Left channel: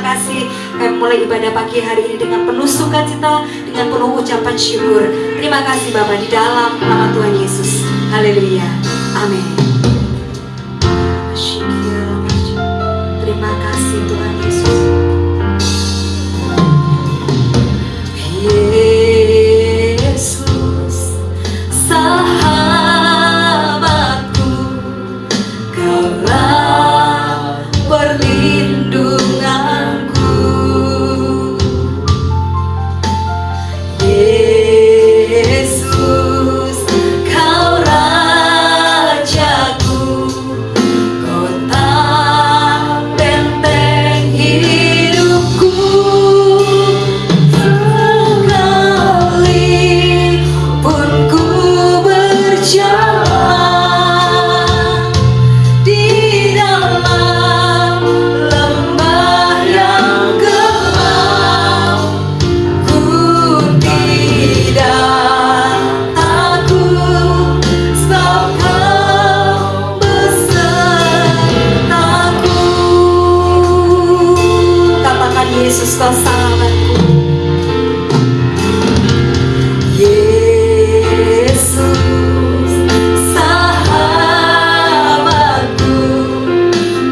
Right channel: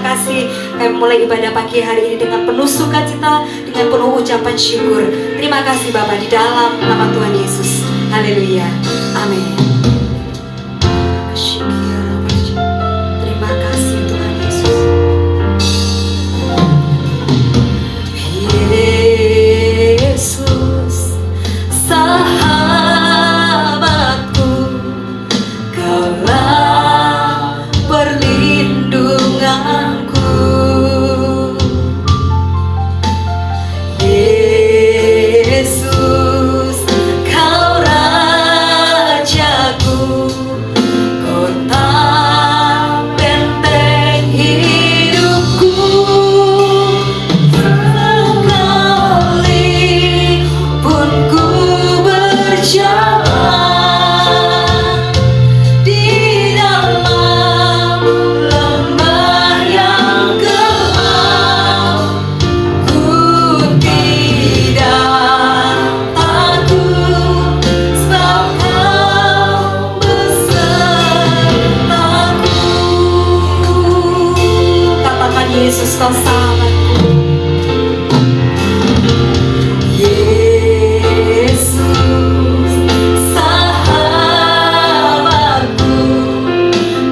terima kasih. Kami mulai ibadah pagi hari ini dengan penuh sukacita, dengan penuh ucapan syukur. Terima kasih Bapa di dalam nama Tuhan Yesus. Haleluya. Amin. Terima kasih Tuhan Yesus. Yesus, sahabatku, Kaulah perlindunganku. Yesus, Kau Rajaku, Kota benteng hidupku. Sekalipun ku berjalan di dalam lembah yang gelap, ku tidak takut, sebab Kau besertaku. Katakan Yesus Kau sahabatku. Yesus, sahabatku,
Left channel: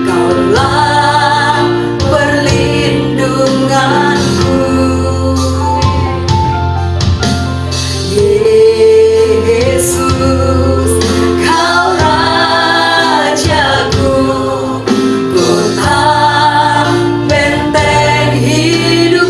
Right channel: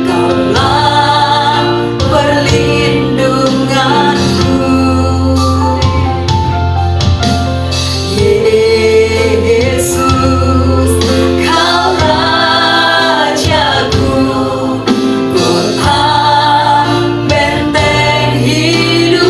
Kaulah perlindunganku. Yesus, Kau Rajaku, Kota benteng hidupku.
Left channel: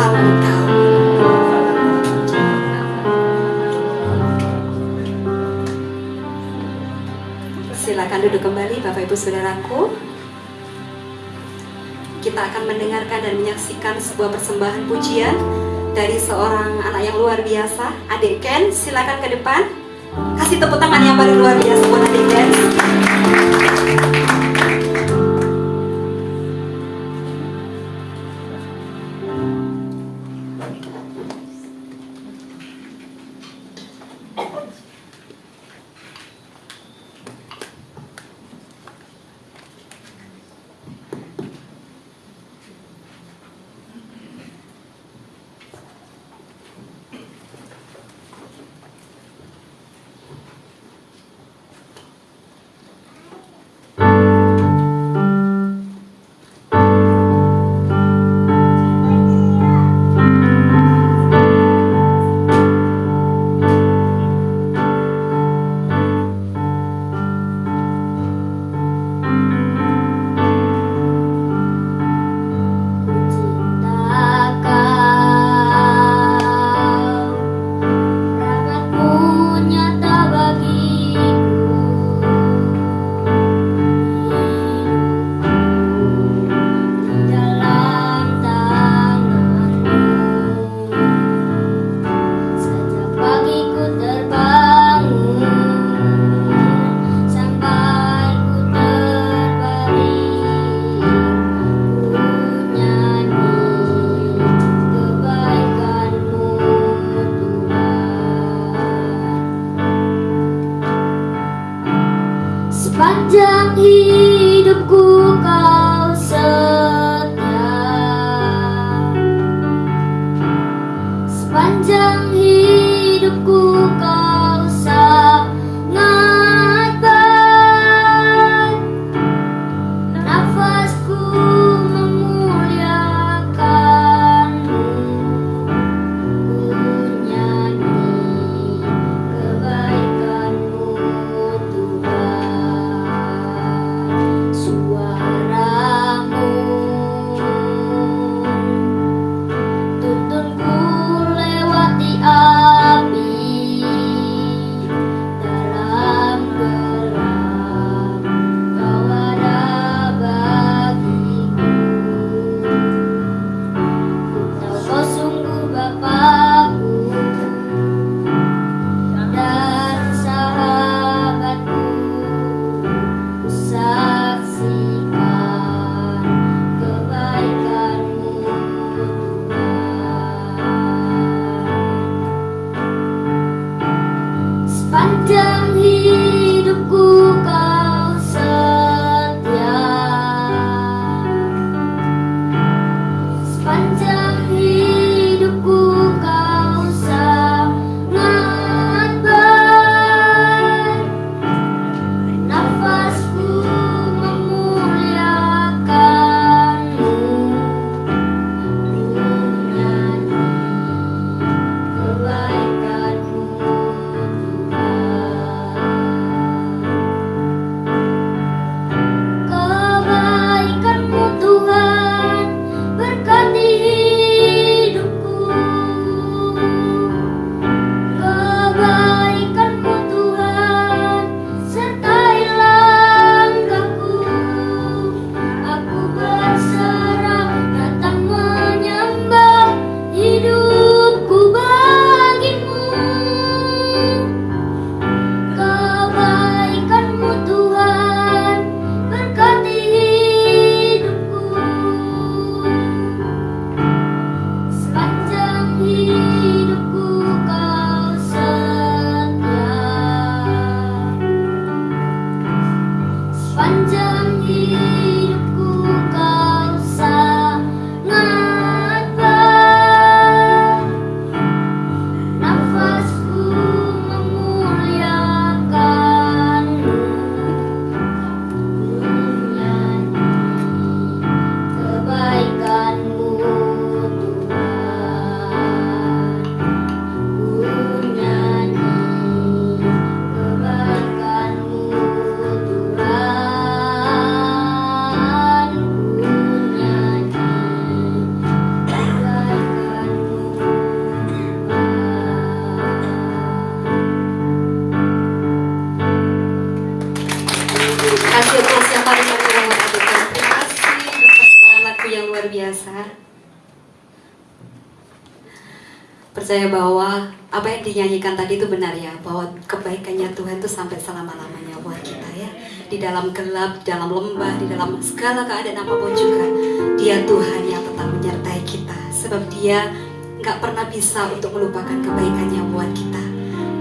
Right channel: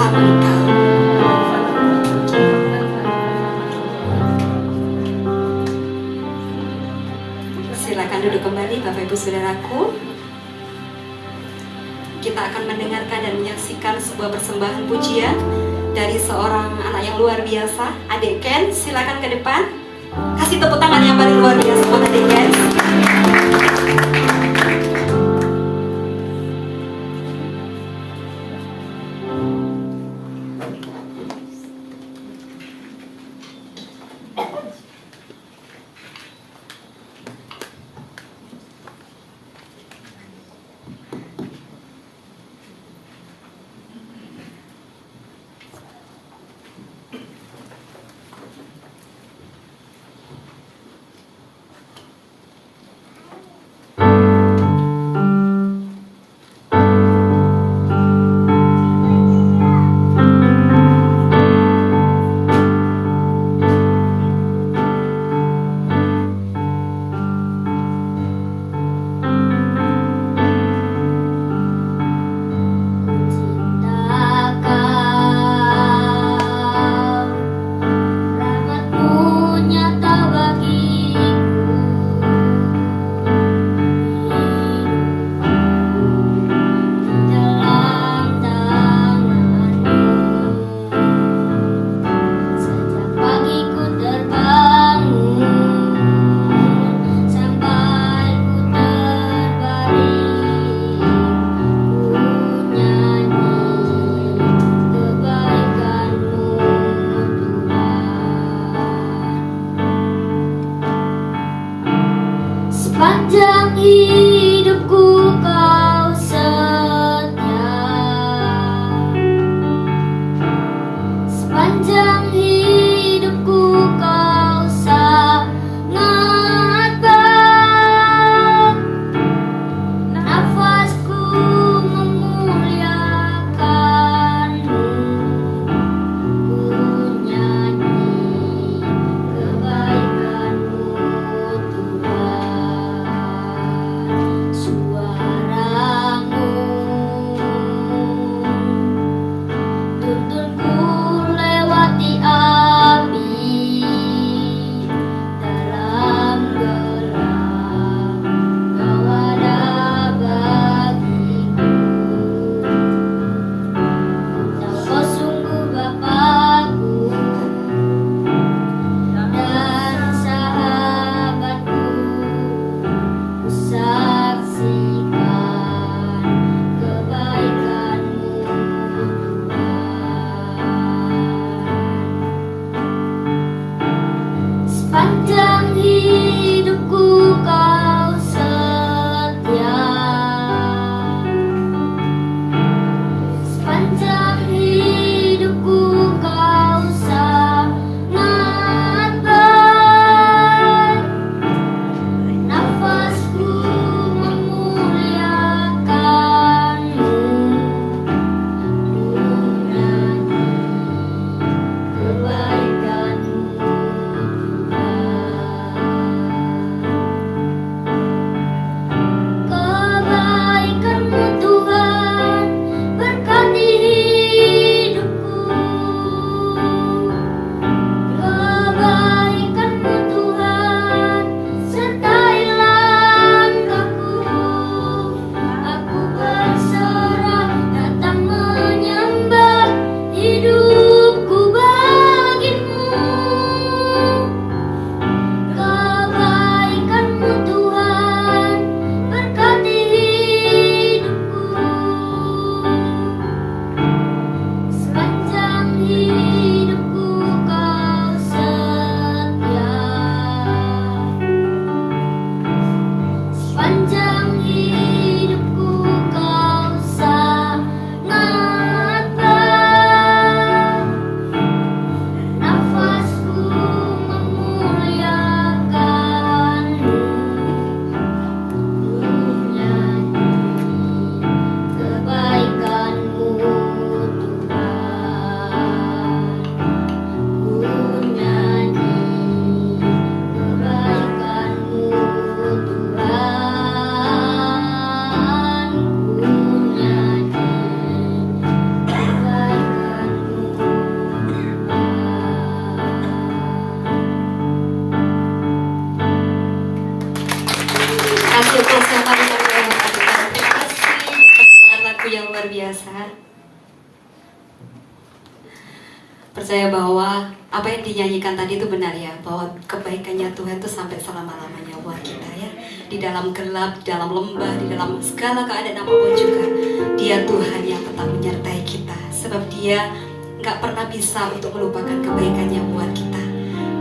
bersama Engkau. Silakan duduk kembali Bapak Ibu Saudaraku. Kita akan mendengarkan dan menyaksikan sebuah persembahan pujian dari seorang anak yang luar biasa, Adik Ken. Silakan ke depan. Kasih tepuk tangan yang paling luar biasa buat Adik Ken. Percaya bahwa apa yang dinyanyikan tadi itu benar ya, bahwa kebaikannya Tuhan itu sampai selama-lamanya buat kita ya. Di dalam gelap, di dalam lembah, di dalam segala keadaan apapun juga, Dia Tuhan yang tetap menyertai kita. Sebab Dia nggak pernah bisa untuk melupakan kebaikannya buat kita.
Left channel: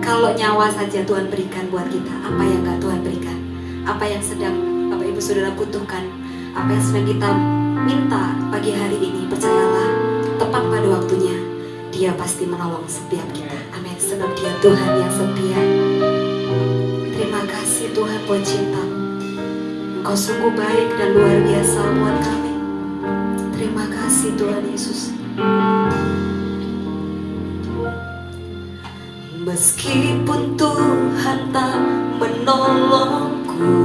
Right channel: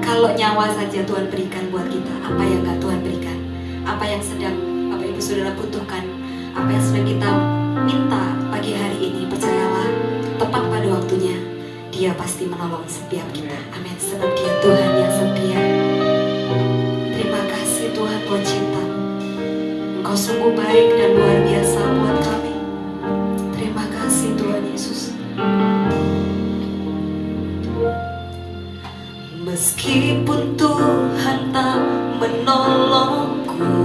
Kalau nyawa saja Tuhan berikan buat kita, apa yang nggak Tuhan berikan? Apa yang sedang Bapak Ibu Saudara butuhkan, apa yang sedang kita minta pagi hari ini, percayalah, tepat pada waktunya Dia pasti menolong setiap kita. Amin. Sebab Dia Tuhan yang setia. Terima kasih Tuhan buat cinta. Engkau sungguh baik dan luar biasa buat kami. Terima kasih Tuhan Yesus. Meskipun Tuhan tak menolongku,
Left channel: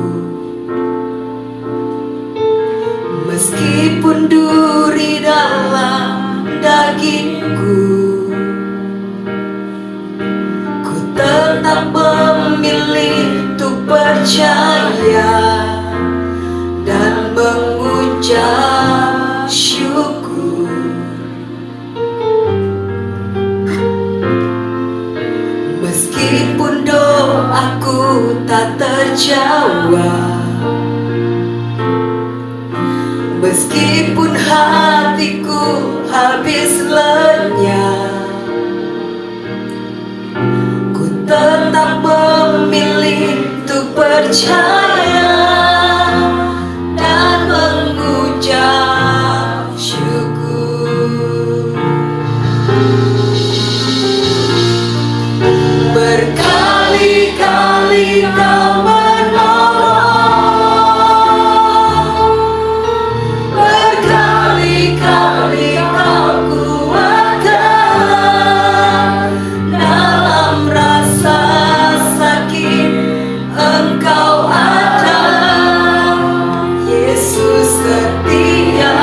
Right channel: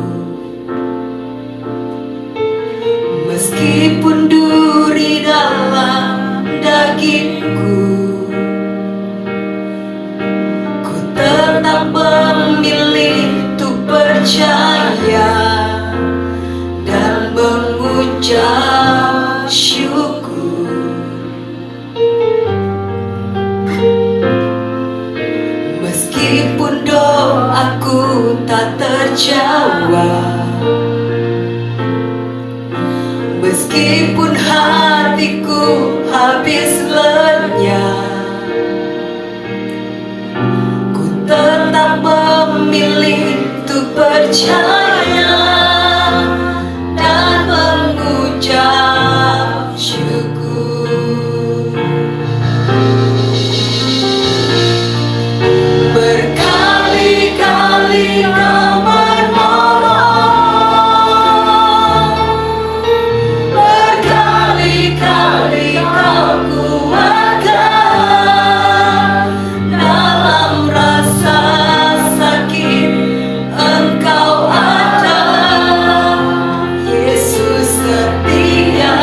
meskipun duri dalam dagingku, ku tetap memilih untuk percaya dan mengucap syukur. Meskipun doaku tak terjawab, meskipun hatiku habis lenyap, ku tetap memilih untuk percaya dan mengucap syukur. Berkali-kali Kau menolong, berkali-kali Kau kuatkan, dalam rasa sakit Engkau ada, Yesus setia.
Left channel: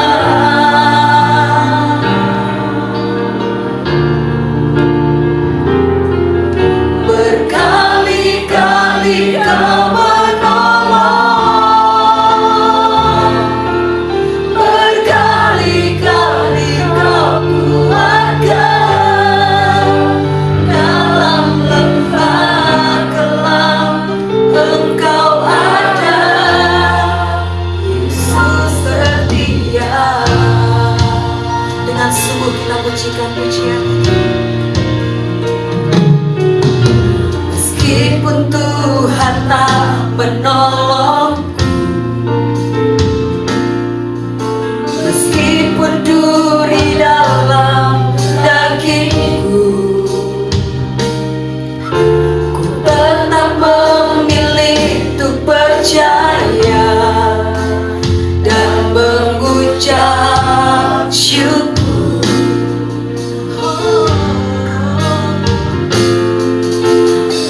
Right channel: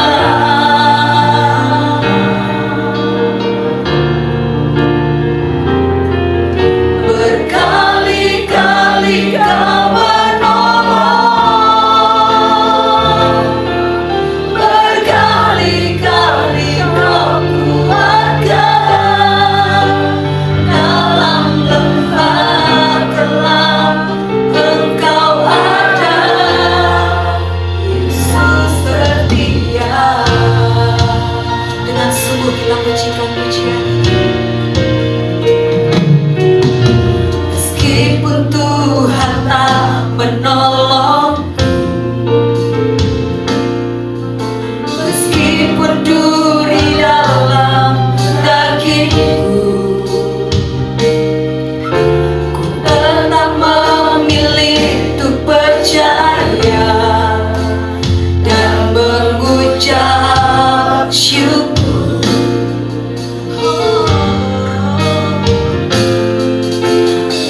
Berkali-kali Kau menolong, berkali-kali Kau kuatkan, dalam lembah gelap Engkau ada, Yesus setia. Dengan sungguh kita pujikan pujian. Meskipun Tuhan tak menolong, meskipun duri dalam dagingku, ku tetap memilih untuk percaya dan mengucap syukur.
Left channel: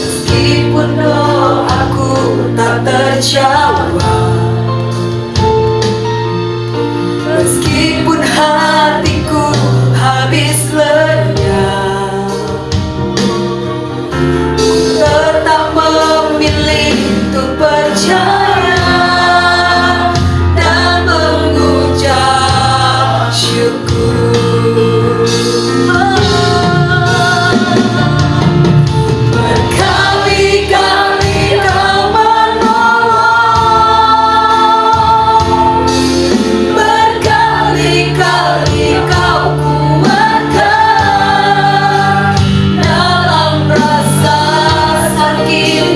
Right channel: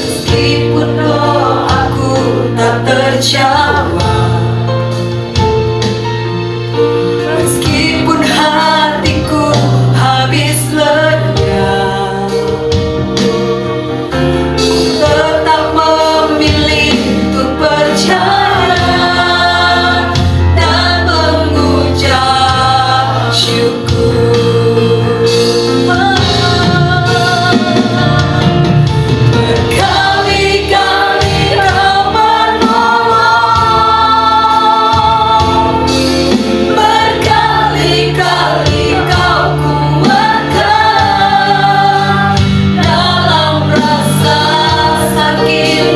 Meskipun doaku tak terjawab, meskipun hatiku habis lenyap, ku tetap memilih untuk percaya dan mengucap syukur. Berkali-kali Kau menolong, berkali-kali Kau kuatkan, dalam rasa sakit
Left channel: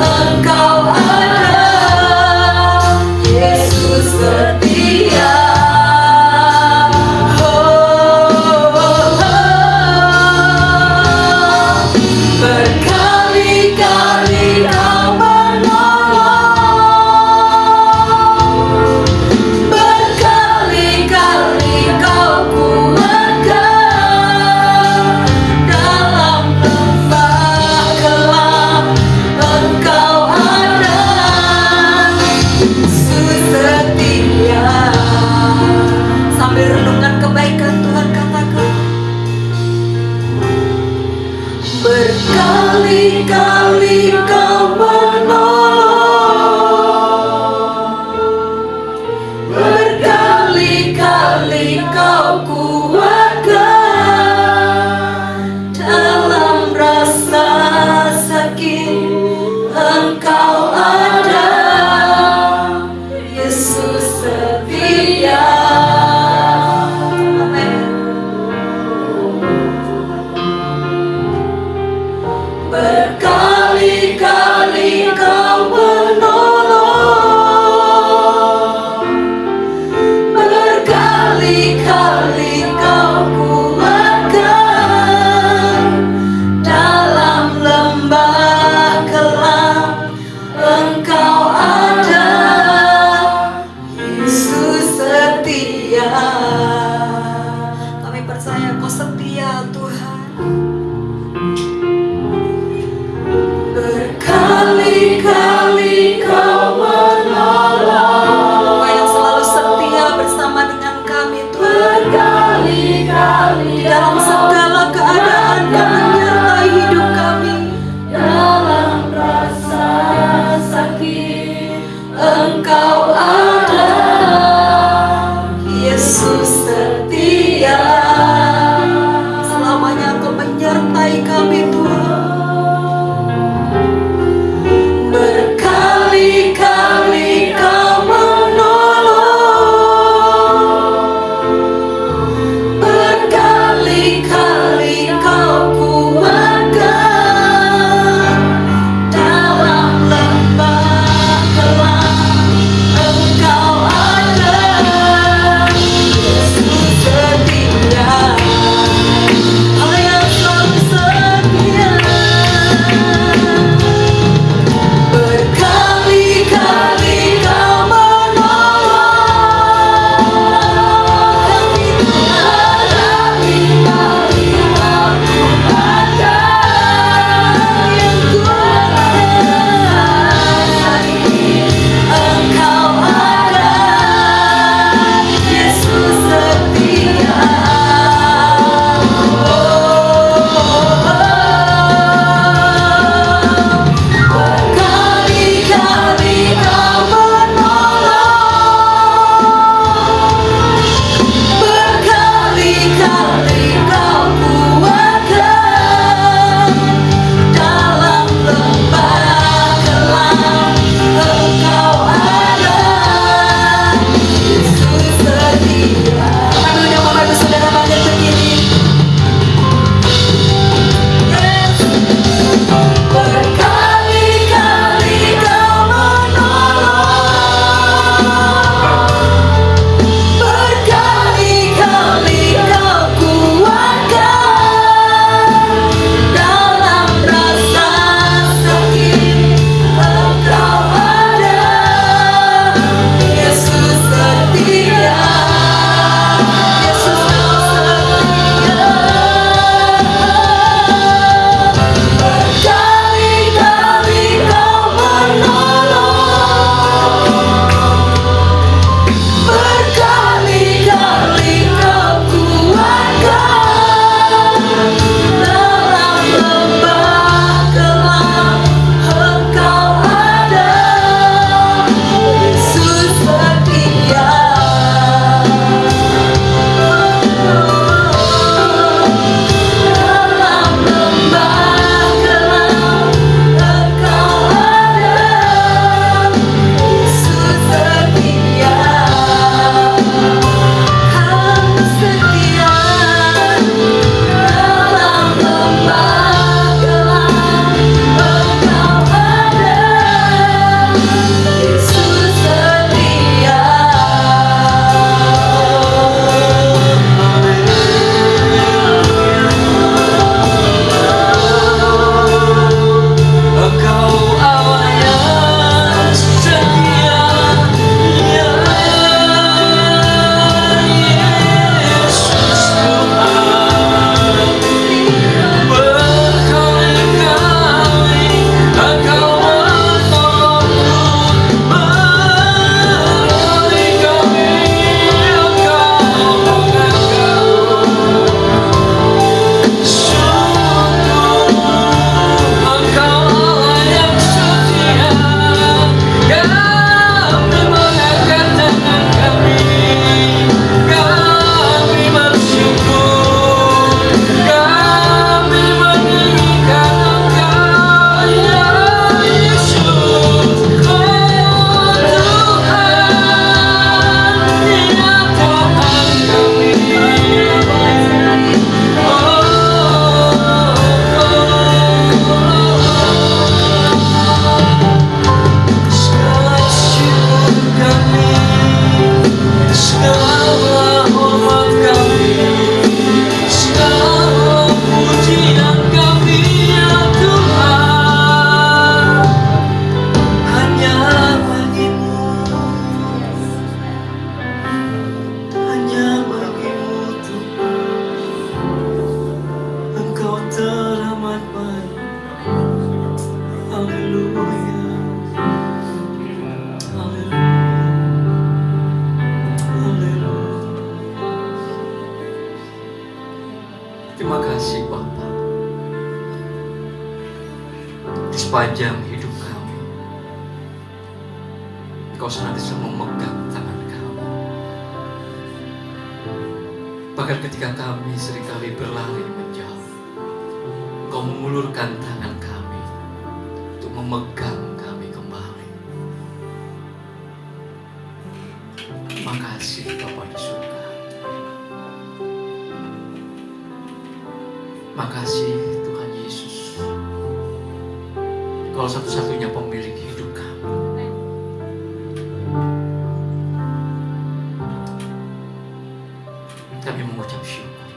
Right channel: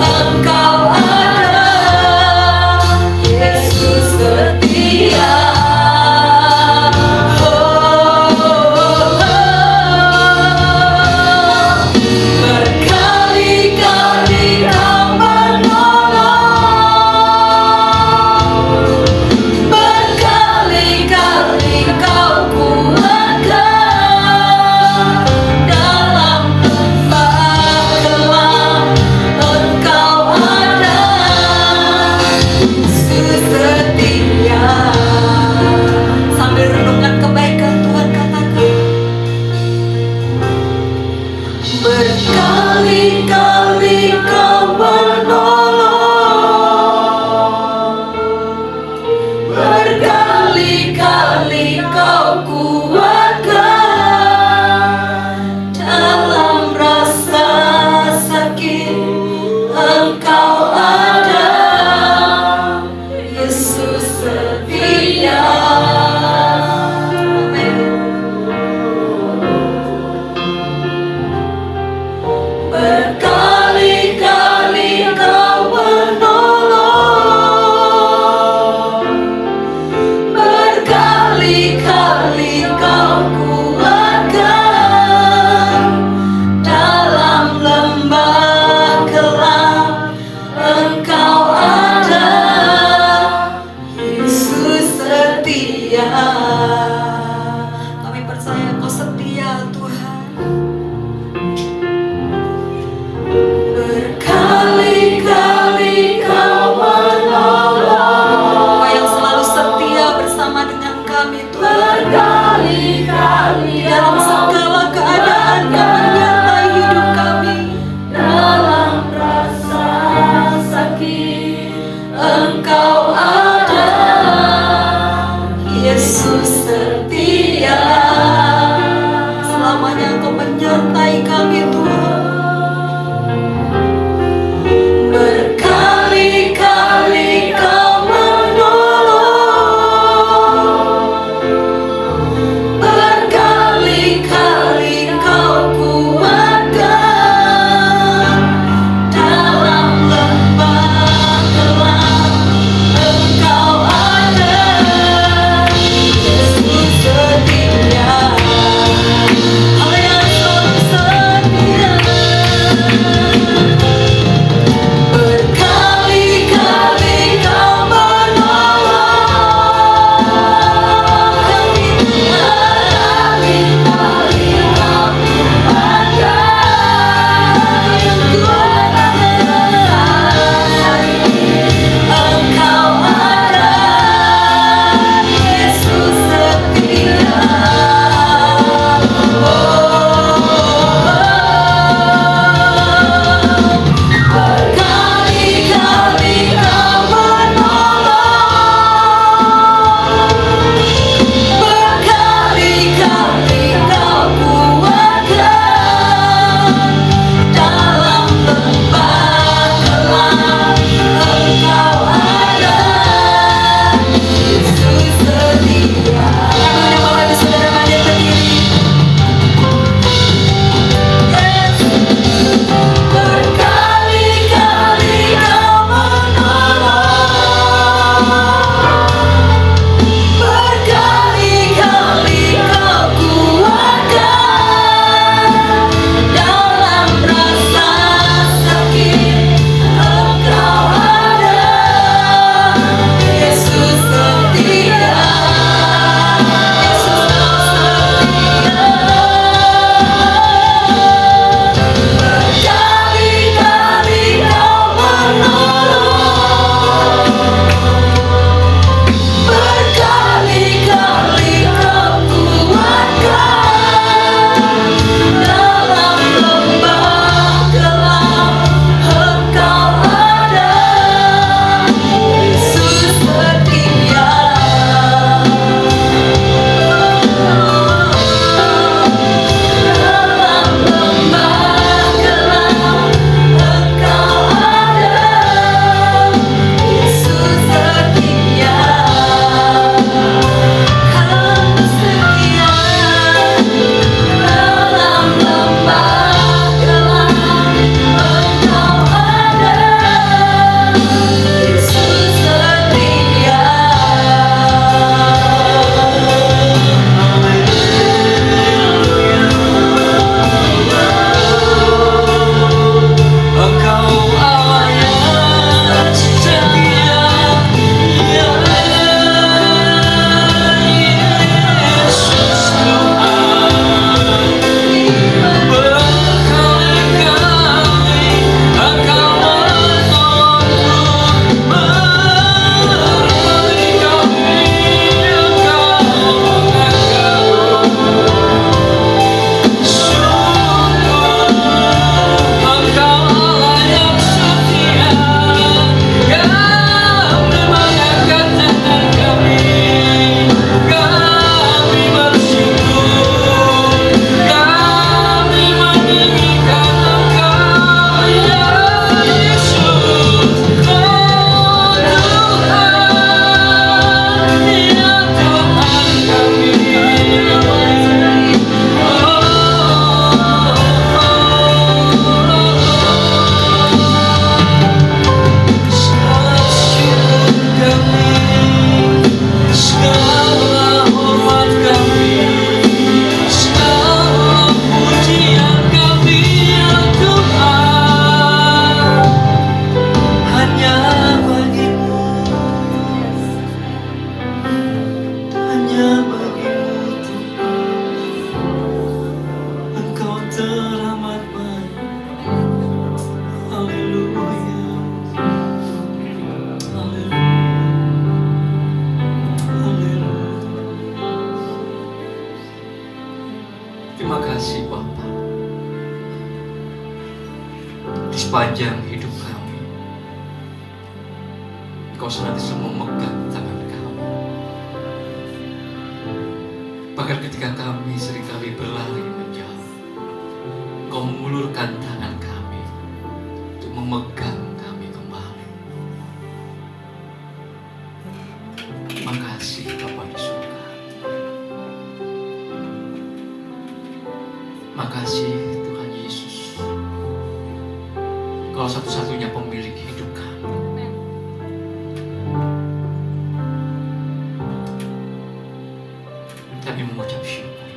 Engkau ada, Yesus setia. Berkali-kali Kau menolong, berkali-kali Kau kuatkan, dalam lembah gelap Engkau ada, Yesus setia. Sambil renungkan kebaikan Tuhan, katakan, berkali-kali Kau menolong, berkali-kali Kau kuatkan, sepanjang hidup kami. Engkau senantiasa memegang tangan kami. Bahkan ketika kami seringkali berlari menjauh, Engkau mengulurkan tangan kami untuk memegang kami kembali. Terima kasih Bapa di surga. Terima kasih Tuhan Yesus. Engkau satu-satunya pemilik hidup kami. Kami mengucap syukur.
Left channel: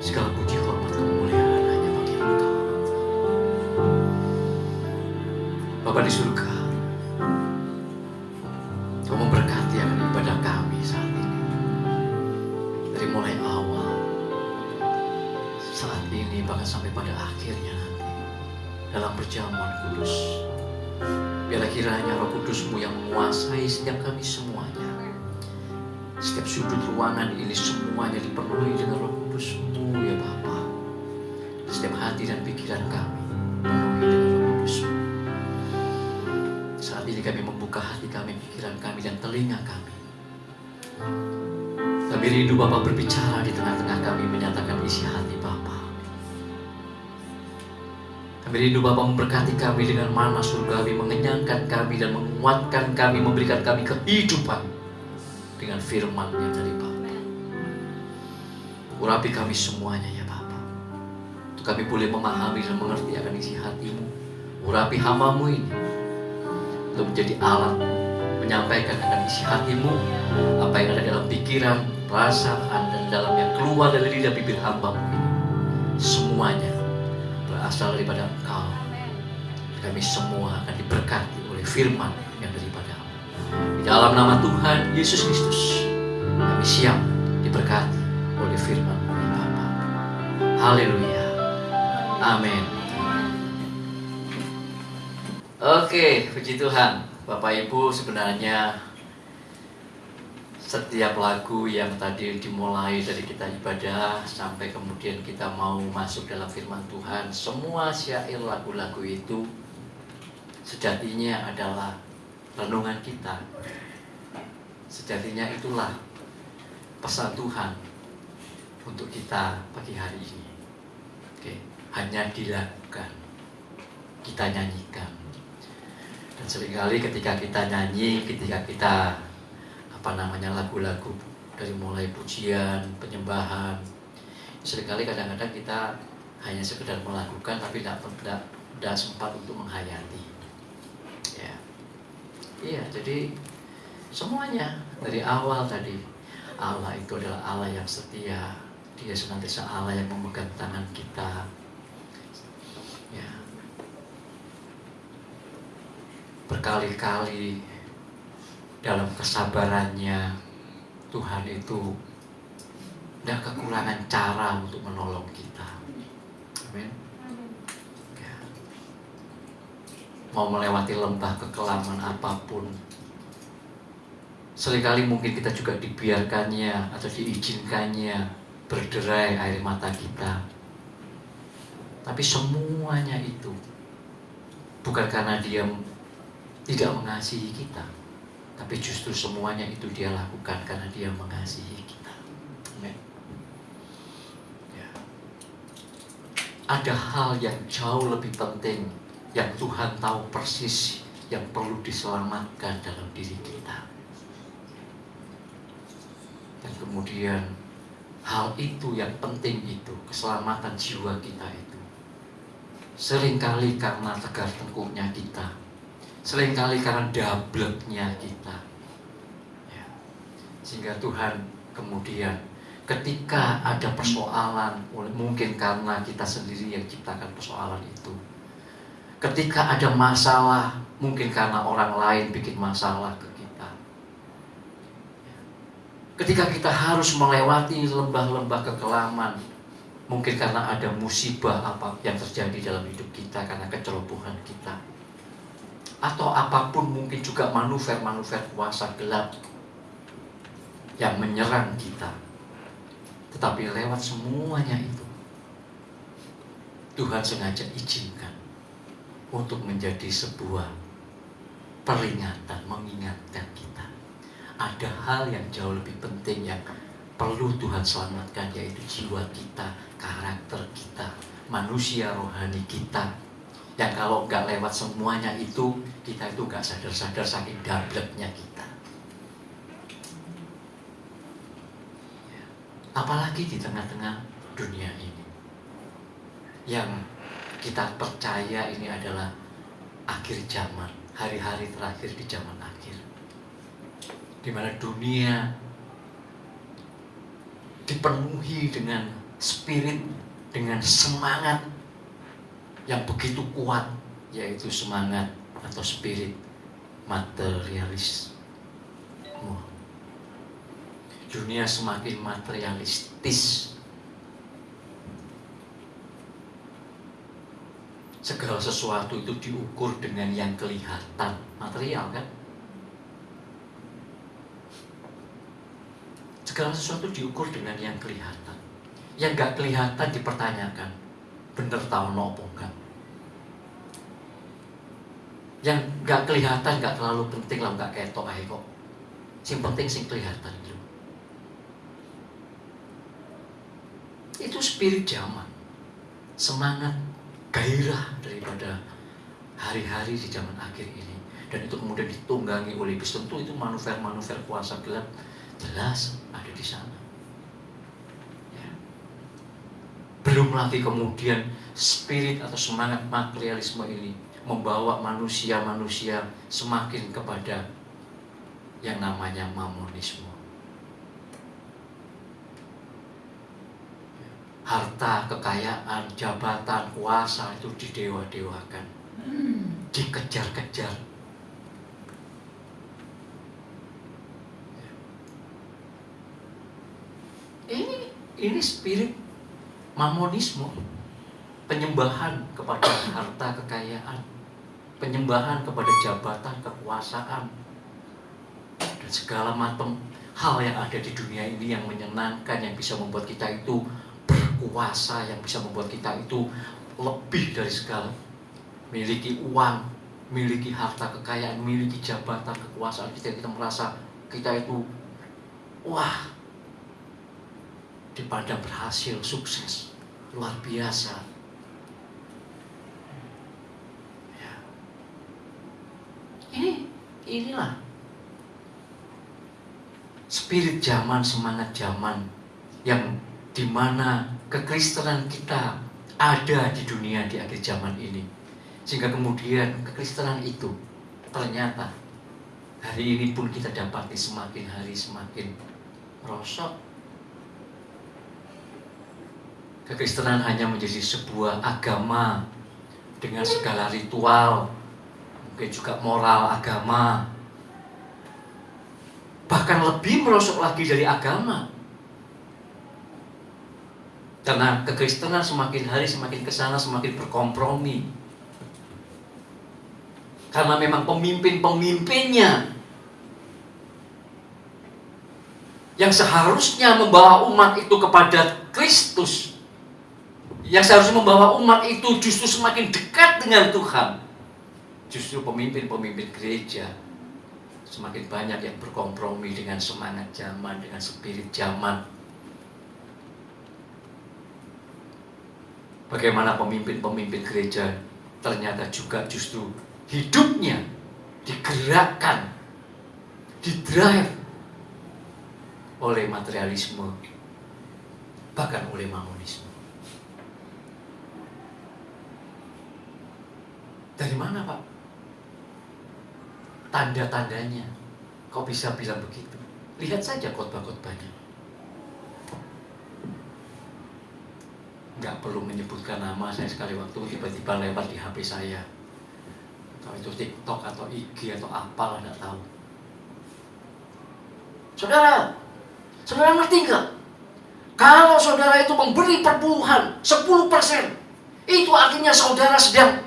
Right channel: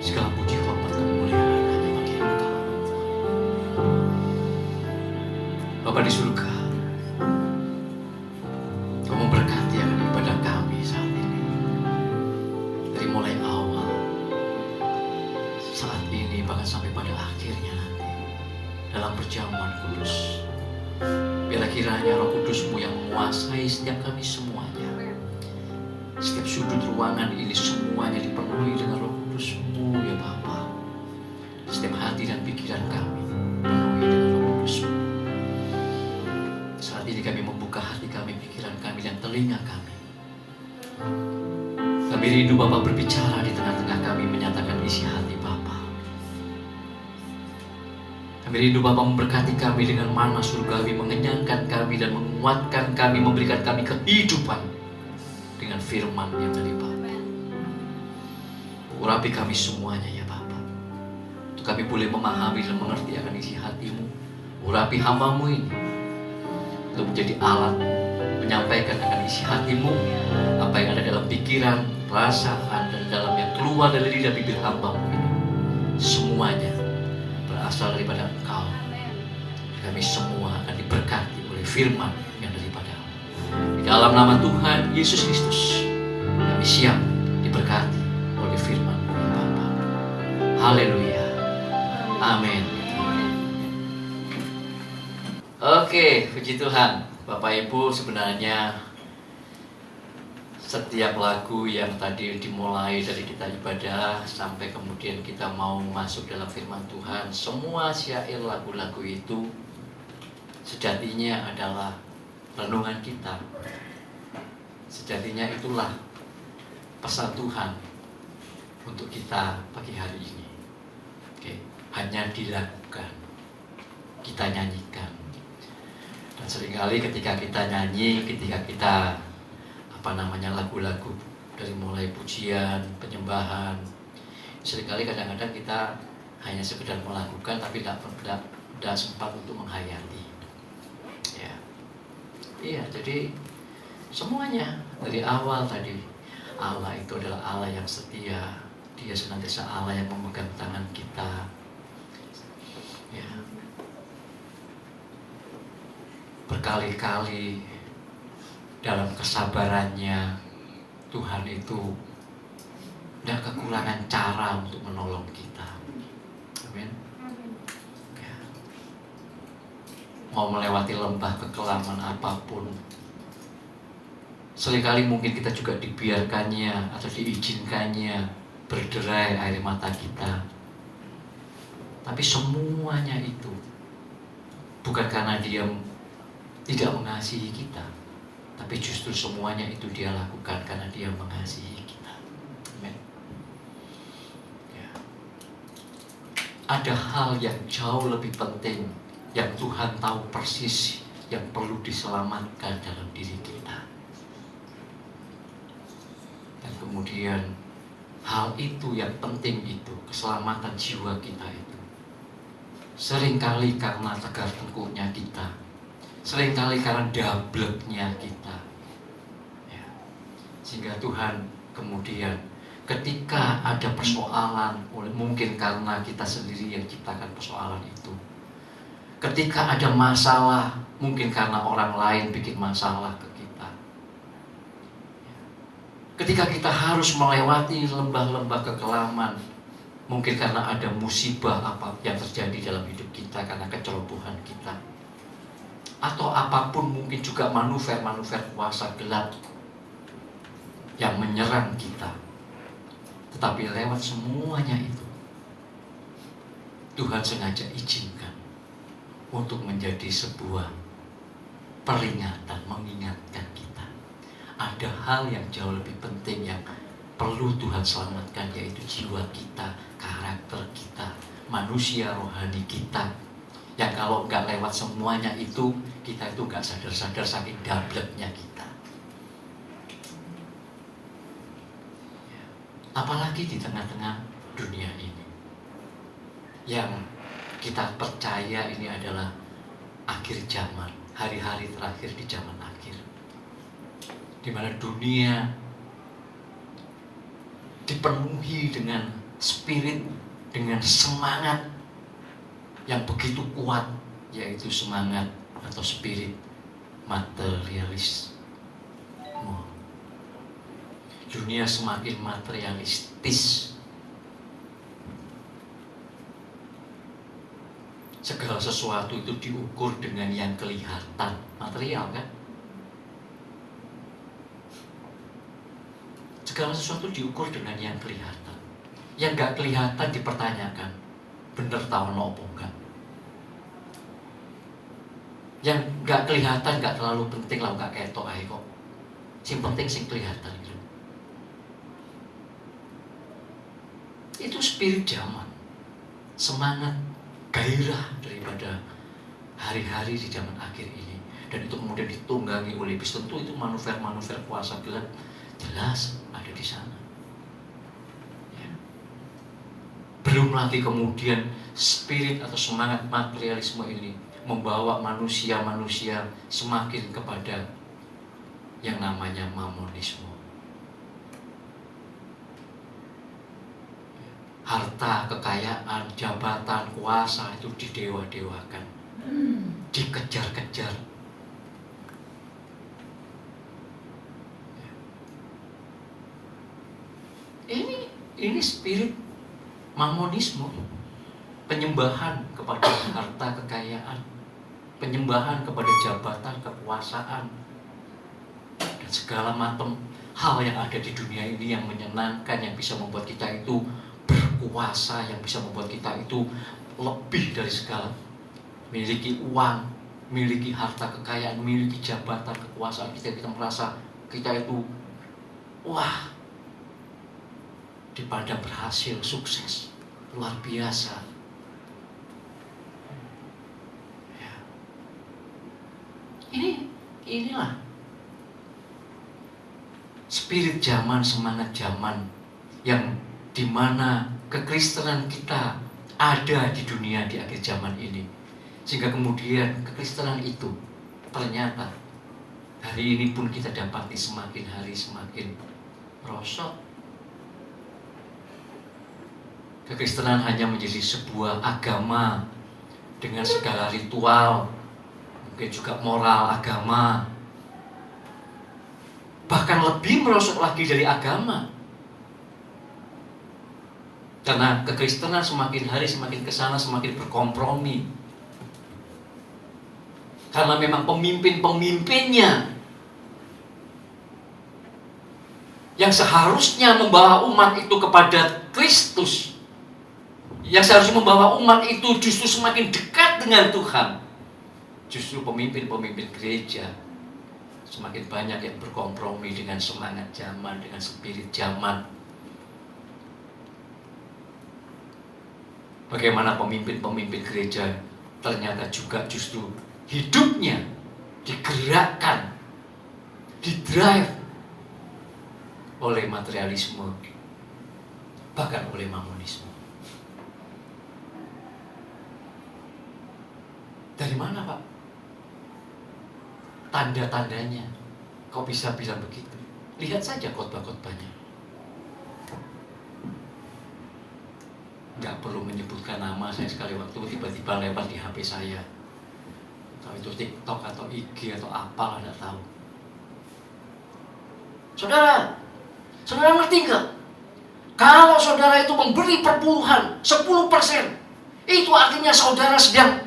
Segala puji hormat kemuliaan hanya bagi Engkau. Bapa di surga, Kau memberkati akan ibadah kami saat ini. Dari mulai awal, saat ini, bahkan sampai pada akhirnya nanti, dalam perjamuan kudus. Biarlah kiranya Roh Kudus-Mu yang menguasai setiap kami semuanya. Setiap sudut ruangan ini semuanya dipenuhi dengan Roh Kudus-Mu ya Bapa. Setiap hati dan pikiran kami penuhi dengan Roh Kudus-Mu. Saat ini kami membuka hati kami, pikiran kami, dan telinga kami. Kami rindu Bapa berbicara di tengah-tengah kami, menyatakan isi hati Bapa. Kami rindu Bapa memberkati kami dengan mana surgawi, mengenyangkan kami dan menguatkan kami, memberikan kami kehidupan dengan firman yang dari Bapa. Urapi kami semuanya ya Bapa, untuk kami boleh memahami dan mengerti akan isi hati-Mu. Urapi hamba-Mu ini untuk menjadi alat menyampaikan akan isi hati-Mu, apa yang ada dalam pikiran, perasaan, dan dalam yang keluar dari lidah bibir hamba-Mu ini. Semuanya berasal daripada Engkau. Kami semua akan diberkati oleh firman yang daripada-Mu. Di dalam nama Tuhan Yesus Kristus, kami siap diberkati oleh firman-Mu ya Bapa. Haleluya. Amin. Oke, puji Tuhan. Bapak Ibu, sebenarnya setiap lagu yang tadi dimulai dari kita ibadah sampai kemudian kita mau masuk dalam firman Tuhan, semua syair lagu-lagu itu sejatinya adalah renungan kita. Sejatinya itulah pesan Tuhan untuk kita pagi hari ini. Oke, hanya dilakukan, kita nyanyikan. Dan seringkali ketika kita nyanyi, ketika kita lagu-lagu dari mulai pujian, penyembahan, seringkali kadang-kadang kita hanya sekedar melakukan tapi tidak sempat untuk menghayati. Ya, iya. Jadi semuanya dari awal tadi, Allah itu adalah Allah yang setia. Dia senantiasa Allah yang memegang tangan kita. Ya, berkali-kali dalam kesabarannya Tuhan itu tidak kekurangan cara untuk menolong kita. Amin. Ya. Mau melewati lembah kekelaman apapun, seringkali mungkin kita juga dibiarkannya atau diizinkannya berderai air mata kita. Tapi semuanya itu bukan karena Dia tidak mengasihi kita, tapi justru semuanya itu Dia lakukan karena Dia mengasihi kita. Amin. Ya. Ada hal yang jauh lebih penting yang Tuhan tahu persis yang perlu diselamatkan dalam diri kita. Dan kemudian hal itu yang penting itu, keselamatan jiwa kita itu, seringkali karena tegar tengkuknya kita, seringkali karena dableknya kita, ya. Sehingga Tuhan kemudian ketika ada persoalan, mungkin karena kita sendiri yang ciptakan persoalan itu, ketika ada masalah, mungkin karena orang lain bikin masalah ke kita, ketika kita harus melewati lembah-lembah kekelaman, mungkin karena ada musibah apa yang terjadi dalam hidup kita karena kecerobohan kita, atau apapun, mungkin juga manuver-manuver kuasa gelap yang menyerang kita. Tetapi lewat semuanya itu, Tuhan sengaja izinkan untuk menjadi sebuah peringatan, mengingatkan kita. Ada hal yang jauh lebih penting yang perlu Tuhan selamatkan, yaitu jiwa kita, karakter kita, manusia rohani kita, yang kalau nggak lewat semuanya itu, kita itu nggak sadar-sadar saking dableknya kita. Apalagi di tengah-tengah dunia ini, yang kita percaya ini adalah akhir zaman, hari-hari terakhir di zaman akhir, di mana dunia dipenuhi dengan spirit, dengan semangat yang begitu kuat, yaitu semangat atau spirit materialis. Dunia semakin materialistis. Segala sesuatu itu diukur dengan yang kelihatan, material kan? Segala sesuatu diukur dengan yang kelihatan. Yang gak kelihatan dipertanyakan, bener tau nopo enggak? Yang gak kelihatan gak terlalu penting lah, gak ketok ae kok. Yang penting sing kelihatan itu. Itu spirit zaman, semangat, gairah daripada hari-hari di zaman akhir ini. Dan itu kemudian ditunggangi oleh iblis. Tentu itu manuver-manuver kuasa gelap jelas ada di sana. Ya. Belum lagi kemudian spirit atau semangat materialisme ini membawa manusia-manusia semakin kepada yang namanya mamonisme. Harta, kekayaan, jabatan, kuasa itu didewa-dewakan, dikejar-kejar. Ini spirit mamonisme, penyembahan kepada harta, kekayaan, penyembahan kepada jabatan, kekuasaan, dan segala hal yang ada di dunia ini yang menyenangkan, yang bisa membuat kita itu berkuasa, yang bisa membuat kita itu lebih dari segala. Miliki uang, miliki harta kekayaan, miliki jabatan, kekuasaan, kita merasa kita itu wah, dipandang berhasil, sukses, luar biasa. Ya. Inilah spirit zaman, semangat zaman yang dimana kekristenan kita ada di dunia di akhir zaman ini. Sehingga kemudian kekristenan itu ternyata hari ini pun kita dapati semakin hari semakin rosot. Kekristenan hanya menjadi sebuah agama dengan segala ritual, mungkin juga moral agama, bahkan lebih merosot lagi dari agama. Karena kekristenan semakin hari semakin kesana, semakin berkompromi. Karena memang pemimpin-pemimpinnya yang seharusnya membawa umat itu kepada Kristus, yang seharusnya membawa umat itu justru semakin dekat dengan Tuhan, justru pemimpin-pemimpin gereja semakin banyak yang berkompromi dengan semangat zaman, dengan spirit zaman. Bagaimana pemimpin-pemimpin gereja ternyata juga justru hidupnya digerakkan, didrive oleh materialisme, bahkan oleh mamonisme. Dari mana, Pak? Tanda-tandanya kok bisa bilang begitu? Lihat saja khotbah-khotbahnya. Nggak perlu menyebutkan nama, saya sekali waktu tiba-tiba lewat di HP saya. Kalau itu TikTok atau IG atau apalah, nggak tahu. Saudara ngerti nggak? Kalau saudara itu memberi perpuluhan 10%, itu artinya saudara sedang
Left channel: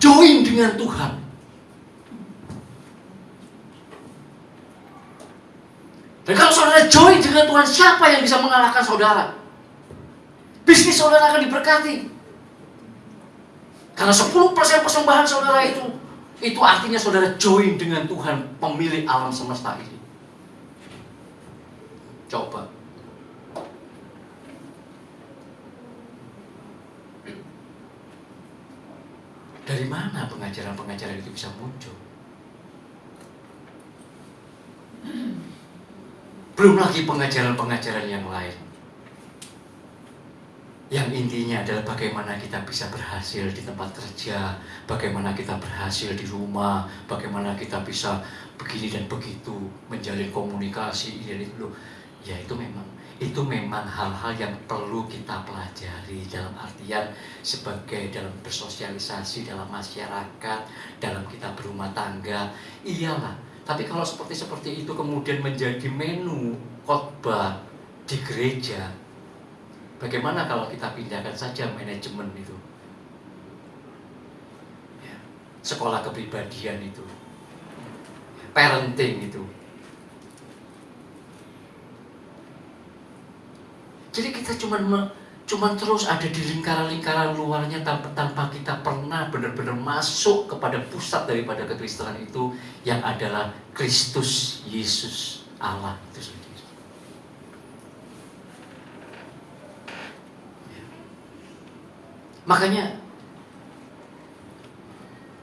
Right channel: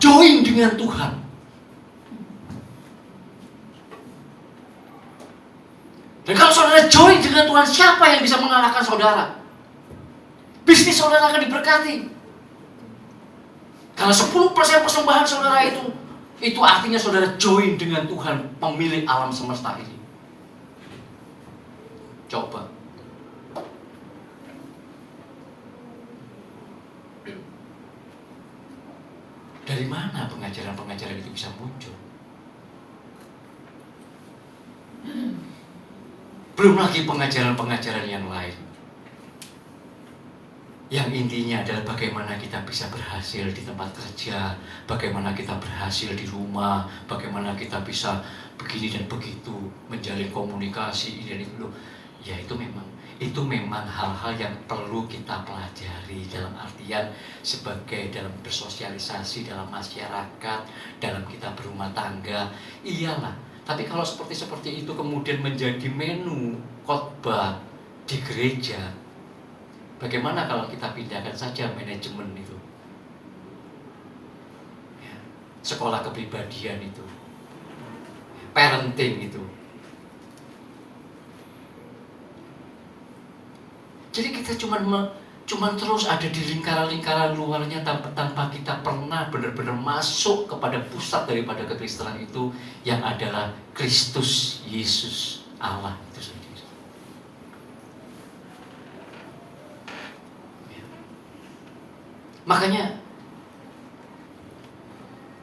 join dengan Tuhan. Dan kalau saudara join dengan Tuhan, siapa yang bisa mengalahkan saudara? Bisnis saudara akan diberkati. Karena 10% persembahan saudara itu artinya saudara join dengan Tuhan, pemilik alam semesta ini. Coba. Dari mana pengajaran-pengajaran itu bisa muncul? Belum lagi pengajaran-pengajaran yang lain, yang intinya adalah bagaimana kita bisa berhasil di tempat kerja, bagaimana kita berhasil di rumah, bagaimana kita bisa begini dan begitu, menjalin komunikasi ini dan itu. Ya itu memang hal-hal yang perlu kita pelajari, dalam artian sebagai dalam bersosialisasi dalam masyarakat, dalam kita berumah tangga, iyalah. Tapi kalau seperti itu kemudian menjadi menu khotbah di gereja, bagaimana kalau kita pindahkan saja manajemen itu, ya, sekolah kepribadian itu, parenting itu. Jadi kita cuman terus ada di lingkaran-lingkaran luarnya tanpa kita pernah benar-benar masuk kepada pusat daripada kekristenan itu, yang adalah Kristus Yesus Allah itu sendiri. Makanya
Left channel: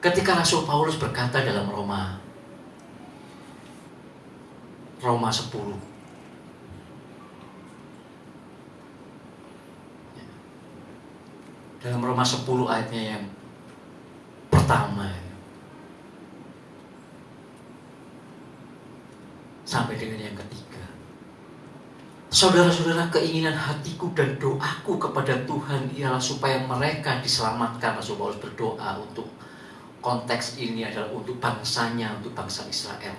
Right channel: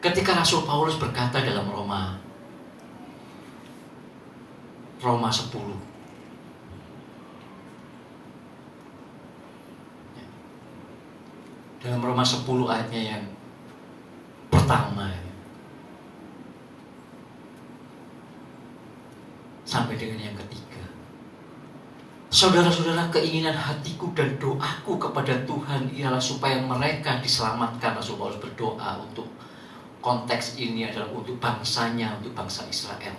ketika Rasul Paulus berkata dalam Roma 10, dalam Roma 10 ayatnya yang pertama sampai dengan yang ketiga, saudara-saudara, keinginan hatiku dan doaku kepada Tuhan ialah supaya mereka diselamatkan. Rasul Paulus berdoa untuk konteks ini adalah untuk bangsanya, untuk bangsa Israel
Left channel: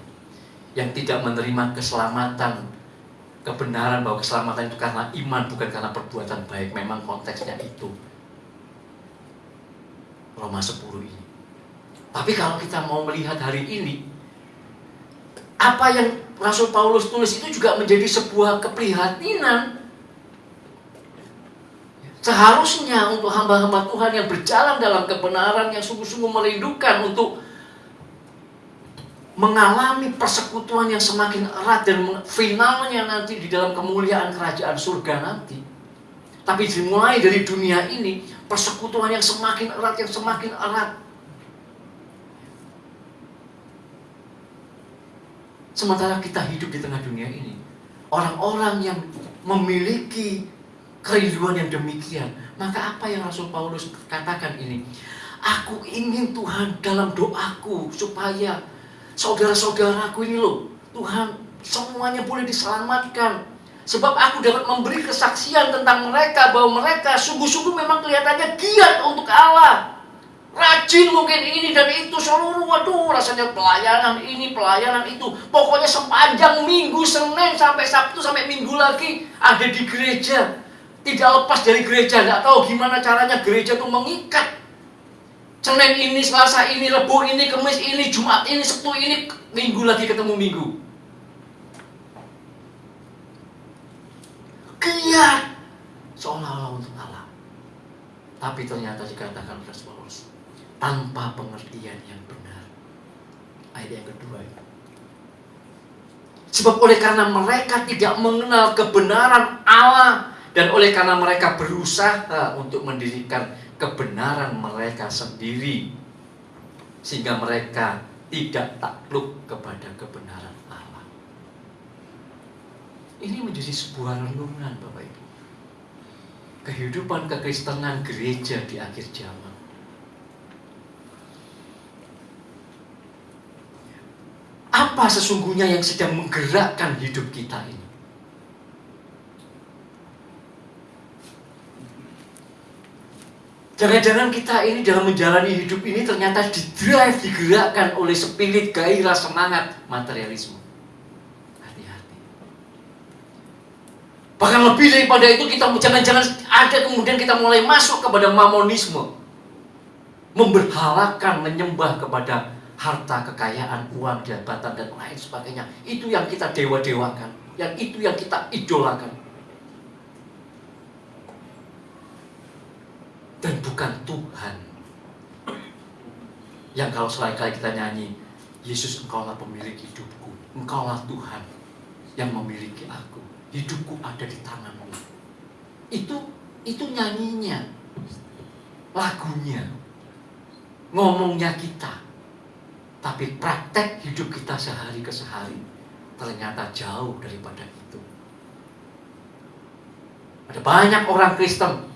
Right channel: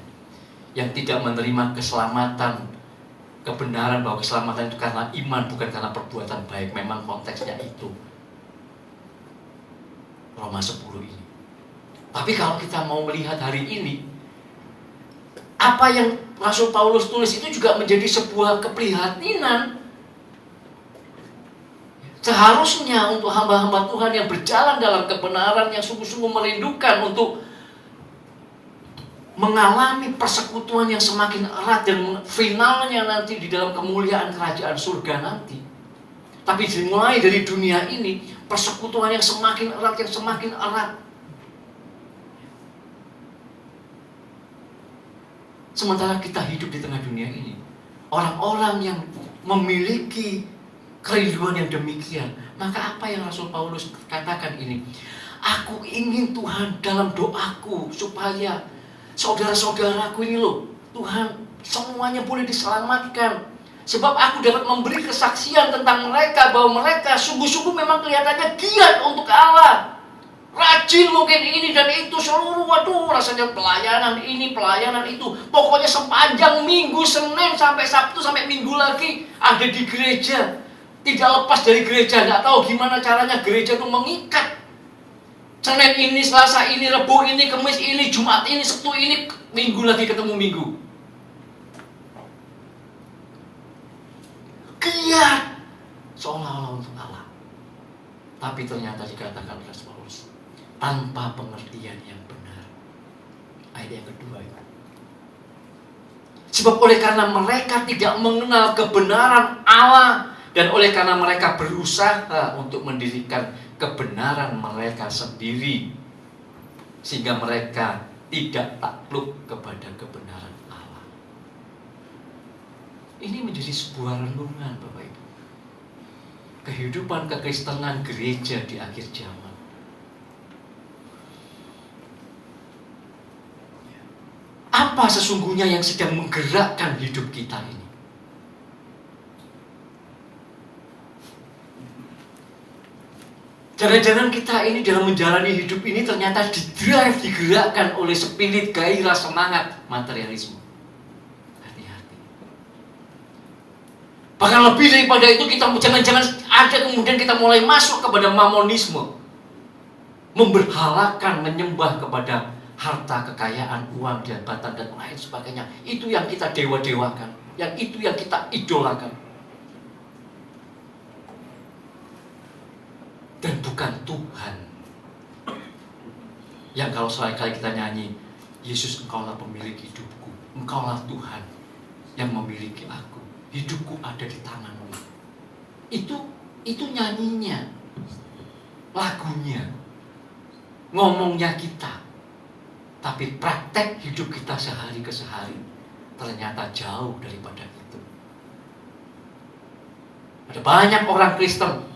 yang tidak menerima keselamatan, kebenaran bahwa keselamatan itu karena iman, bukan karena perbuatan baik. Memang konteksnya itu Roma 10 ini. Tapi kalau kita mau melihat hari ini, apa yang Rasul Paulus tulis itu juga menjadi sebuah keprihatinan. Seharusnya untuk hamba-hamba Tuhan yang berjalan dalam kebenaran, yang sungguh-sungguh merindukan untuk mengalami persekutuan yang semakin erat dan finalnya nanti di dalam kemuliaan kerajaan surga nanti. Tapi dimulai dari dunia ini, persekutuan yang semakin erat, yang semakin erat. Sementara kita hidup di tengah dunia ini, orang-orang yang memiliki kerinduan yang demikian, maka apa yang Rasul Paulus katakan ini? Aku ingin Tuhan dalam doaku supaya saudara-saudaraku ini loh, Tuhan semuanya boleh diselamatkan. Sebab aku dapat memberi kesaksian tentang mereka bahwa mereka sungguh-sungguh memang kelihatannya giat untuk Allah. Rajin mungkin ini dan itu, seluruh rasanya pelayanan ini, pelayanan itu. Pokoknya sepanjang minggu, Senin sampai Sabtu sampai Minggu lagi ada di gereja. Tidak lepas dari gereja, tidak tahu gimana caranya gereja itu mengikat. Senin ini, Selasa ini, Rabu ini, Kamis ini, Jumat ini, Sabtu ini, Minggu lagi ketemu Minggu. Giat seolah-olah untuk Allah. Tapi ternyata dikatakan Rasul Paulus, tanpa pengertian yang benar. Ayat yang kedua itu. Sebab oleh karena mereka tidak mengenal kebenaran Allah, dan oleh karena mereka berusaha untuk mendirikan kebenaran mereka sendiri, sehingga mereka tidak takluk kepada kebenaran Allah. Ini menjadi sebuah renungan Bapak Ibu. Kehidupan kekristenan gereja di akhir zaman. Apa sesungguhnya yang sedang menggerakkan hidup kita ini? Jangan-jangan kita ini dalam menjalani hidup ini ternyata digerakkan oleh spirit gairah semangat materialisme. Hati-hati. Bahkan lebih daripada itu, kita jangan-jangan ada kemudian kita mulai masuk kepada mamonisme. Memberhalakan, menyembah kepada harta, kekayaan, uang, jabatan, dan lain sebagainya. Itu yang kita dewa-dewakan. Yang itu yang kita idolakan. Dan bukan Tuhan. Yang kalau sekali-kali kita nyanyi, Yesus, Engkaulah pemilik hidupku, Engkaulah Tuhan yang memiliki aku, hidupku ada di tangan-Mu. Itu nyanyinya, lagunya, ngomongnya kita. Tapi praktek hidup kita sehari ke sehari ternyata jauh daripada itu. Ada banyak orang Kristen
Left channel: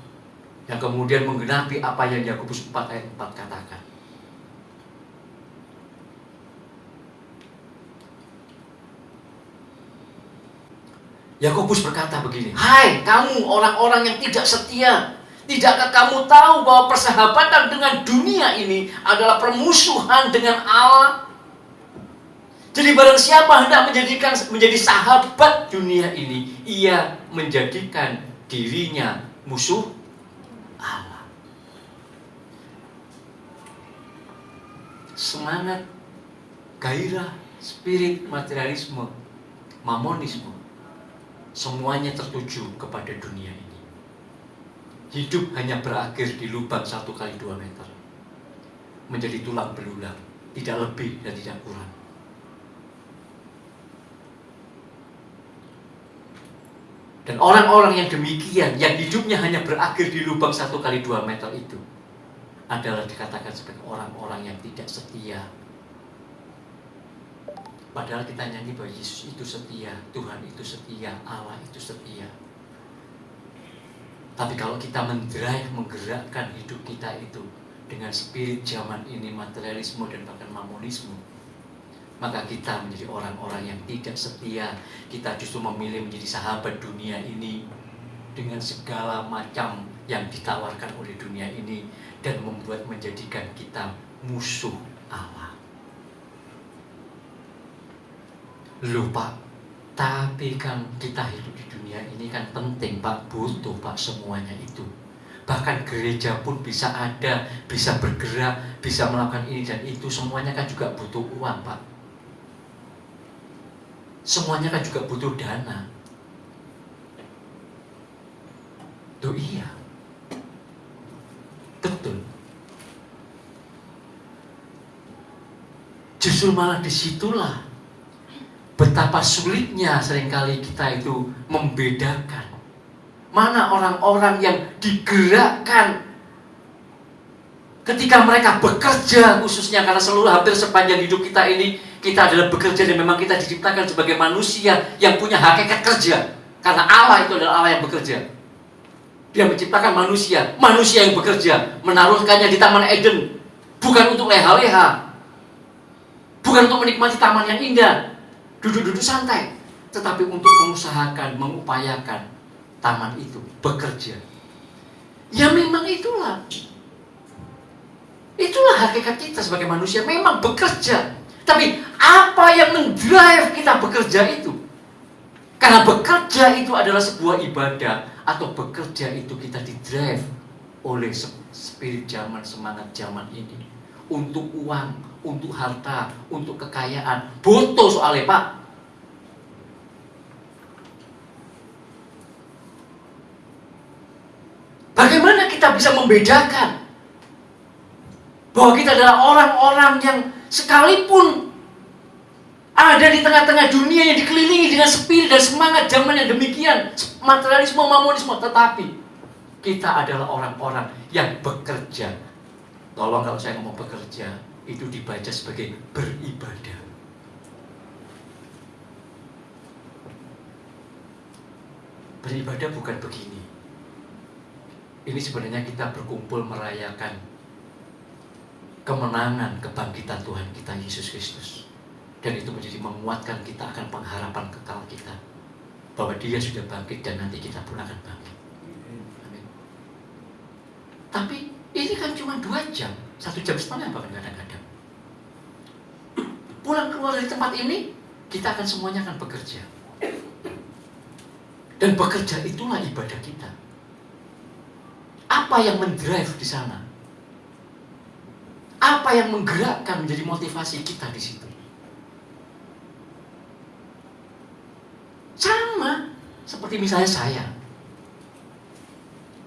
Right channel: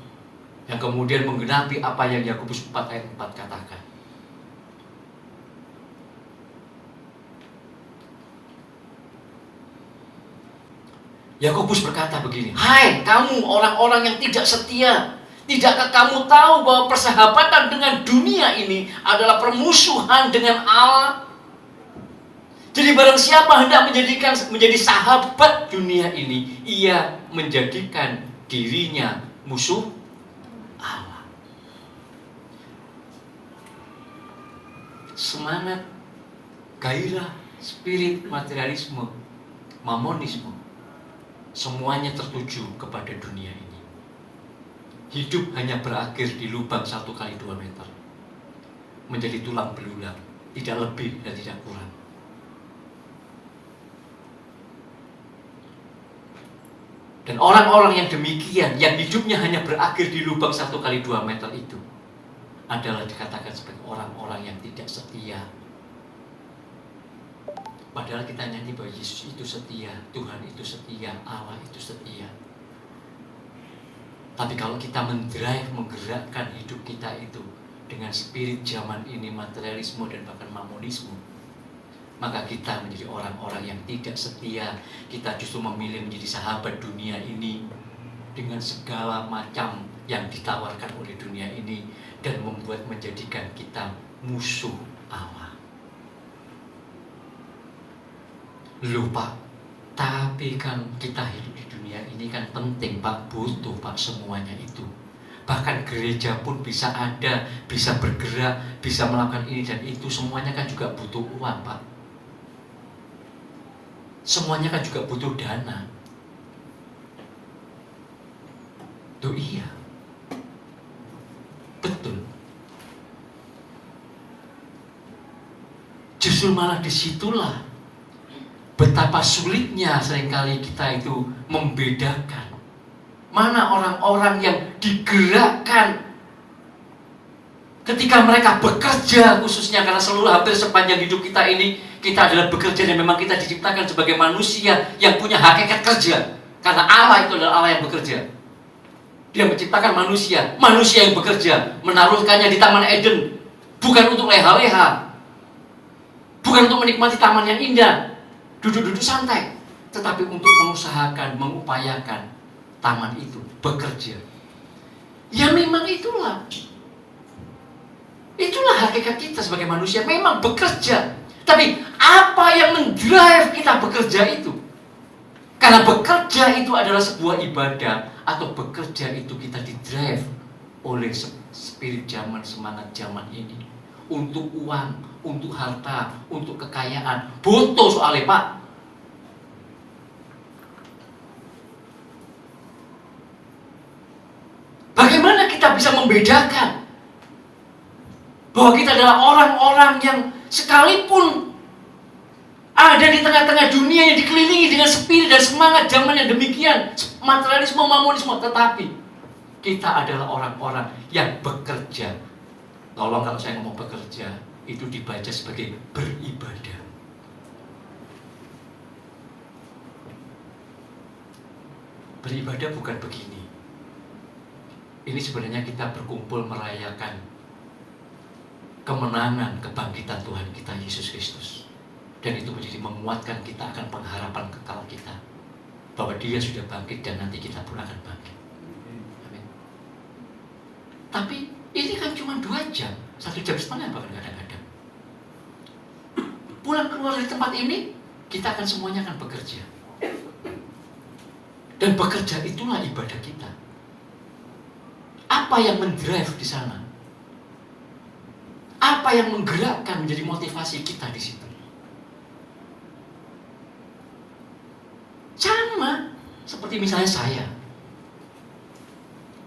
yang kemudian menggenapi apa yang Yakobus 4 ayat 4 katakan. Yakobus berkata begini, hai kamu orang-orang yang tidak setia, tidakkah kamu tahu bahwa persahabatan dengan dunia ini adalah permusuhan dengan Allah? Jadi barang siapa hendak menjadi sahabat dunia ini, ia menjadikan dirinya musuh Allah. Semangat, gairah, spirit, materialisme, mamonisme, semuanya tertuju kepada dunia ini. Hidup hanya berakhir di lubang 1 kali 2 meter. Menjadi tulang belulang, tidak lebih dan tidak kurang. Dan orang-orang yang demikian, yang hidupnya hanya berakhir di lubang 1 kali 2 meter itu, adalah dikatakan sebagai orang-orang yang tidak setia. Padahal kita nyanyi bahwa Yesus itu setia, Tuhan itu setia, Allah itu setia. Tapi kalau kita menggerakkan hidup kita itu dengan spirit zaman ini, materialisme dan bahkan mamonisme, maka kita menjadi orang-orang yang tidak setia. Kita justru memilih menjadi sahabat dunia ini dengan segala macam yang ditawarkan oleh dunia ini dan menjadikan kita musuh Allah. Loh Pak, tapi kan kita hidup di dunia ini kan penting Pak, butuh Pak semuanya itu. Bahkan gereja pun bisa ada, bisa bergerak, bisa melakukan ini dan itu, semuanya kan juga butuh uang Pak. semuanya kan juga butuh dana. Tuh iya, betul. Justru malah disitulah betapa sulitnya seringkali kita itu membedakan mana orang-orang yang digerakkan ketika mereka bekerja, khususnya karena hampir sepanjang hidup kita ini kita adalah bekerja, dan memang kita diciptakan sebagai manusia yang punya hakikat kerja. Karena Allah itu adalah Allah yang bekerja. Dia menciptakan manusia yang bekerja, menaruhkannya di Taman Eden, bukan untuk leha-leha, bukan untuk menikmati taman yang indah, duduk-duduk santai, tetapi untuk mengusahakan, mengupayakan taman itu bekerja. Ya memang itulah hakikat kita sebagai manusia, memang bekerja. Tapi apa yang mendrive kita bekerja itu? Karena bekerja itu adalah sebuah ibadah, atau bekerja itu kita didrive oleh spirit zaman, semangat zaman ini, untuk uang, untuk harta, untuk kekayaan. Butuh soalnya, Pak. Bagaimana kita bisa membedakan bahwa kita adalah orang-orang yang sekalipun ada di tengah-tengah dunia yang dikelilingi dengan spirit dan semangat zaman yang demikian, materialisme, mamonisme, tetapi kita adalah orang-orang yang bekerja. Tolong kalau saya ngomong bekerja, itu dibaca sebagai beribadah. Beribadah bukan begini. Ini sebenarnya kita berkumpul merayakan kemenangan, kebangkitan Tuhan kita Yesus Kristus. Dan itu menjadi menguatkan kita akan pengharapan kekal kita, bahwa Dia sudah bangkit dan nanti kita pun akan bangkit. Amin. Tapi ini kan cuma 2 jam, 1 jam setengah bahkan kadang-kadang. Pulang keluar dari tempat ini, kita akan semuanya akan bekerja. Dan bekerja itulah ibadah kita. Apa yang mendrive di sana? Apa yang menggerakkan menjadi motivasi kita di situ? Sama seperti misalnya saya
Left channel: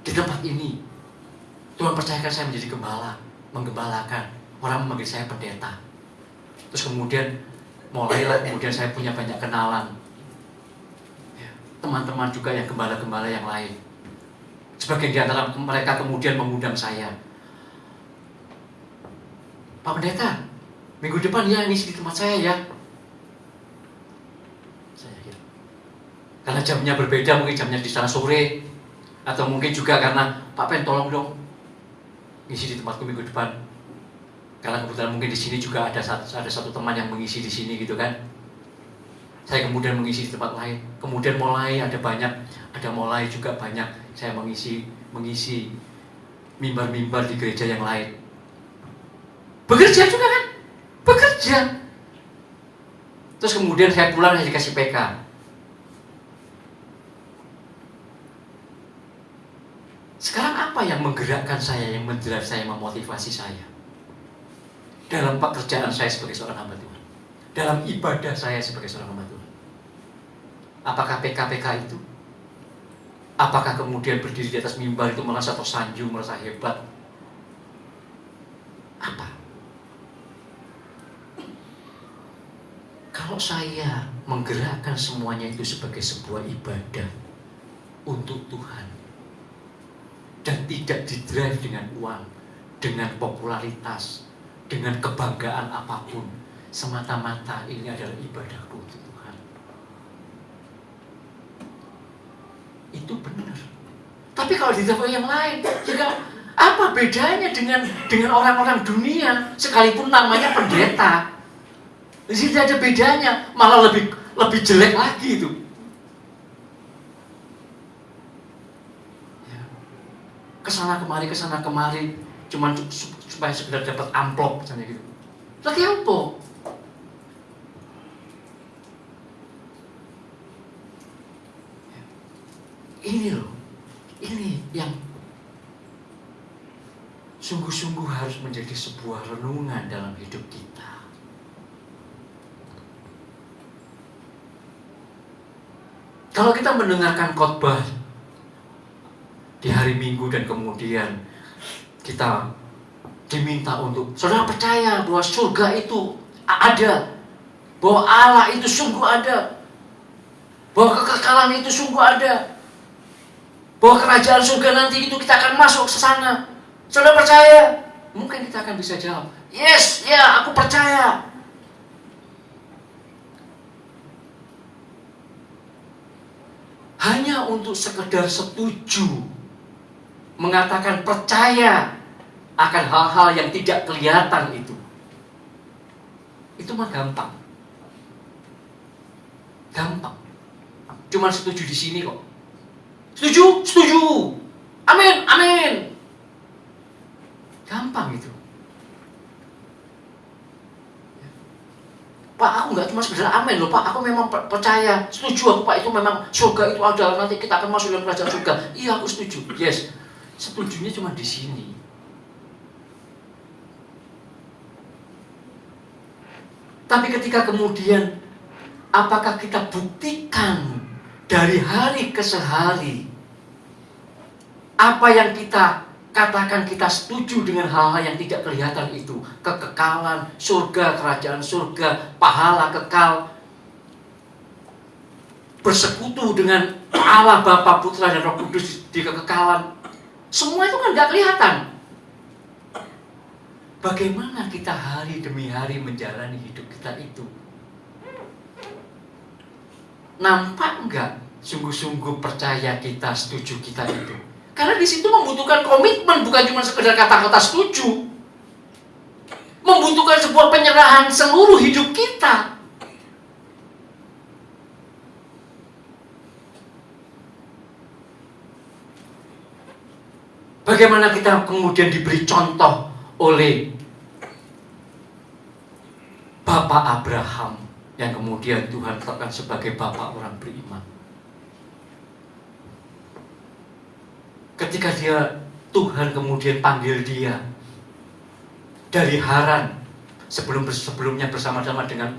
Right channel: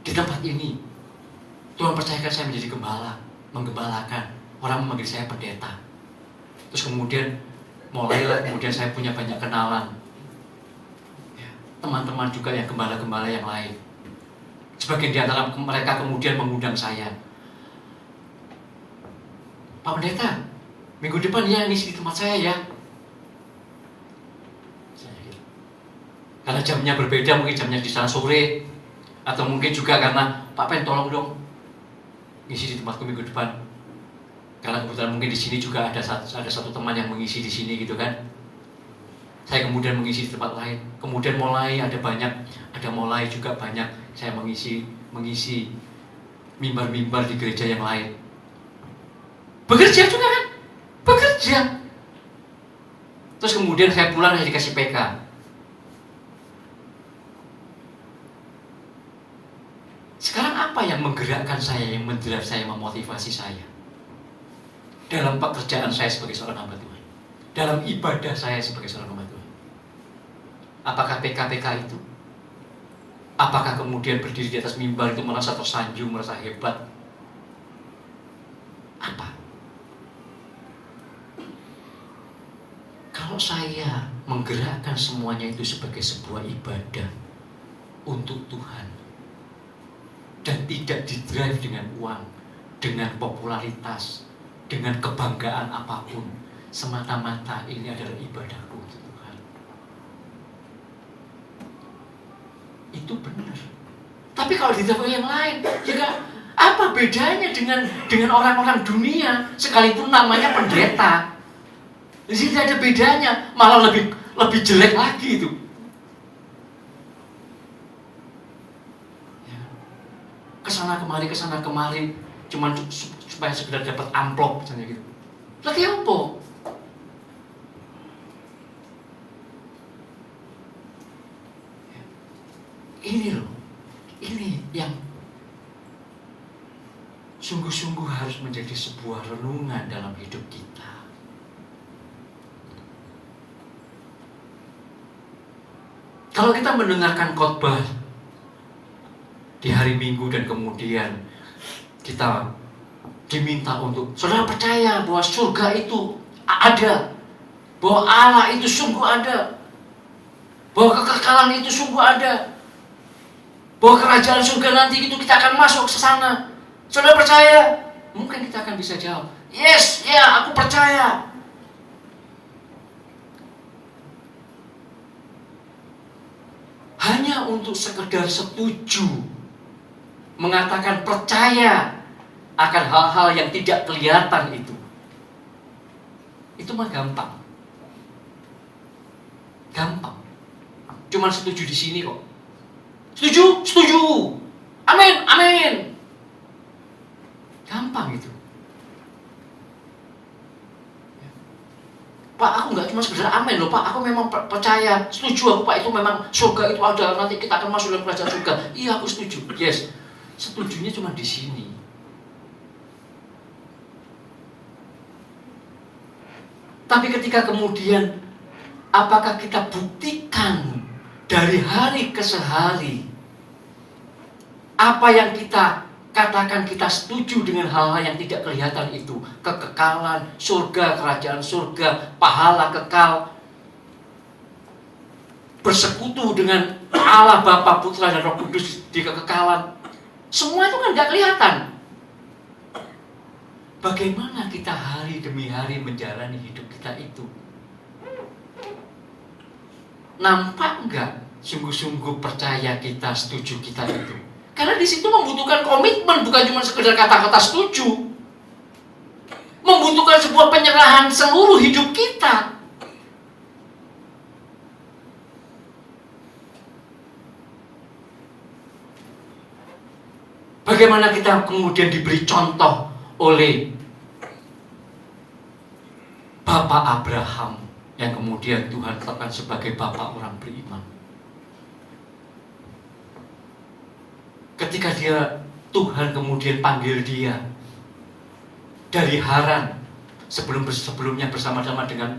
di tempat ini, Tuhan percayakan saya menjadi gembala, menggembalakan. Orang memanggil saya pendeta. Terus kemudian kemudian saya punya banyak kenalan, ya, teman-teman juga yang gembala-gembala yang lain. Sebagian di antara mereka kemudian mengundang saya, Pak Pendeta, minggu depan ya ngisi di tempat saya ya. Karena jamnya berbeda, mungkin jamnya di sana sore, atau mungkin juga karena Pak Pen tolong dong ngisi di tempatku minggu depan. Karena kebetulan mungkin di sini juga ada satu teman yang mengisi di sini gitu kan. Saya kemudian mengisi di tempat lain. Kemudian mulai juga banyak saya mengisi mimbar-mimbar di gereja yang lain. Bekerja juga kan? Bekerja. Terus kemudian saya pulang, saya dikasih PK. Sekarang apa yang menggerakkan saya, yang mendrive saya, memotivasi saya dalam pekerjaan saya sebagai seorang hamba Tuhan, dalam ibadah saya sebagai seorang hamba Tuhan? Apakah PK-PK itu? Apakah kemudian berdiri di atas mimbar itu merasa tersanjung, merasa hebat? Apa? Kalau saya menggerakkan semuanya itu sebagai sebuah ibadah untuk Tuhan, dan tidak didrive dengan uang, dengan popularitas, dengan kebanggaan apapun, semata-mata ini adalah ibadahku untuk Tuhan, itu benar. Tapi kalau didrive yang lain, ya kan, apa bedanya dengan orang-orang dunia, sekalipun namanya pendeta? Di sini tidak ada bedanya, malah lebih jelek lagi itu. Kesana kemari, cuma supaya sekedar dapat amplop misalnya gitu. Lagi apa? Ini loh, ini yang sungguh-sungguh harus menjadi sebuah renungan dalam hidup kita. Kalau kita mendengarkan khotbah di hari Minggu dan kemudian kita diminta untuk saudara percaya bahwa surga itu ada, bahwa Allah itu sungguh ada, bahwa kekekalan itu sungguh ada, bahwa kerajaan surga nanti itu kita akan masuk ke sana. Saudara percaya? Mungkin kita akan bisa jawab, yes, ya, aku percaya. Hanya untuk sekedar setuju, mengatakan percaya akan hal-hal yang tidak kelihatan itu mah gampang. Gampang. Cuma setuju di sini kok. Setuju, setuju. Amin, amin. Gampang itu. Pak, aku nggak cuma sekedar amin loh Pak, aku memang percaya, setuju aku Pak, itu memang surga itu ada, nanti kita akan masuk dalam kerajaan surga. Iya, aku setuju. Yes, setujunya cuma di sini. Tapi ketika kemudian apakah kita buktikan dari hari ke hari apa yang kita katakan kita setuju dengan hal-hal yang tidak kelihatan itu, kekekalan, surga, kerajaan surga, pahala kekal, bersekutu dengan Allah Bapa, Putra dan Roh Kudus di kekekalan. Semua itu kan nggak kelihatan. Bagaimana kita hari demi hari menjalani hidup kita itu? Nampak nggak sungguh-sungguh percaya kita, setuju kita itu? Karena di situ membutuhkan komitmen, bukan cuma sekedar kata-kata setuju. Membutuhkan sebuah penyerahan seluruh hidup kita. Bagaimana kita kemudian diberi contoh oleh Bapak Abraham yang kemudian Tuhan tetapkan sebagai bapak orang beriman. Ketika Tuhan kemudian panggil dia dari Haran, sebelumnya bersama-sama dengan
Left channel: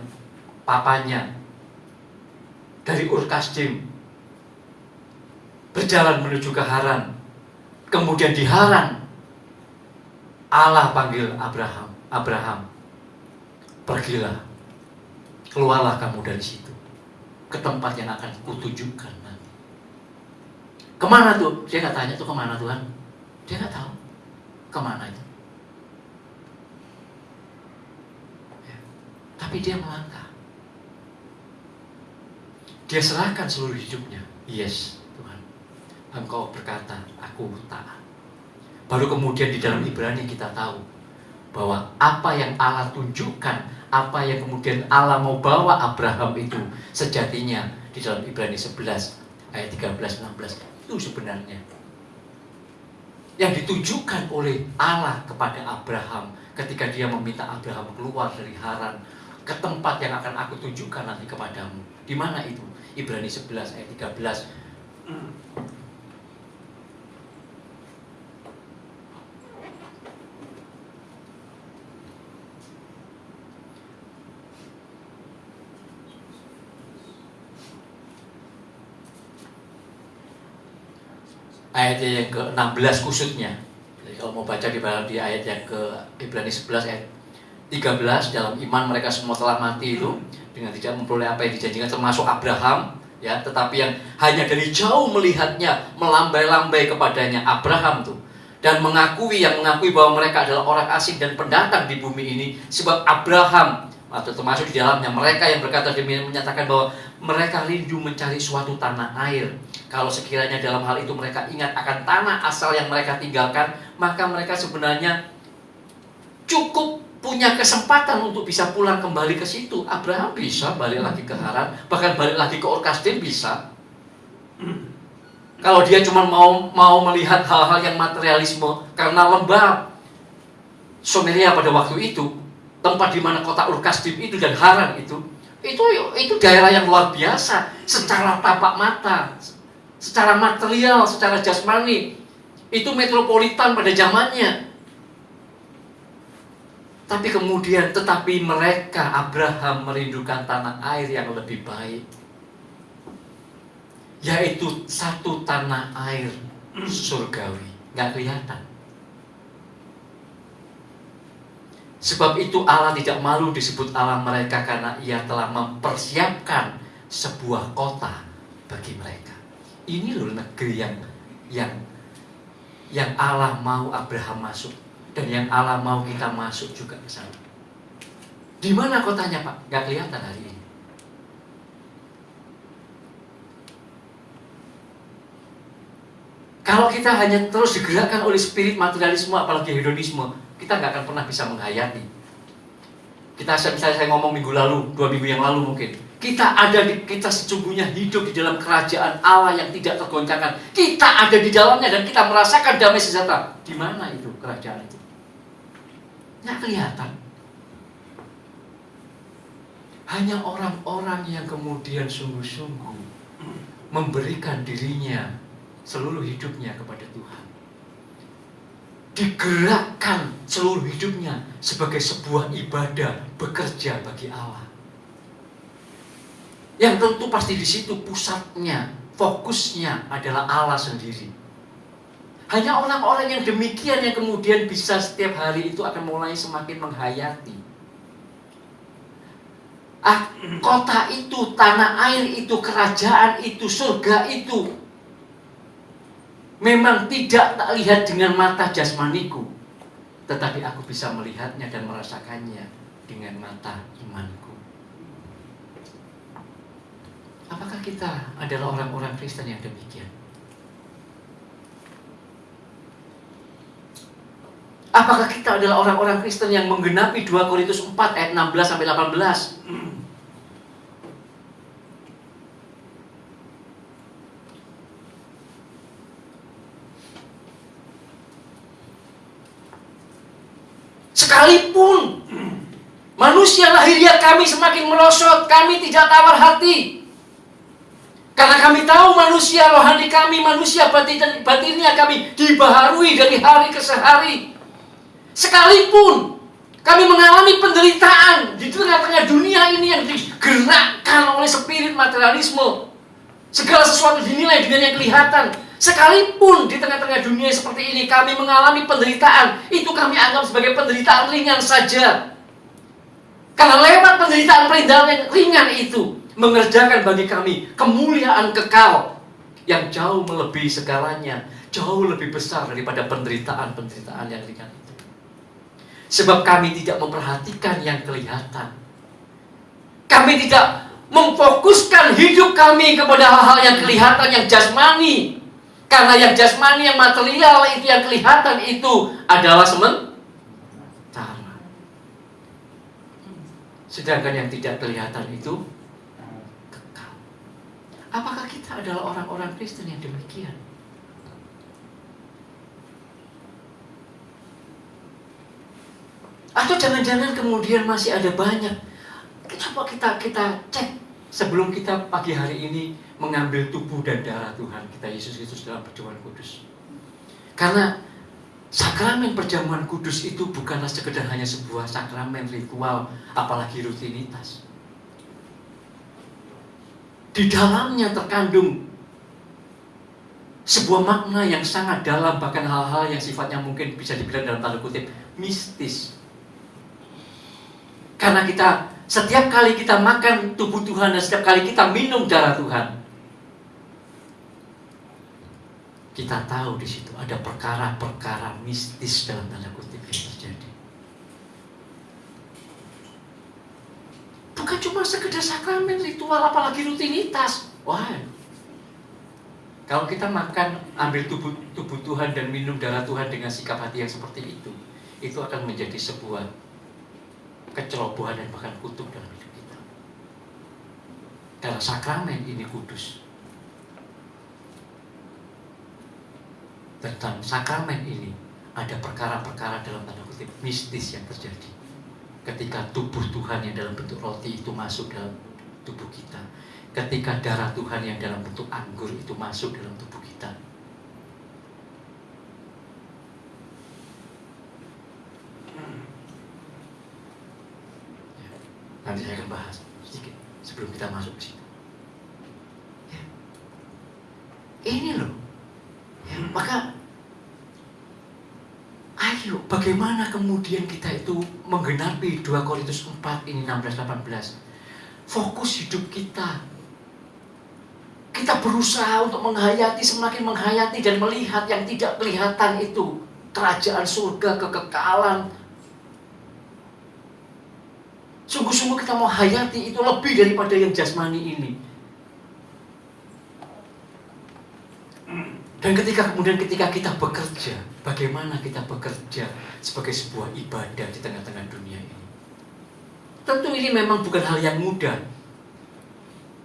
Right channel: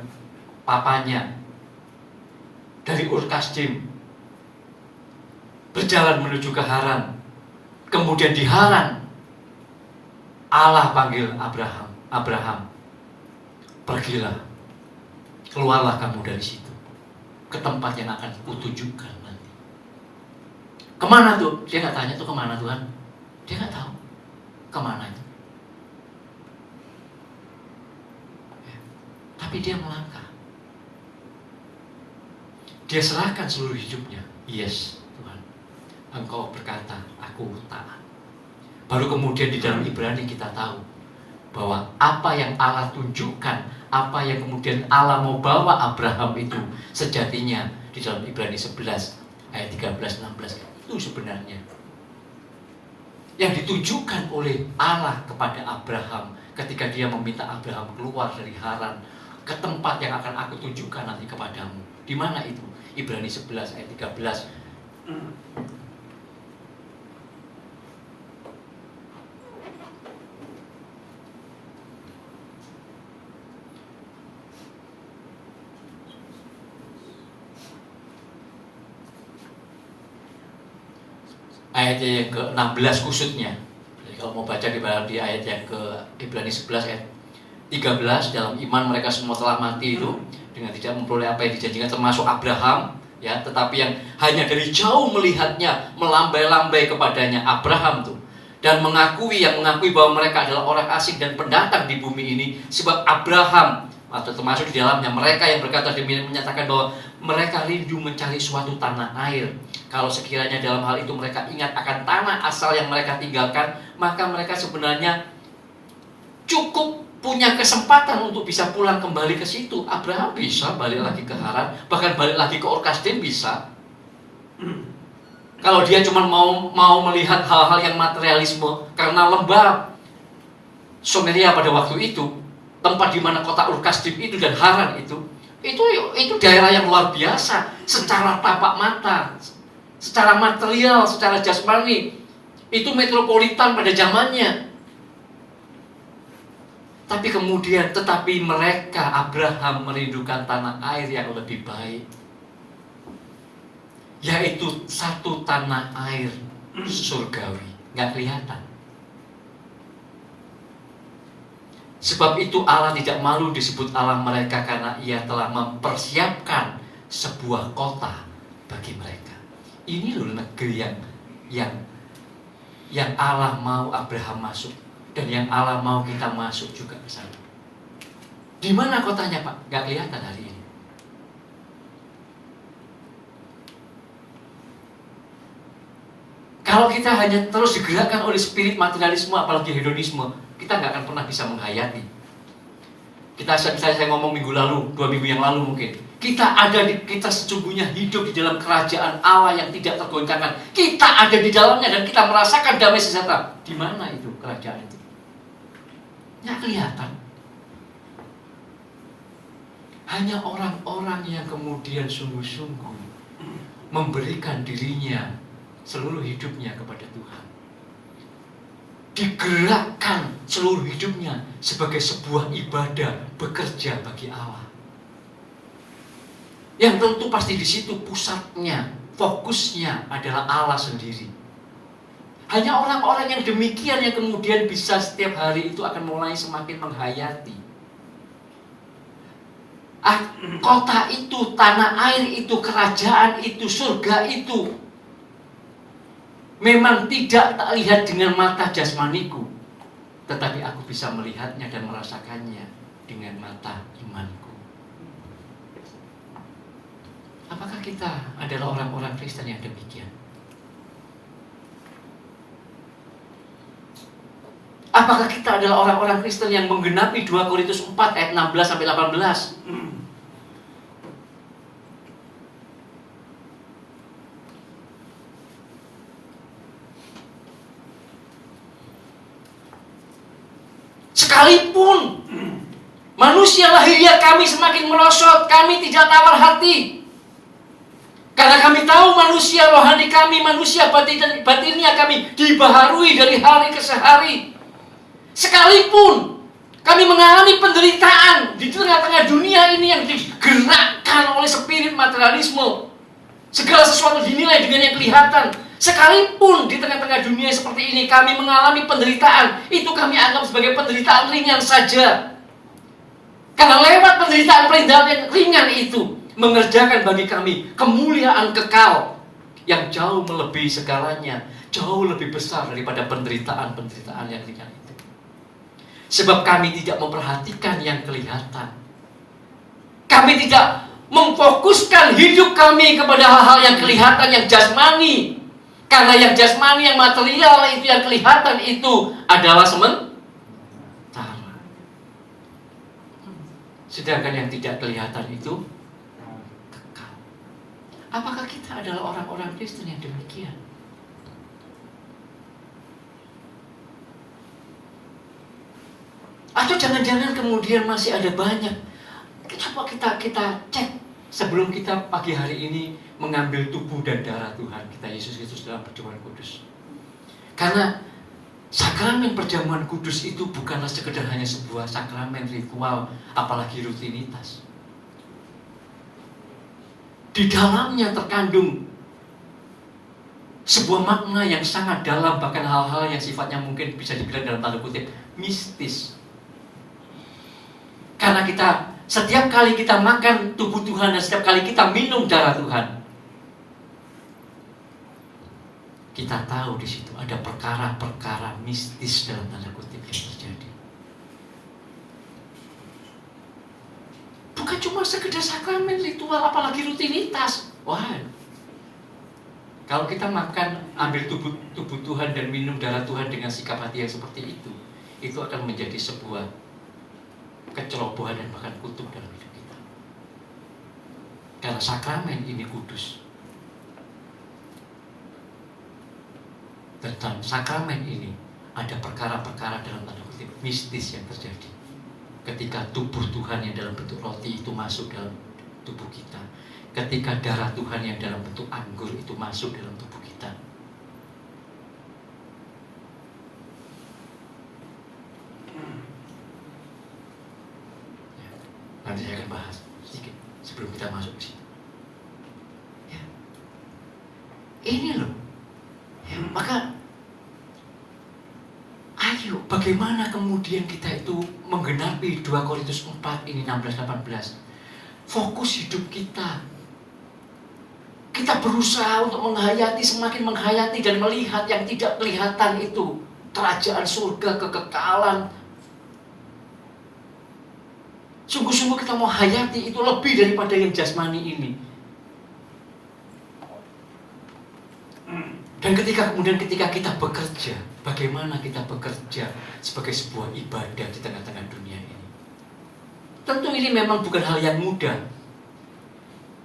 papanya dari Ur Kasdim, berjalan menuju ke Haran. Kemudian di Haran Allah panggil Abraham, pergilah, keluarlah kamu dari situ ke tempat yang akan kutunjukkan. Kemana tuh? Dia nggak tanya tuh kemana Tuhan. Dia nggak tahu kemana itu. Ya. Tapi dia melangkah. Dia serahkan seluruh hidupnya. Yes Tuhan, Engkau berkata, aku taat. Baru kemudian di dalam Ibrani kita tahu bahwa apa yang Allah tunjukkan, apa yang kemudian Allah mau bawa Abraham itu sejatinya di dalam Ibrani 11 ayat 13-16 itu sebenarnya yang ditunjukkan oleh Allah kepada Abraham ketika dia meminta Abraham keluar dari Haran ke tempat yang akan aku tunjukkan nanti kepadamu. Di mana itu? Ibrani 11 ayat 13. Ayatnya yang ke-16 khususnya. Jadi kalau mau baca di ayat yang ke Ibrani 11 ayat 13, dalam iman mereka semua telah mati itu dengan tidak memperoleh apa yang dijanjikan, termasuk Abraham, ya, tetapi yang hanya dari jauh melihatnya, melambai-lambai kepadanya Abraham tuh, dan mengakui bahwa mereka adalah orang asing dan pendatang di bumi ini, sebab Abraham atau termasuk di dalamnya mereka yang berkata demikian menyatakan bahwa mereka rindu mencari suatu tanah air. Kalau sekiranya dalam hal itu mereka ingat akan tanah asal yang mereka tinggalkan, maka mereka sebenarnya cukup punya kesempatan untuk bisa pulang kembali ke situ. Abraham bisa balik lagi ke Haran, bahkan balik lagi ke Ur Kasdim bisa. Kalau dia cuma mau melihat hal-hal yang materialisme, karena lembah Someria pada waktu itu, tempat di mana kota Ur Kasdim itu dan Haran itu daerah yang luar biasa secara tapak mata, secara material, secara jasmani. Itu metropolitan pada zamannya. Tapi kemudian mereka, Abraham merindukan tanah air yang lebih baik. yaitu satu tanah air surgawi, nggak kelihatan. Sebab itu Allah tidak malu disebut Allah mereka, karena Ia telah mempersiapkan sebuah kota bagi mereka. Ini loh negeri yang Allah mau Abraham masuk, dan yang Allah mau kita masuk juga ke sana. Di mana kotanya, Pak? Nggak kelihatan hari ini. Kalau kita hanya terus digerakkan oleh spirit materialisme, apalagi hedonisme, kita nggak akan pernah bisa menghayati. Misalnya saya ngomong minggu lalu, 2 minggu yang lalu mungkin, kita sesungguhnya hidup di dalam kerajaan Allah yang tidak tergoncangkan. Kita ada di dalamnya dan kita merasakan damai sejahtera. Di mana itu kerajaan itu? Nggak kelihatan. Hanya orang-orang yang kemudian sungguh-sungguh memberikan dirinya, seluruh hidupnya kepada Tuhan, digerakkan seluruh hidupnya sebagai sebuah ibadah, bekerja bagi Allah. Yang tentu pasti di situ pusatnya, fokusnya adalah Allah sendiri. Hanya orang-orang yang demikian yang kemudian bisa setiap hari itu akan mulai semakin menghayati. Kota itu, tanah air itu, kerajaan itu, surga itu memang tidak tak lihat dengan mata jasmaniku, tetapi aku bisa melihatnya dan merasakannya dengan mata imanku. Apakah kita adalah orang-orang Kristen yang demikian? Apakah kita adalah orang-orang Kristen yang menggenapi 2 Korintus 4 ayat 16 sampai 18? Sekalipun manusia lahiriah kami semakin merosot, kami tidak tawar hati. Karena kami tahu manusia rohani kami, manusia batinnya kami dibaharui dari hari ke hari. Sekalipun kami mengalami penderitaan di tengah-tengah dunia ini yang digerakkan oleh spirit materialisme, segala sesuatu dinilai dengan yang kelihatan. Sekalipun di tengah-tengah dunia seperti ini kami mengalami penderitaan, itu kami anggap sebagai penderitaan ringan saja. Karena lewat penderitaan yang ringan itu mengerjakan bagi kami kemuliaan kekal yang jauh melebihi segalanya, jauh lebih besar daripada penderitaan-penderitaan yang ringan itu. Sebab kami tidak memperhatikan yang kelihatan. Kami tidak memfokuskan hidup kami kepada hal-hal yang kelihatan, yang jasmani. Karena yang jasmani, yang material itu, yang kelihatan itu adalah sementara. Sedangkan yang tidak kelihatan itu kekal. Apakah kita adalah orang-orang Kristen yang demikian? Atau jangan-jangan kemudian masih ada banyak. Coba kita cek sebelum kita pagi hari ini mengambil tubuh dan darah Tuhan kita Yesus Kristus dalam perjamuan kudus. Karena sakramen perjamuan kudus itu bukanlah sekedar hanya sebuah sakramen ritual, apalagi rutinitas. Di dalamnya terkandung sebuah makna yang sangat dalam, bahkan hal-hal yang sifatnya mungkin bisa dibilang dalam tanda kutip mistis. Karena setiap kali kita makan tubuh Tuhan dan setiap kali kita minum darah Tuhan, kita tahu di situ ada perkara-perkara mistis dalam tanda kutip yang terjadi. Bukan cuma sekedar sakramen ritual, apalagi rutinitas. Wah, kalau kita makan, ambil tubuh Tuhan dan minum darah Tuhan dengan sikap hati yang seperti itu akan menjadi sebuah kecerobohan dan bahkan kutuk dalam hidup kita. Karena sakramen ini kudus. Dan dalam sakramen ini ada perkara-perkara dalam tanda kutip mistis yang terjadi. Ketika tubuh Tuhan yang dalam bentuk roti itu masuk dalam tubuh kita. Ketika darah Tuhan yang dalam bentuk anggur itu masuk dalam tubuh kita. Nanti saya akan bahas sedikit sebelum kita masuk ke situ. Ya. Ini loh. Ya, maka ayo bagaimana kemudian kita itu menggenapi 2 Korintus 4 ini 16-18. Fokus hidup kita. Kita berusaha untuk menghayati, semakin menghayati dan melihat yang tidak kelihatan itu. Kerajaan surga, kekekalan. Sungguh-sungguh kita mau hayati itu lebih daripada yang jasmani ini. Dan ketika kita bekerja, bagaimana kita bekerja sebagai sebuah ibadah di tengah-tengah dunia ini? Tentu ini memang bukan hal yang mudah.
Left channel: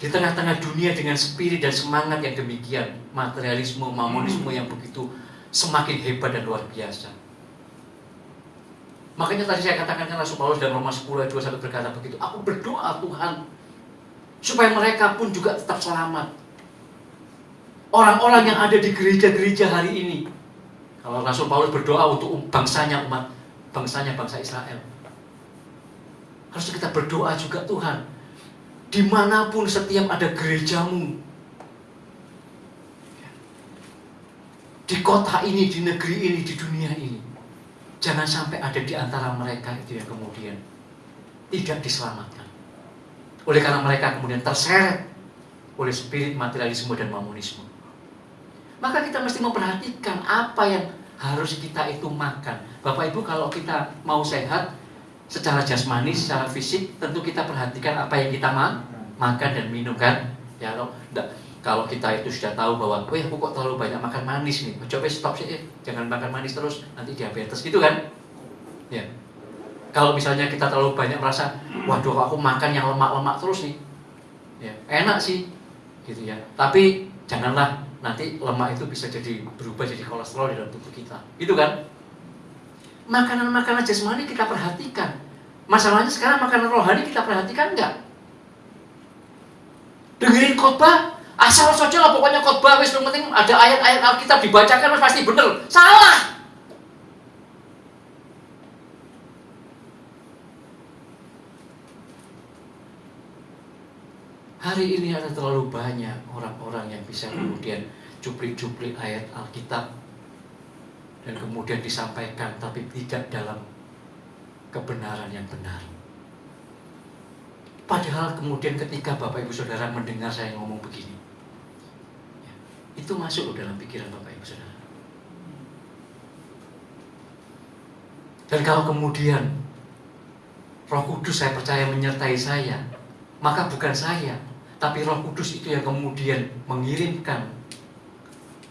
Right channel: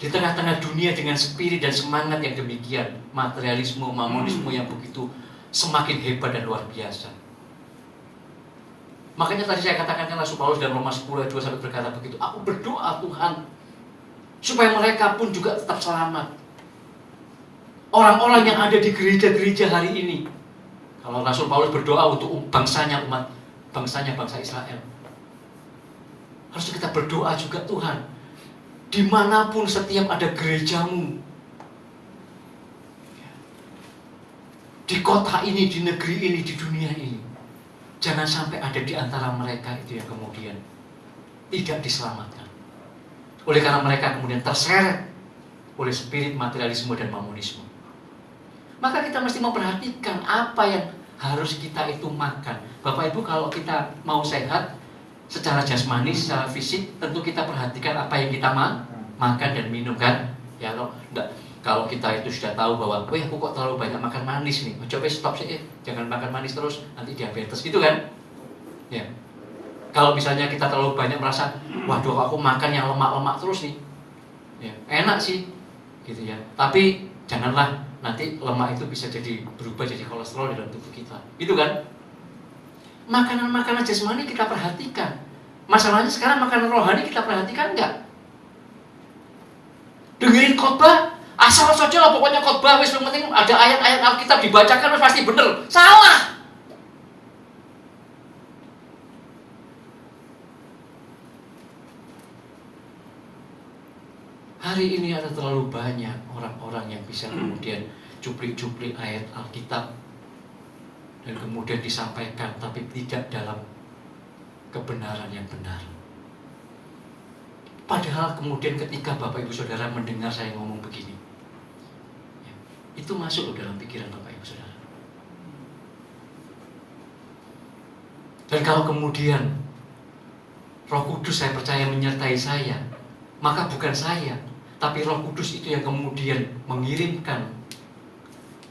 Di tengah-tengah dunia dengan spirit dan semangat yang demikian, materialisme, mamonisme yang begitu semakin hebat dan luar biasa. Makanya tadi saya katakan kan Rasul Paulus dalam Roma 10 ayat 2 sampai berkata begitu, aku berdoa Tuhan supaya mereka pun juga tetap selamat. Orang-orang yang ada di gereja-gereja hari ini. Kalau Rasul Paulus berdoa untuk bangsanya, bangsa Israel. Harus kita berdoa juga Tuhan. Dimanapun setiap ada gerejamu, di kota ini, di negeri ini, di dunia ini, jangan sampai ada di antara mereka itu yang kemudian tidak diselamatkan. Oleh karena mereka kemudian terseret oleh spirit materialisme dan mamonisme. Maka kita mesti memperhatikan apa yang harus kita itu makan. Bapak Ibu, kalau kita mau sehat secara jasmani, secara fisik, tentu kita perhatikan apa yang kita makan dan minum kan. Ya, kalau kita itu sudah tahu bahwa, aku kok terlalu banyak makan manis nih, coba stop sih, jangan makan manis terus, nanti diabetes gitu kan. Ya. Kalau misalnya kita terlalu banyak merasa, waduh aku makan yang lemak-lemak terus nih, ya, enak sih, gitu ya. Tapi janganlah nanti lemak itu bisa berubah jadi kolesterol di dalam tubuh kita, gitu kan? Makanan-makanan jasmani kita perhatikan. Masalahnya sekarang makanan rohani kita perhatikan enggak? Dengerin khotbah, asal saja lah pokoknya khotbah, wis yang penting ada ayat-ayat Alkitab dibacakan wis pasti bener. Salah. Hari ini ada terlalu banyak orang-orang yang bisa kemudian cuplik-cuplik ayat Alkitab dan kemudian disampaikan tapi tidak dalam kebenaran yang benar. Padahal kemudian ketika Bapak Ibu Saudara mendengar saya ngomong begini, itu masuk dalam pikiran Bapak Ibu Saudara. Dan kalau kemudian Roh Kudus saya percaya menyertai saya, maka bukan saya, tapi Roh Kudus itu yang kemudian mengirimkan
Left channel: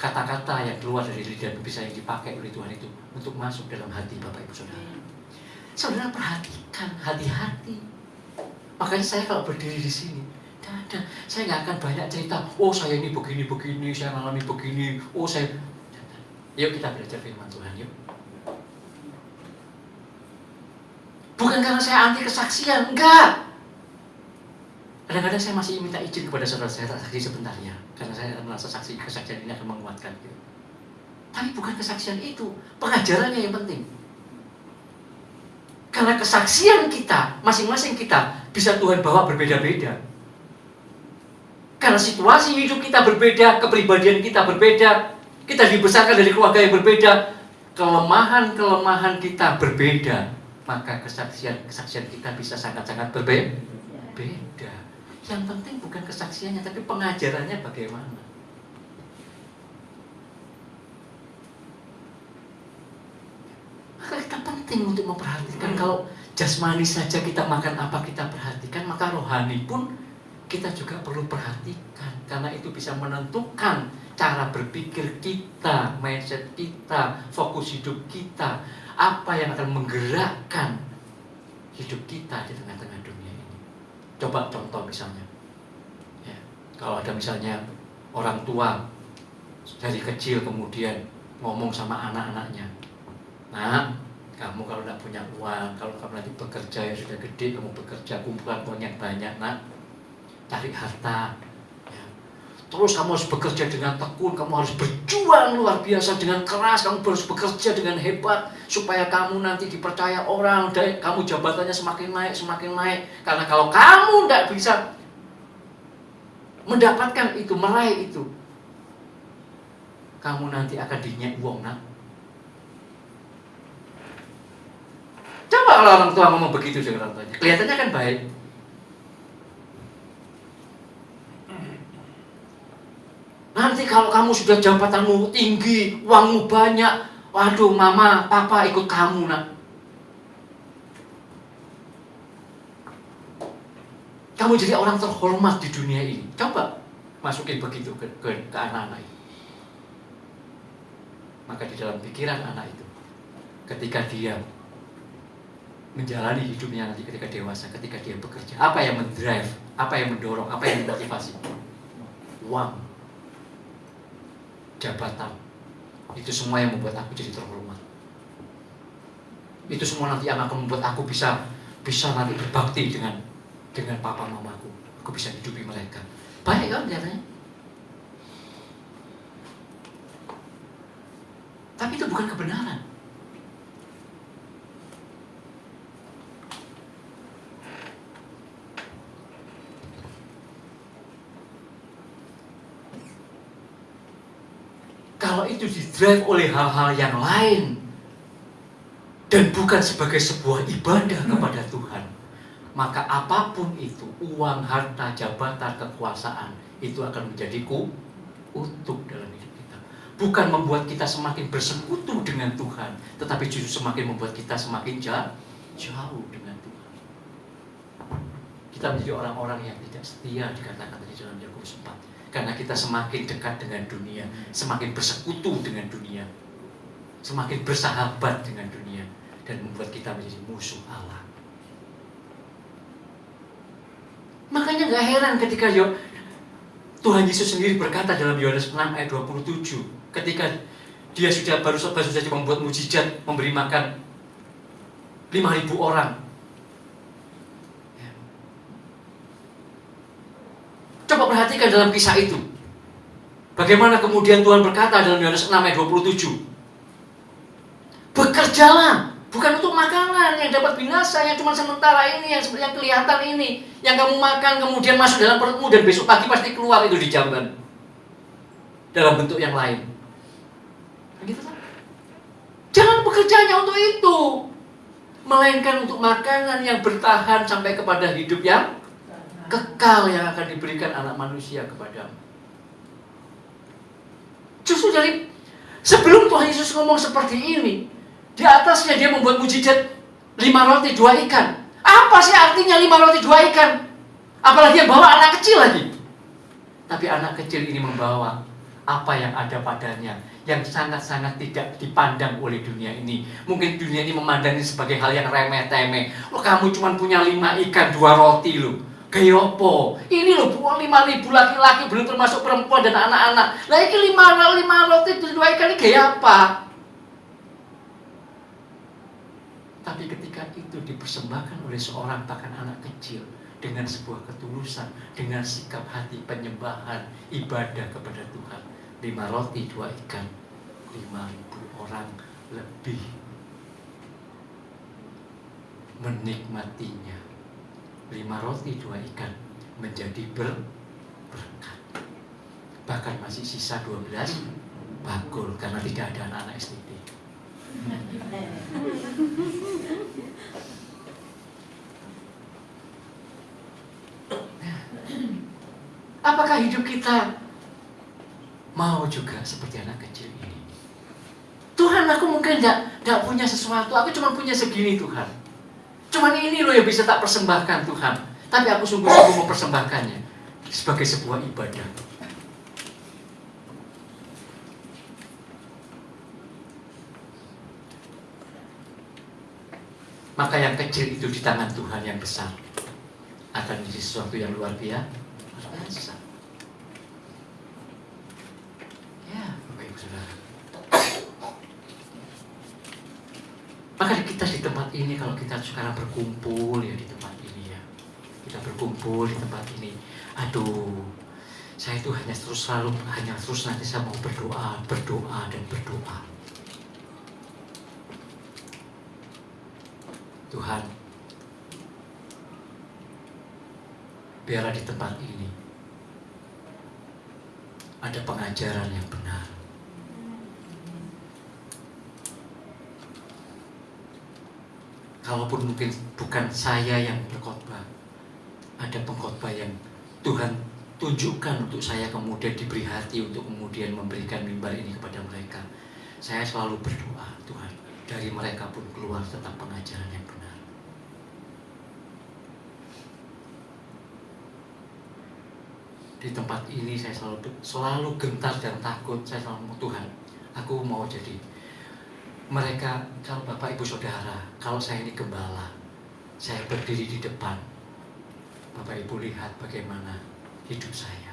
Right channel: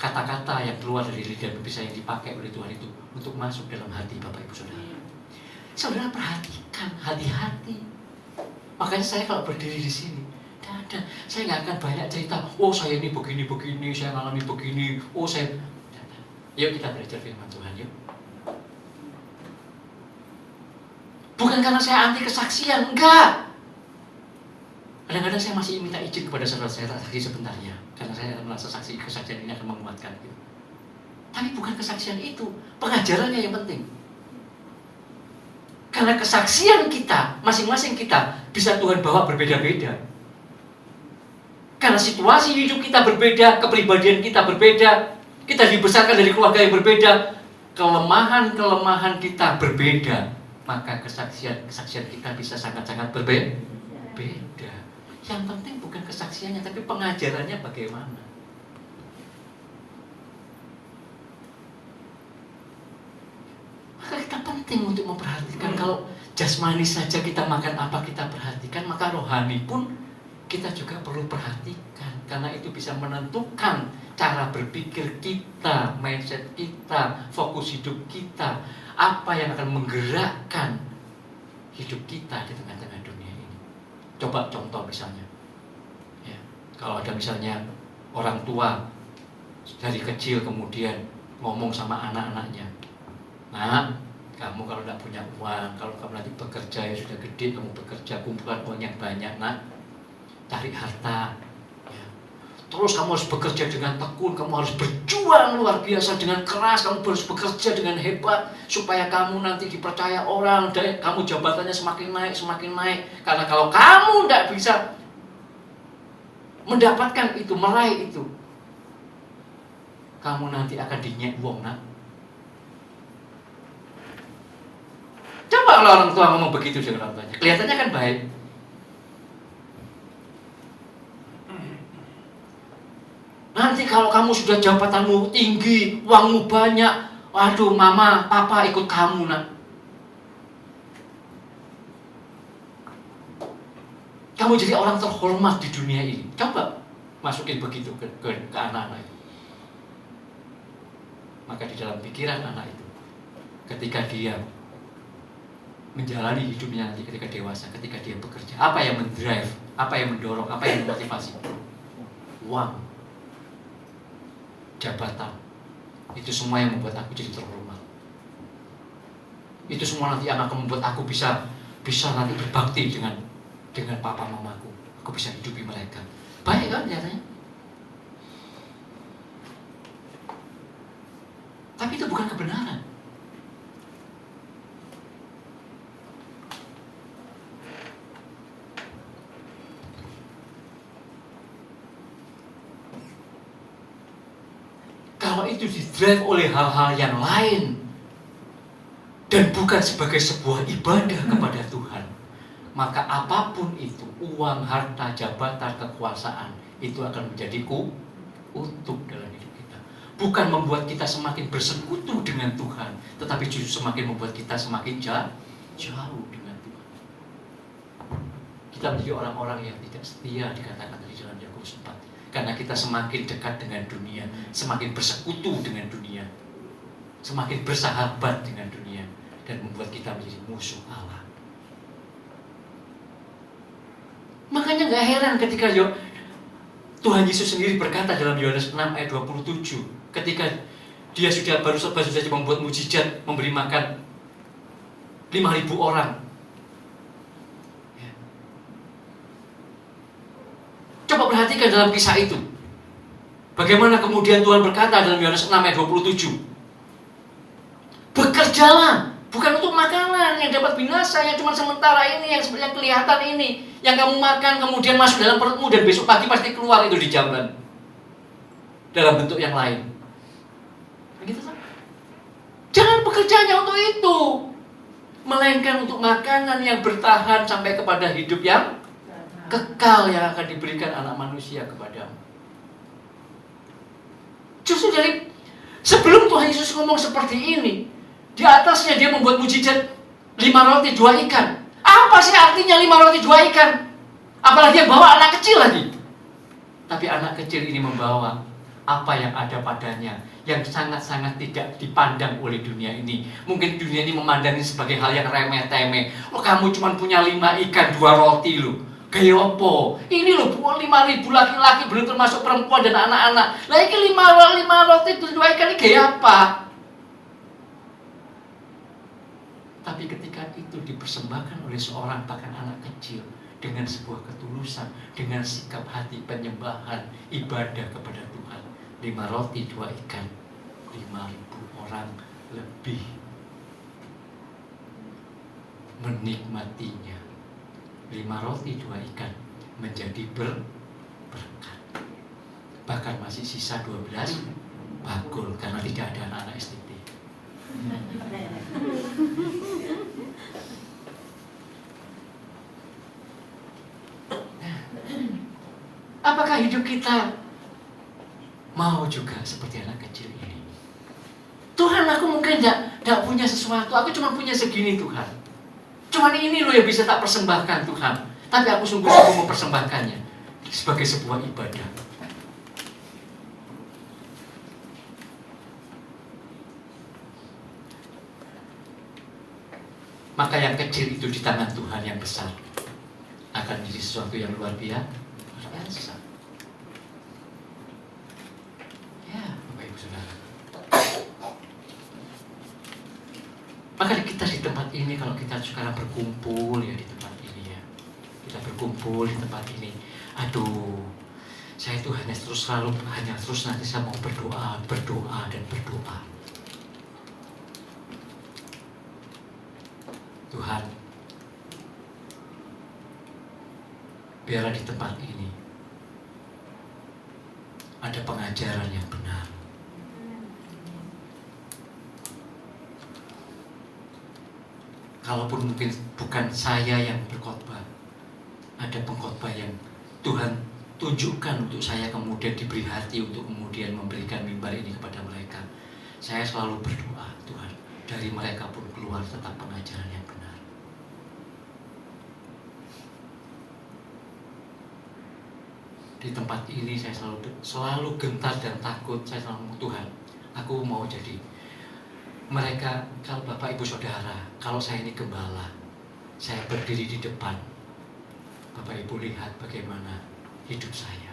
kata-kata yang keluar dari lidah bisa yang dipakai oleh Tuhan itu untuk masuk dalam hati Bapak Ibu Saudara. Saudara perhatikan, hati-hati. Makanya saya kalau berdiri di sini, saya nggak akan banyak cerita. Oh saya ini begini, saya alami begini. Oh saya, yuk kita belajar firman Tuhan yuk. Bukan karena saya anti kesaksian, enggak. Kadang-kadang saya masih minta izin kepada saudara saya saksi sebentar ya, karena saya merasa kesaksian ini akan menguatkan gitu. Tapi bukan kesaksian itu, pengajarannya yang penting. Karena kesaksian kita, masing-masing kita bisa Tuhan bawa berbeda-beda. Karena situasi hidup kita berbeda, kepribadian kita berbeda, kita dibesarkan dari keluarga yang berbeda, kelemahan-kelemahan kita berbeda, maka kesaksian kita bisa sangat-sangat berbeda. Yang penting bukan kesaksiannya, tapi pengajarannya bagaimana. Maka kita penting untuk memperhatikan. Kalau jasmani saja kita makan apa kita perhatikan, maka rohani pun kita juga perlu perhatikan. Karena itu bisa menentukan cara berpikir kita, mindset kita, fokus hidup kita, apa yang akan menggerakkan hidup kita di tengah-tengah dunia ini. Coba contoh misalnya, ya, kalau ada misalnya orang tua dari kecil kemudian ngomong sama anak-anaknya, nah kamu kalau tidak punya uang, kalau kamu nanti bekerja yang sudah gede, kamu bekerja kumpulkan uang yang banyak, nak, cari harta, ya. Terus kamu harus bekerja dengan tekun, kamu harus berjuang luar biasa dengan keras, kamu harus bekerja dengan hebat supaya kamu nanti dipercaya orang, dan kamu jabatannya semakin naik. Karena kalau kamu tidak bisa mendapatkan itu, meraih itu, kamu nanti akan dinyek wong nak. Coba kalau orang tua ngomong begitu dengan orang tuanya, kelihatannya kan baik. Nanti kalau kamu sudah jabatanmu tinggi, uangmu banyak, waduh mama, papa ikut kamu nak. Kamu jadi orang terhormat di dunia ini. Coba masukin begitu ke anak-anak. Maka di dalam pikiran anak itu, ketika dia menjalani hidupnya nanti ketika dewasa, ketika dia bekerja, apa yang mendrive, apa yang mendorong, apa yang memotivasi? Uang, jabatan, itu semua yang membuat aku jadi terhormat. Itu semua nanti yang akan membuat aku bisa nanti berbakti dengan papa mamaku. Aku bisa hidupi mereka. Baik kan kelihatannya? Tapi itu bukan kebenaran. Kalau itu didrive oleh hal-hal yang lain dan bukan sebagai sebuah ibadah kepada Tuhan, maka apapun itu, uang, harta, jabatan, kekuasaan, itu akan menjadi kutuk dalam hidup kita. Bukan membuat kita semakin bersekutu dengan Tuhan, tetapi justru semakin membuat kita semakin jauh dengan Tuhan. Kita menjadi orang-orang yang tidak setia, dikatakan di dalam Yakobus 4. Karena kita semakin dekat dengan dunia, semakin bersekutu dengan dunia, semakin bersahabat dengan dunia, dan membuat kita menjadi musuh Allah. Makanya gak heran ketika Tuhan Yesus sendiri berkata dalam Yohanes 6 ayat 27, ketika dia baru saja membuat mukjizat, memberi makan 5.000 orang. Coba perhatikan dalam kisah itu, bagaimana kemudian Tuhan berkata dalam Yohanes 6 ayat 27, bekerjalah, bukan untuk makanan yang dapat binasa, yang cuma sementara ini, yang sebenarnya kelihatan ini, yang kamu makan kemudian masuk dalam perutmu dan besok pagi pasti keluar itu di jamban dalam bentuk yang lain. Begitu kan? Jangan bekerja hanya untuk itu, melainkan untuk makanan yang bertahan sampai kepada hidup yang kekal yang akan diberikan anak manusia kepadamu. Justru dari sebelum Tuhan Yesus ngomong seperti ini, di atasnya dia membuat mukjizat 5 roti 2 ikan. Apa sih artinya 5 roti 2 ikan? Apalagi yang bawa anak kecil lagi. Tapi anak kecil ini membawa apa yang ada padanya, yang sangat-sangat tidak dipandang oleh dunia ini. Mungkin dunia ini memandangnya sebagai hal yang remeh-temeh. Loh, kamu cuma punya 5 ikan 2 roti loh. Gaya apa? Ini loh 5.000 laki-laki, belum termasuk perempuan dan anak-anak. Lah ini 5 roti 2 ikan ini gaya apa? Tapi ketika itu dipersembahkan oleh seorang bahkan anak kecil dengan sebuah ketulusan, dengan sikap hati penyembahan, ibadah kepada Tuhan, 5 roti 2 ikan, 5.000 orang lebih menikmatinya. 5 roti 2 ikan menjadi berkat. Bahkan masih sisa 12 bakul karena tidak ada anak STT. Apakah hidup kita mau juga seperti anak kecil ini? Tuhan, aku mungkin tidak punya sesuatu, aku cuma punya segini Tuhan. Cuman ini loh yang bisa tak persembahkan Tuhan. Tapi aku sungguh-sungguh mempersembahkannya sebagai sebuah ibadah. Maka yang kecil itu di tangan Tuhan yang besar akan menjadi sesuatu yang luar biasa. Ya, Bapak Ibu Saudara. Maka kita di tempat ini, kalau kita sekarang berkumpul ya di tempat ini ya, kita berkumpul di tempat ini. Aduh, saya itu hanya terus nanti saya mau berdoa dan berdoa. Tuhan, biarlah di tempat ini ada pengajaran yang benar, kalaupun mungkin bukan saya yang berkhotbah, ada pengkhotbah yang Tuhan tunjukkan untuk saya, kemudian diberi hati untuk kemudian memberikan mimbar ini kepada mereka. Saya selalu berdoa, Tuhan, dari mereka pun keluar tetap pengajaran yang benar. Di tempat ini saya selalu gentar dan takut. Saya selalu, Tuhan, aku mau jadi mereka. Kalau Bapak Ibu Saudara, kalau saya ini gembala, saya berdiri di depan, Bapak Ibu lihat bagaimana hidup saya,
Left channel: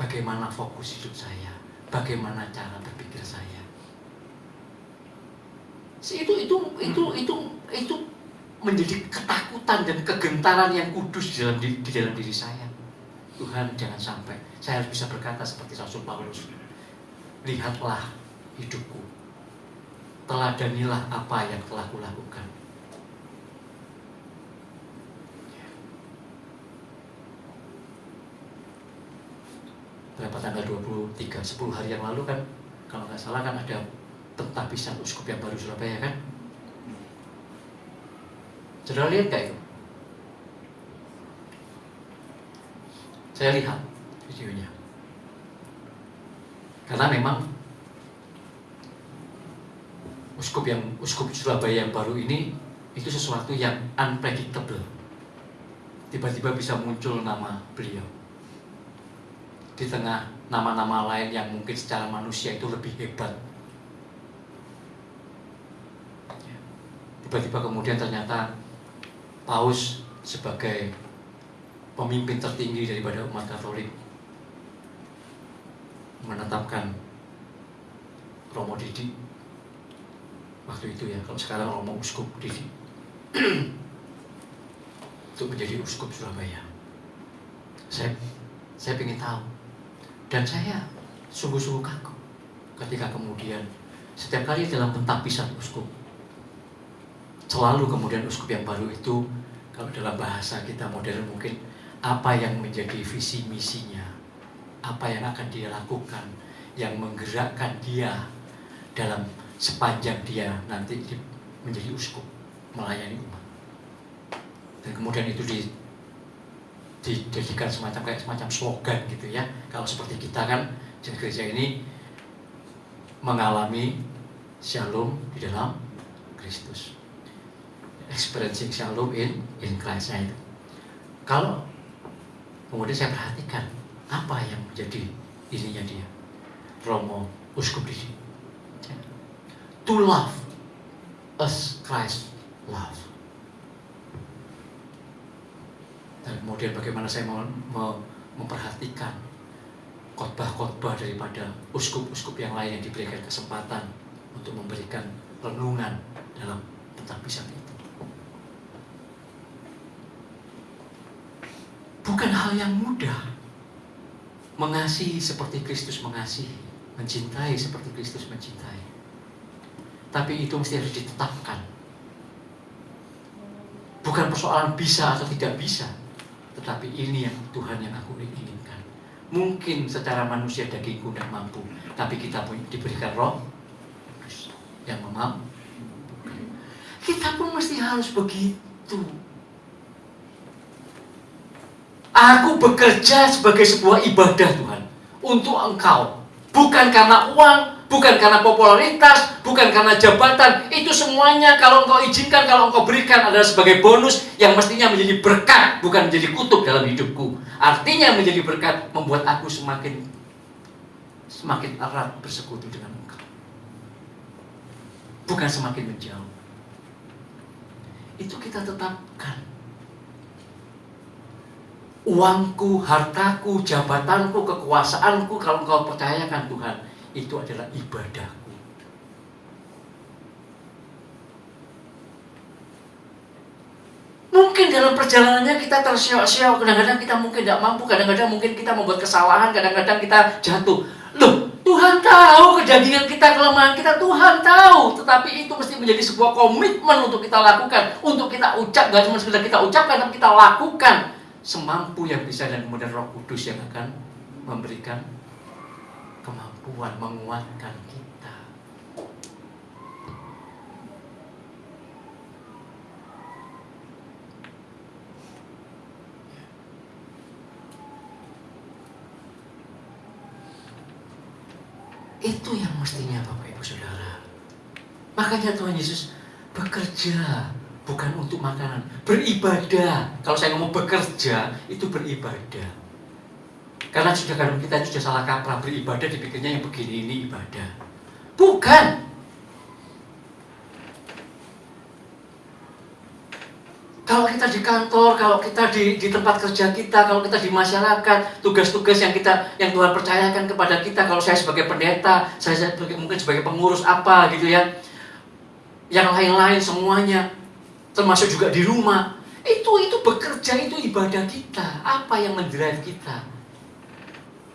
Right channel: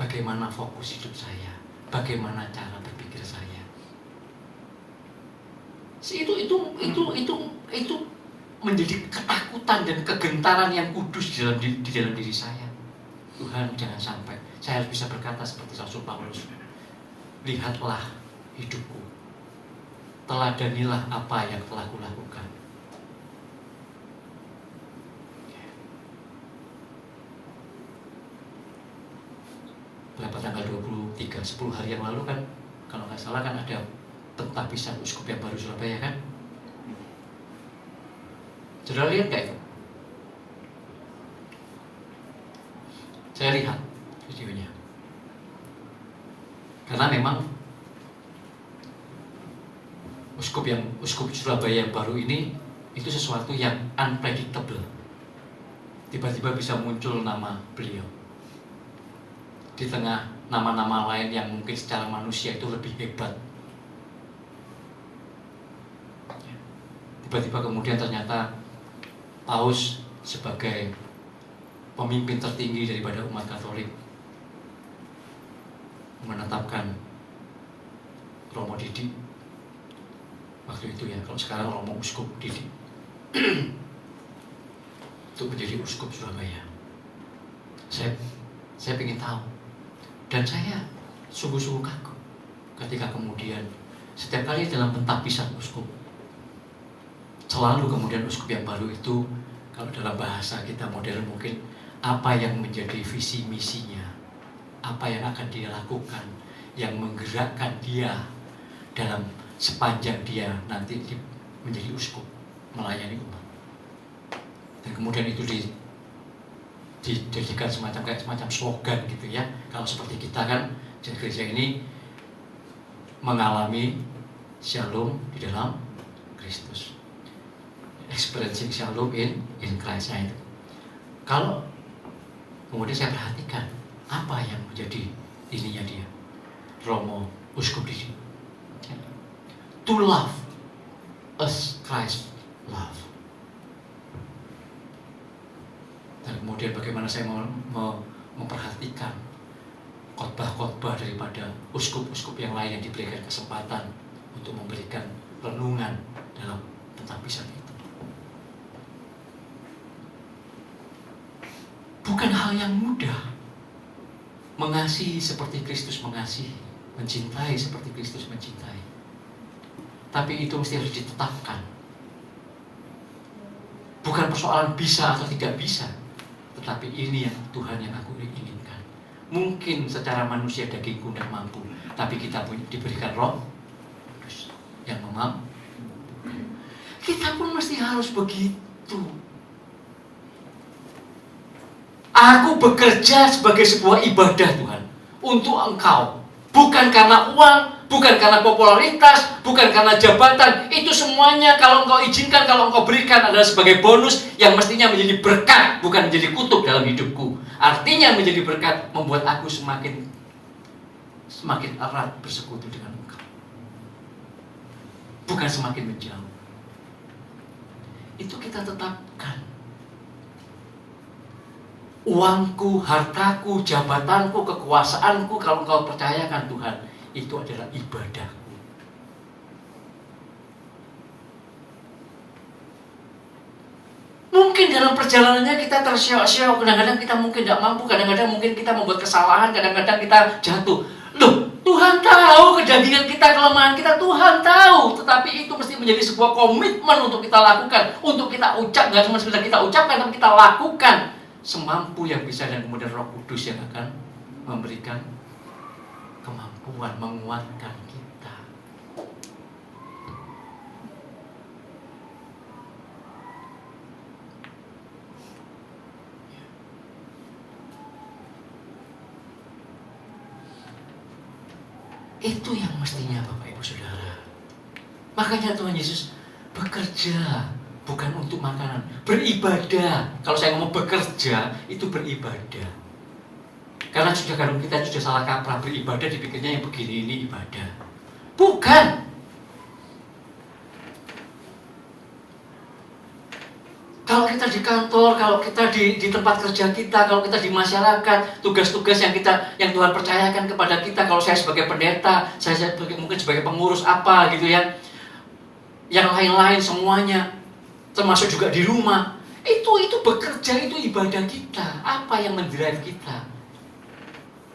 bagaimana fokus hidup saya, bagaimana cara berpikir saya. Itu menjadi ketakutan dan kegentaran yang kudus di dalam diri saya. Tuhan, jangan sampai saya harus bisa berkata seperti Rasul Paulus, lihatlah hidupku, teladanilah apa yang telah kulakukan. Berapa tanggal 23, 10 hari yang lalu kan, kalau nggak salah kan ada pentapisan uskup yang baru Surabaya kan. Saudara lihat nggak itu? Saya lihat videonya. Karena memang uskup Surabaya yang baru ini itu sesuatu yang unpredictable. Tiba-tiba bisa muncul nama beliau di tengah nama-nama lain yang mungkin secara manusia itu lebih hebat. Tiba-tiba kemudian ternyata Paus sebagai pemimpin tertinggi daripada umat Katolik menetapkan Romo Didi waktu itu ya, kalau sekarang Romo Uskup Didi untuk menjadi Uskup Surabaya. Saya ingin tahu, dan saya sungguh-sungguh kagum ketika kemudian setiap kali dalam pentapisan uskup, selalu kemudian uskup yang baru itu, kalau dalam bahasa kita modern mungkin, apa yang menjadi visi misinya, apa yang akan dia lakukan, yang menggerakkan dia dalam sepanjang dia nanti menjadi uskup melayani umat. Dan kemudian itu dijadikan semacam slogan gitu ya. Kalau seperti kita kan di gereja ini mengalami shalom di dalam Kristus, experiencing shalom in Christ. Kalau kemudian saya perhatikan apa yang menjadi ininya dia, Romo Uskup Didi, to love as Christ love. Dan kemudian bagaimana saya memperhatikan khotbah-khotbah daripada uskup-uskup yang lain yang diberikan kesempatan untuk memberikan renungan dalam pentapisan itu. Bukan hal yang mudah mengasihi seperti Kristus mengasihi, mencintai seperti Kristus mencintai. Tapi itu mesti harus ditetapkan. Bukan persoalan bisa atau tidak bisa, tetapi ini yang Tuhan yang aku inginkan. Mungkin secara manusia dagingku tidak mampu, tapi kita pun diberikan Roh yang memampu. Kita pun mesti harus begitu. Aku bekerja sebagai sebuah ibadah Tuhan untuk Engkau, bukan karena uang, bukan karena popularitas, bukan karena jabatan. Itu semuanya kalau Engkau izinkan, kalau Engkau berikan adalah sebagai bonus yang mestinya menjadi berkat, bukan menjadi kutuk dalam hidupku. Artinya menjadi berkat membuat aku semakin erat bersekutu dengan Engkau, bukan semakin menjauh. Itu kita tetapkan. Uangku, hartaku, jabatanku, kekuasaanku, kalau Engkau percayakan Tuhan, itu adalah ibadahku. Mungkin dalam perjalanannya kita tersiok-siok, kadang-kadang kita mungkin tidak mampu, kadang-kadang mungkin kita membuat kesalahan, kadang-kadang kita jatuh. Loh, Tuhan tahu kejadian kita, kelemahan kita, Tuhan tahu. Tetapi itu mesti menjadi sebuah komitmen untuk kita lakukan, untuk kita ucap, gak cuma sekedar kita ucapkan, tapi kita lakukan semampu yang bisa, dan kemudian Roh Kudus yang akan memberikan kemampuan, menguatkan kita. Itu yang mestinya Bapak Ibu Saudara. Makanya Tuhan Yesus bekerja bukan untuk makanan, beribadah. Kalau saya ngomong bekerja, itu beribadah. Karena sudah kadang kita sudah salah kaprah, beribadah dipikirnya yang begini ini ibadah. Bukan. Kalau kita di kantor, kalau kita di tempat kerja kita, kalau kita di masyarakat, tugas-tugas yang Tuhan percayakan kepada kita, kalau saya sebagai pendeta, saya mungkin sebagai pengurus apa gitu ya, yang lain-lain semuanya, termasuk juga di rumah, itu bekerja, itu ibadah kita. Apa yang mendrive kita?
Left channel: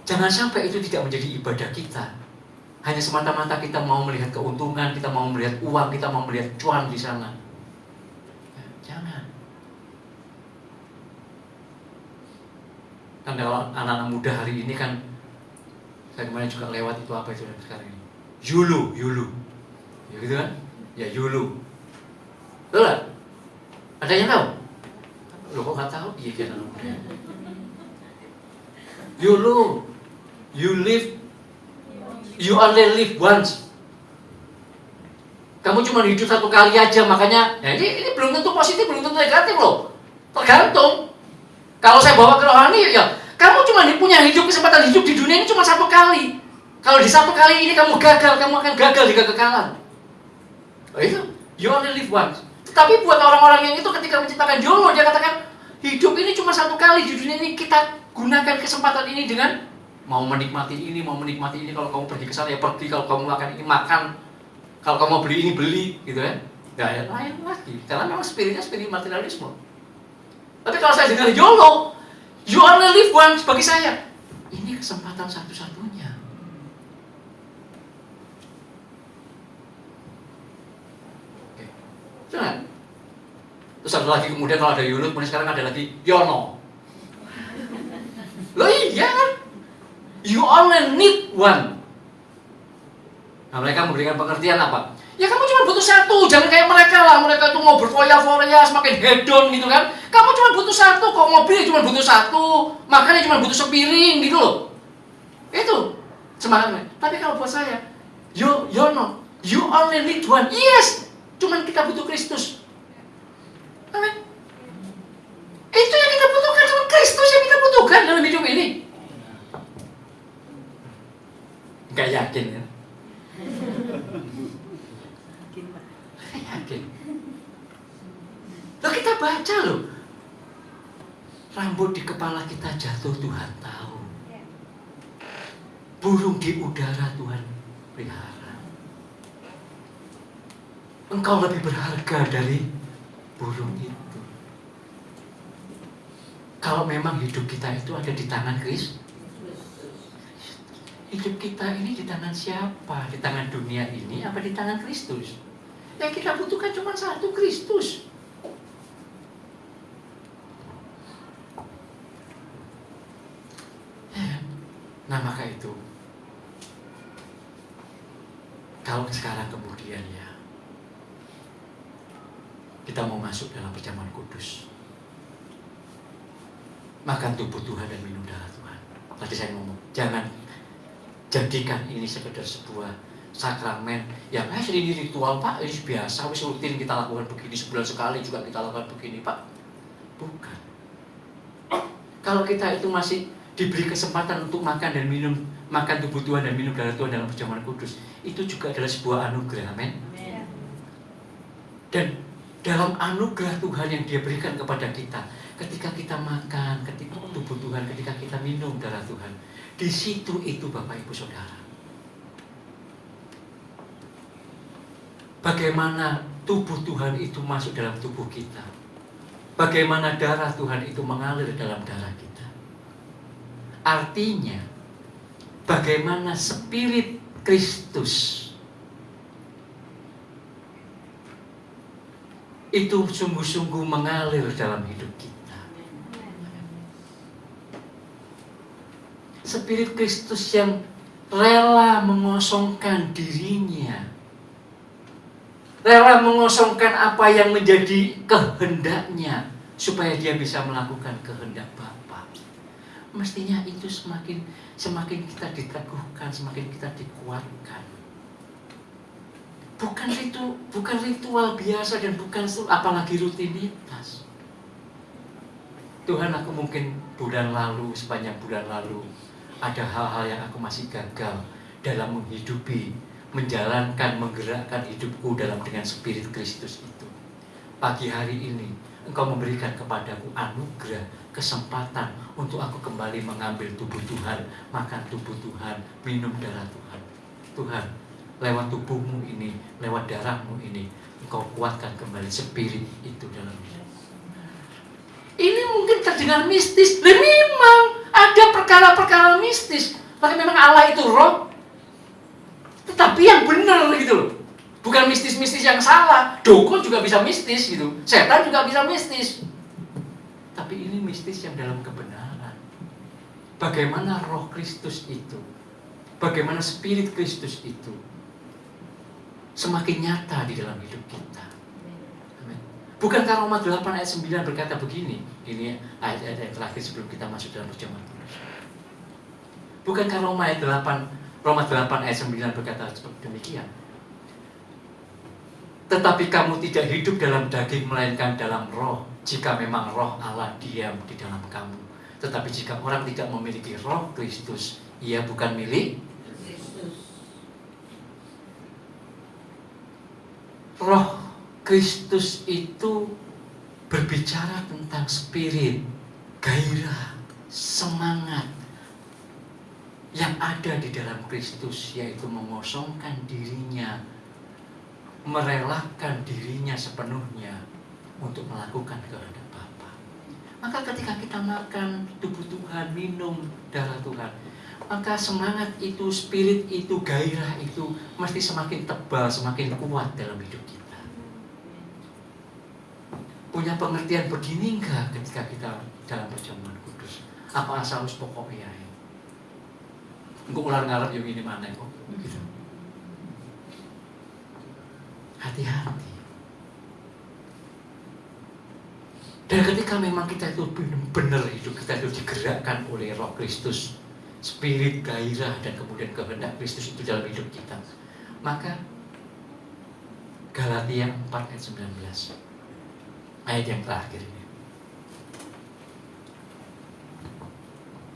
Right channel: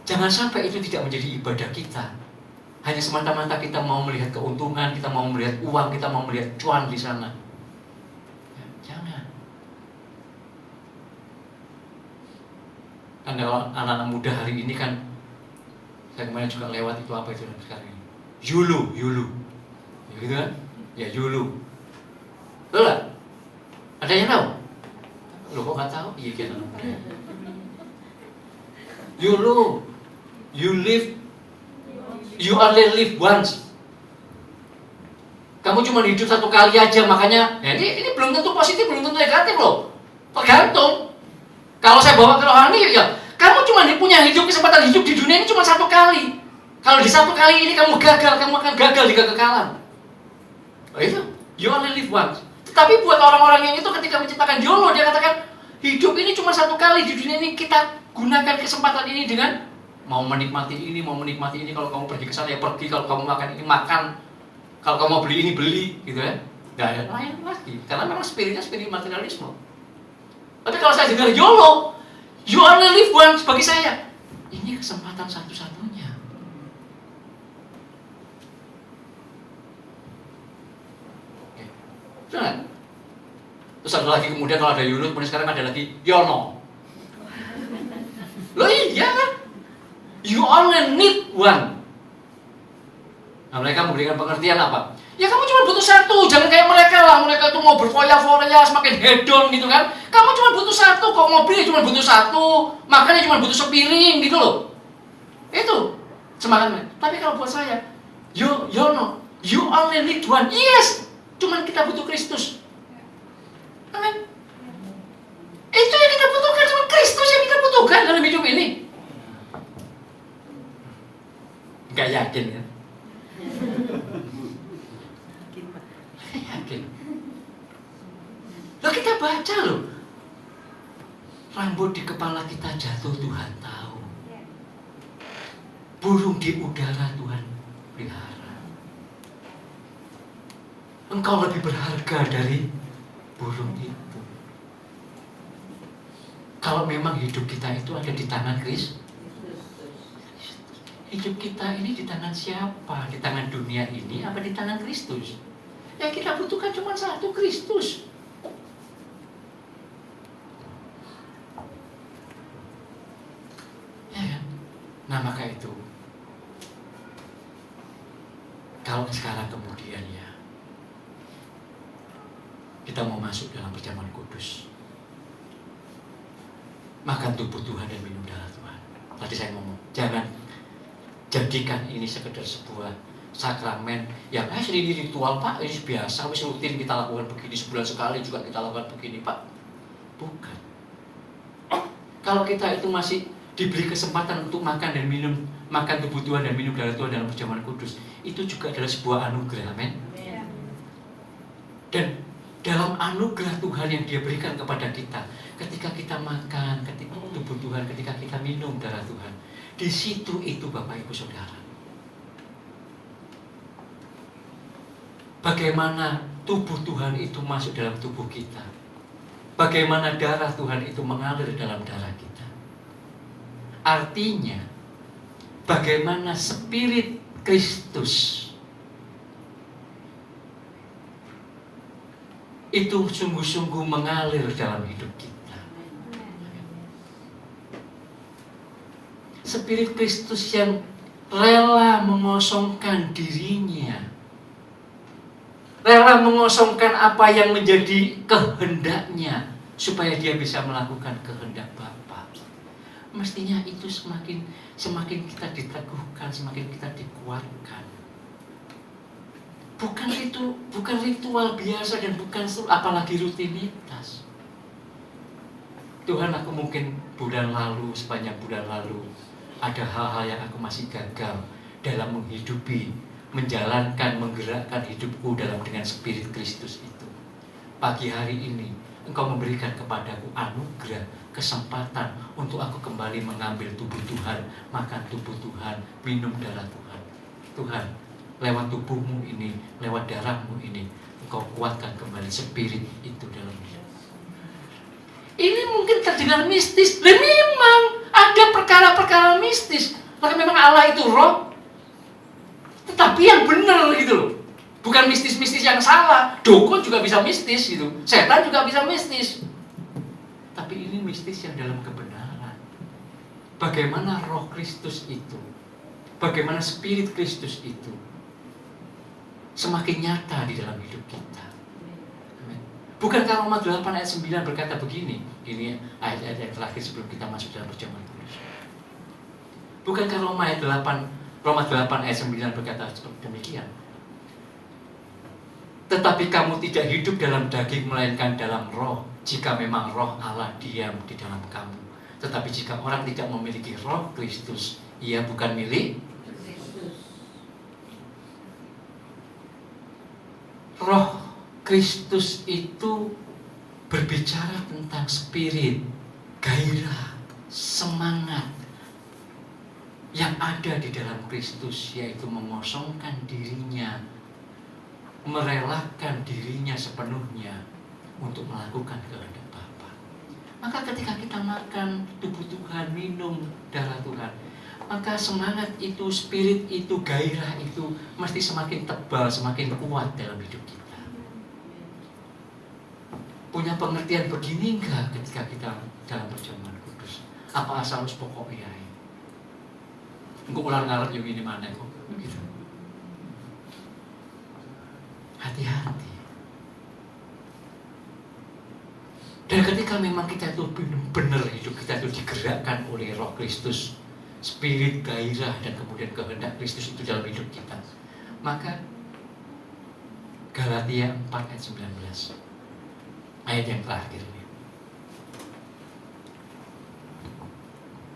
Jangan sampai itu tidak menjadi ibadah kita. Hanya semata-mata kita mau melihat keuntungan, kita mau melihat uang, kita mau melihat cuan di sana. Jangan. Kan kalau anak-anak muda hari ini kan, saya kemarin juga lewat itu apa itu sekarang ini, YOLO, ya gitu kan? Ya YOLO. Betul gak? Ada yang tahu? Loh kok gak tahu? Iya kan anak muda. YOLO, you only live once. Kamu cuma hidup satu kali aja, makanya ini belum tentu positif, belum tentu negatif loh. Tergantung. Kalau saya bawa ke rohani ya, kamu cuma punya kesempatan hidup di dunia ini cuma satu kali. Kalau di satu kali ini kamu gagal, kamu akan gagal di kegagalan. Oh itu, you only live once. Tapi buat orang-orang yang itu ketika menciptakan YOLO, dia katakan hidup ini cuma satu kali di dunia ini, kita gunakan kesempatan ini dengan mau menikmati ini, mau menikmati ini. Kalau kamu pergi ke sana ya pergi, kalau kamu makan ini makan, kalau kamu mau beli ini beli, gitu kan? Nggak ada lain lagi, karena memang spirit materialisme. Tapi kalau saya dengar YOLO, you only live once, bagi saya ini kesempatan satu-satunya. Oke. Jangan. Terus ada lagi kemudian kalau ada YOLO, kemudian sekarang ada lagi YONO. Loh iya kan? You only need one. Nah mereka memberikan pengertian apa? Ya kamu cuma butuh satu, jangan kayak mereka lah. Mereka tuh mau berfoya-foya, semakin hedon gitu kan. Kamu cuma butuh satu, kok mobilnya cuma butuh satu, makannya cuma butuh sepiring gitu loh. Itu semangatnya. Tapi kalau buat saya, you only need one. Yes, cuma kita butuh Kristus. Amin. Itu yang kita butuhkan, cuma Kristus yang kita butuhkan dalam hidup ini. Gak yakin ya? Yakin. Loh kita baca loh, rambut di kepala kita jatuh Tuhan tahu, burung di udara Tuhan pelihara. Engkau lebih berharga dari burung itu. Kalau memang hidup kita itu ada di tangan Kristus, hidup kita ini di tangan siapa? Di tangan dunia ini apa di tangan Kristus? Yang kita butuhkan cuma satu, Kristus. Ya kan? Nah maka itu, kalau sekarang kemudian ya, kita mau masuk dalam perjamuan kudus, makan tubuh Tuhan dan minum darah Tuhan. Tadi saya ngomong, jangan jadikan ini sekedar sebuah sakramen yang ini ritual Pak, ini biasa, wis rutin kita lakukan begini, sebulan sekali juga kita lakukan begini Pak. Bukan. Kalau kita itu masih diberi kesempatan untuk makan dan minum, makan tubuh Tuhan dan minum darah Tuhan dalam perjamuan kudus, itu juga adalah sebuah anugerah, amin. Dan dalam anugerah Tuhan yang Dia berikan kepada kita, ketika kita makan, ketika tubuh Tuhan, ketika kita minum darah Tuhan, di situ itu Bapak Ibu Saudara, bagaimana tubuh Tuhan itu masuk dalam tubuh kita, bagaimana darah Tuhan itu mengalir dalam darah kita. Artinya, bagaimana Spirit Kristus itu sungguh-sungguh mengalir dalam hidup kita. Spirit Kristus yang rela mengosongkan dirinya, rela mengosongkan apa yang menjadi kehendaknya, supaya dia bisa melakukan kehendak Bapa. Mestinya itu semakin kita diteguhkan, semakin kita dikuatkan. Bukan ritual biasa dan bukan apalagi rutinitas. Tuhan, aku mungkin sepanjang bulan lalu ada hal-hal yang aku masih gagal dalam menghidupi, menjalankan, menggerakkan hidupku dengan spirit Kristus itu. Pagi hari ini Engkau memberikan kepadaku anugerah, kesempatan untuk aku kembali mengambil tubuh Tuhan, makan tubuh Tuhan, minum darah Tuhan. Tuhan, lewat tubuhmu ini, lewat darahmu ini, Engkau kuatkan kembali spirit itu dalam hidup. Ini mungkin terdengar mistis, dan memang ada perkara-perkara mistis. Tapi memang Allah itu roh, tetapi yang benar gitu loh. Bukan mistis-mistis yang salah. Dukun juga bisa mistis gitu. Setan juga bisa mistis. Tapi ini mistis yang dalam kebenaran. Bagaimana roh Kristus itu, bagaimana spirit Kristus itu semakin nyata di dalam hidup kita. Bukankah Roma 8 ayat 9 berkata begini? Ini ayat-ayat terakhir sebelum kita masuk dalam perjamuan kudus. Bukankah Roma 8 ayat 9 berkata seperti demikian? Tetapi kamu tidak hidup dalam daging melainkan dalam roh, jika memang roh Allah diam di dalam kamu. Tetapi jika orang tidak memiliki roh Kristus, ia bukan milik Kristus. Roh Kristus itu berbicara tentang spirit, gairah, semangat yang ada di dalam Kristus, yaitu mengosongkan dirinya, merelakan dirinya sepenuhnya untuk melakukan kehendak Bapa. Maka ketika kita makan tubuh Tuhan, minum darah Tuhan, maka semangat itu, spirit itu, gairah itu mesti semakin tebal, semakin kuat dalam hidup kita. Punya pengertian begini enggak ketika kita dalam perjamuan kudus? Apa asal pokoknya? Engkau ular ngarep yang ini mana kok? Begitu. Hati-hati. Dan ketika memang kita itu benar hidup kita itu digerakkan oleh roh Kristus, spirit, gairah, dan kemudian kehendak Kristus itu dalam hidup kita, maka Galatia 4 ayat 19, ayat yang terakhir ini.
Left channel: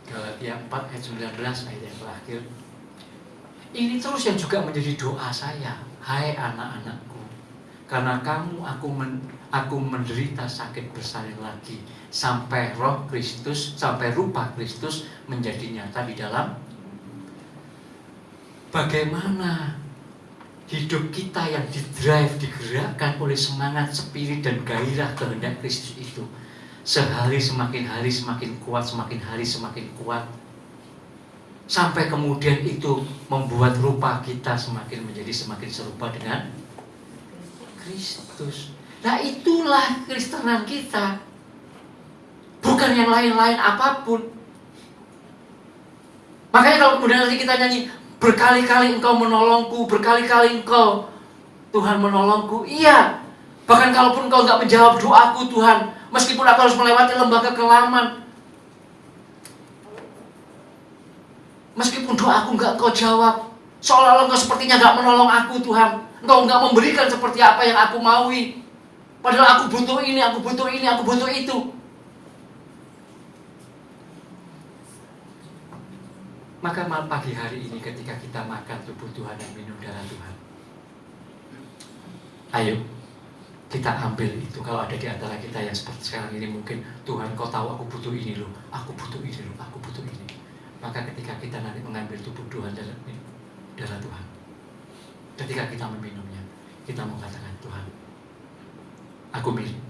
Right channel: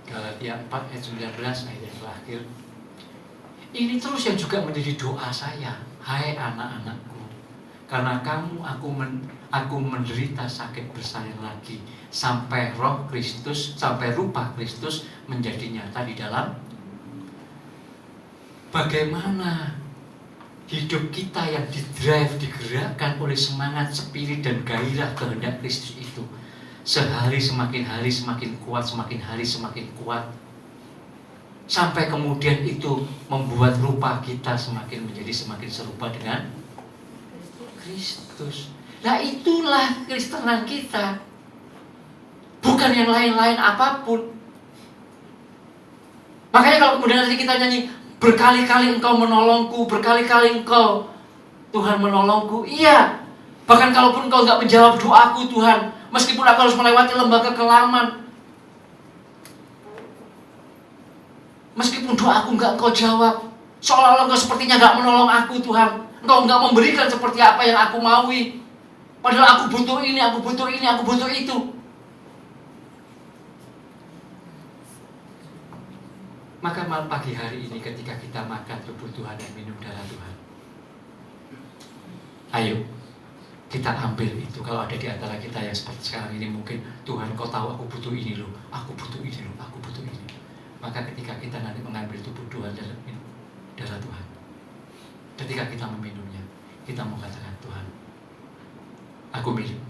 Galatia 4 ayat 19, ayat yang terakhir. Ini terus yang juga menjadi doa saya. Hai anak-anakku, karena kamu aku menderita sakit bersalin lagi sampai roh Kristus, sampai rupa Kristus menjadi nyata di dalam. Bagaimana hidup kita yang didrive, digerakkan oleh semangat, spirit, dan gairah kehendak Kristus itu sehari semakin hari semakin kuat, semakin hari semakin kuat, sampai kemudian itu membuat rupa kita menjadi semakin serupa dengan Kristus. Nah, itulah Kristenan kita, bukan yang lain-lain apapun. Makanya kalau kemudian nanti kita nyanyi, berkali-kali Engkau menolongku, berkali-kali Engkau Tuhan menolongku. Iya, bahkan kalaupun Engkau nggak menjawab doaku Tuhan, meskipun aku harus melewati lembah kekelaman, meskipun doaku nggak Engkau jawab, seolah-olah Engkau sepertinya nggak menolong aku Tuhan, Engkau nggak memberikan seperti apa yang aku maui, padahal aku butuh ini, aku butuh ini, aku butuh itu. Maka malam pagi hari ini ketika kita makan tubuh Tuhan dan minum darah Tuhan, ayo kita ambil itu. Kalau ada di antara kita yang seperti sekarang ini mungkin, Tuhan Kau tahu aku butuh ini loh, aku butuh ini loh, aku butuh ini. Maka ketika kita nanti mengambil tubuh Tuhan dan darah Tuhan, ketika kita meminumnya, kita mengatakan, Tuhan, aku milik.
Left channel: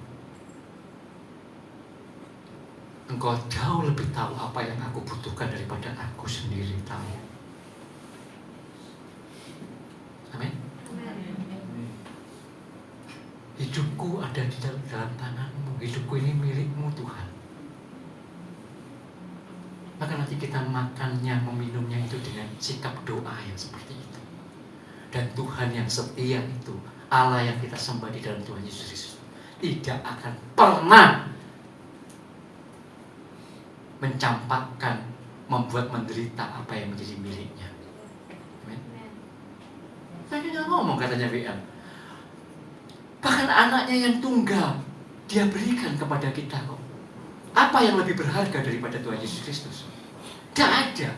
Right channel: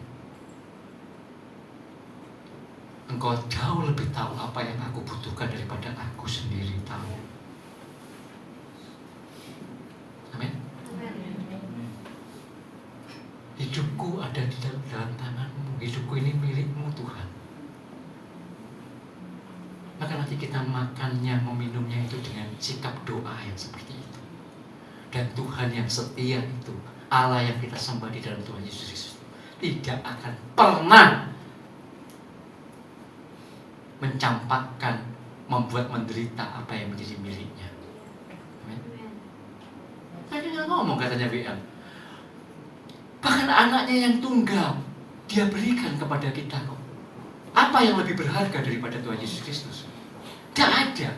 Engkau jauh lebih tahu apa yang aku butuhkan daripada aku sendiri tahu. Amin. Hidupku ada di dalam tangan-Mu. Hidupku ini milik-Mu Tuhan. Maka nanti kita makannya, meminumnya itu dengan sikap doa yang seperti itu. Dan Tuhan yang setia itu, Allah yang kita sembah di dalam Tuhan Yesus Kristus, tidak akan pernah mencampakkan, membuat menderita apa yang menjadi miliknya. Amin. Tadi nggak ngomong katanya WM. Bahkan anaknya yang tunggal dia berikan kepada kita kok. Apa yang lebih berharga daripada Tuhan Yesus Kristus? Tidak ada.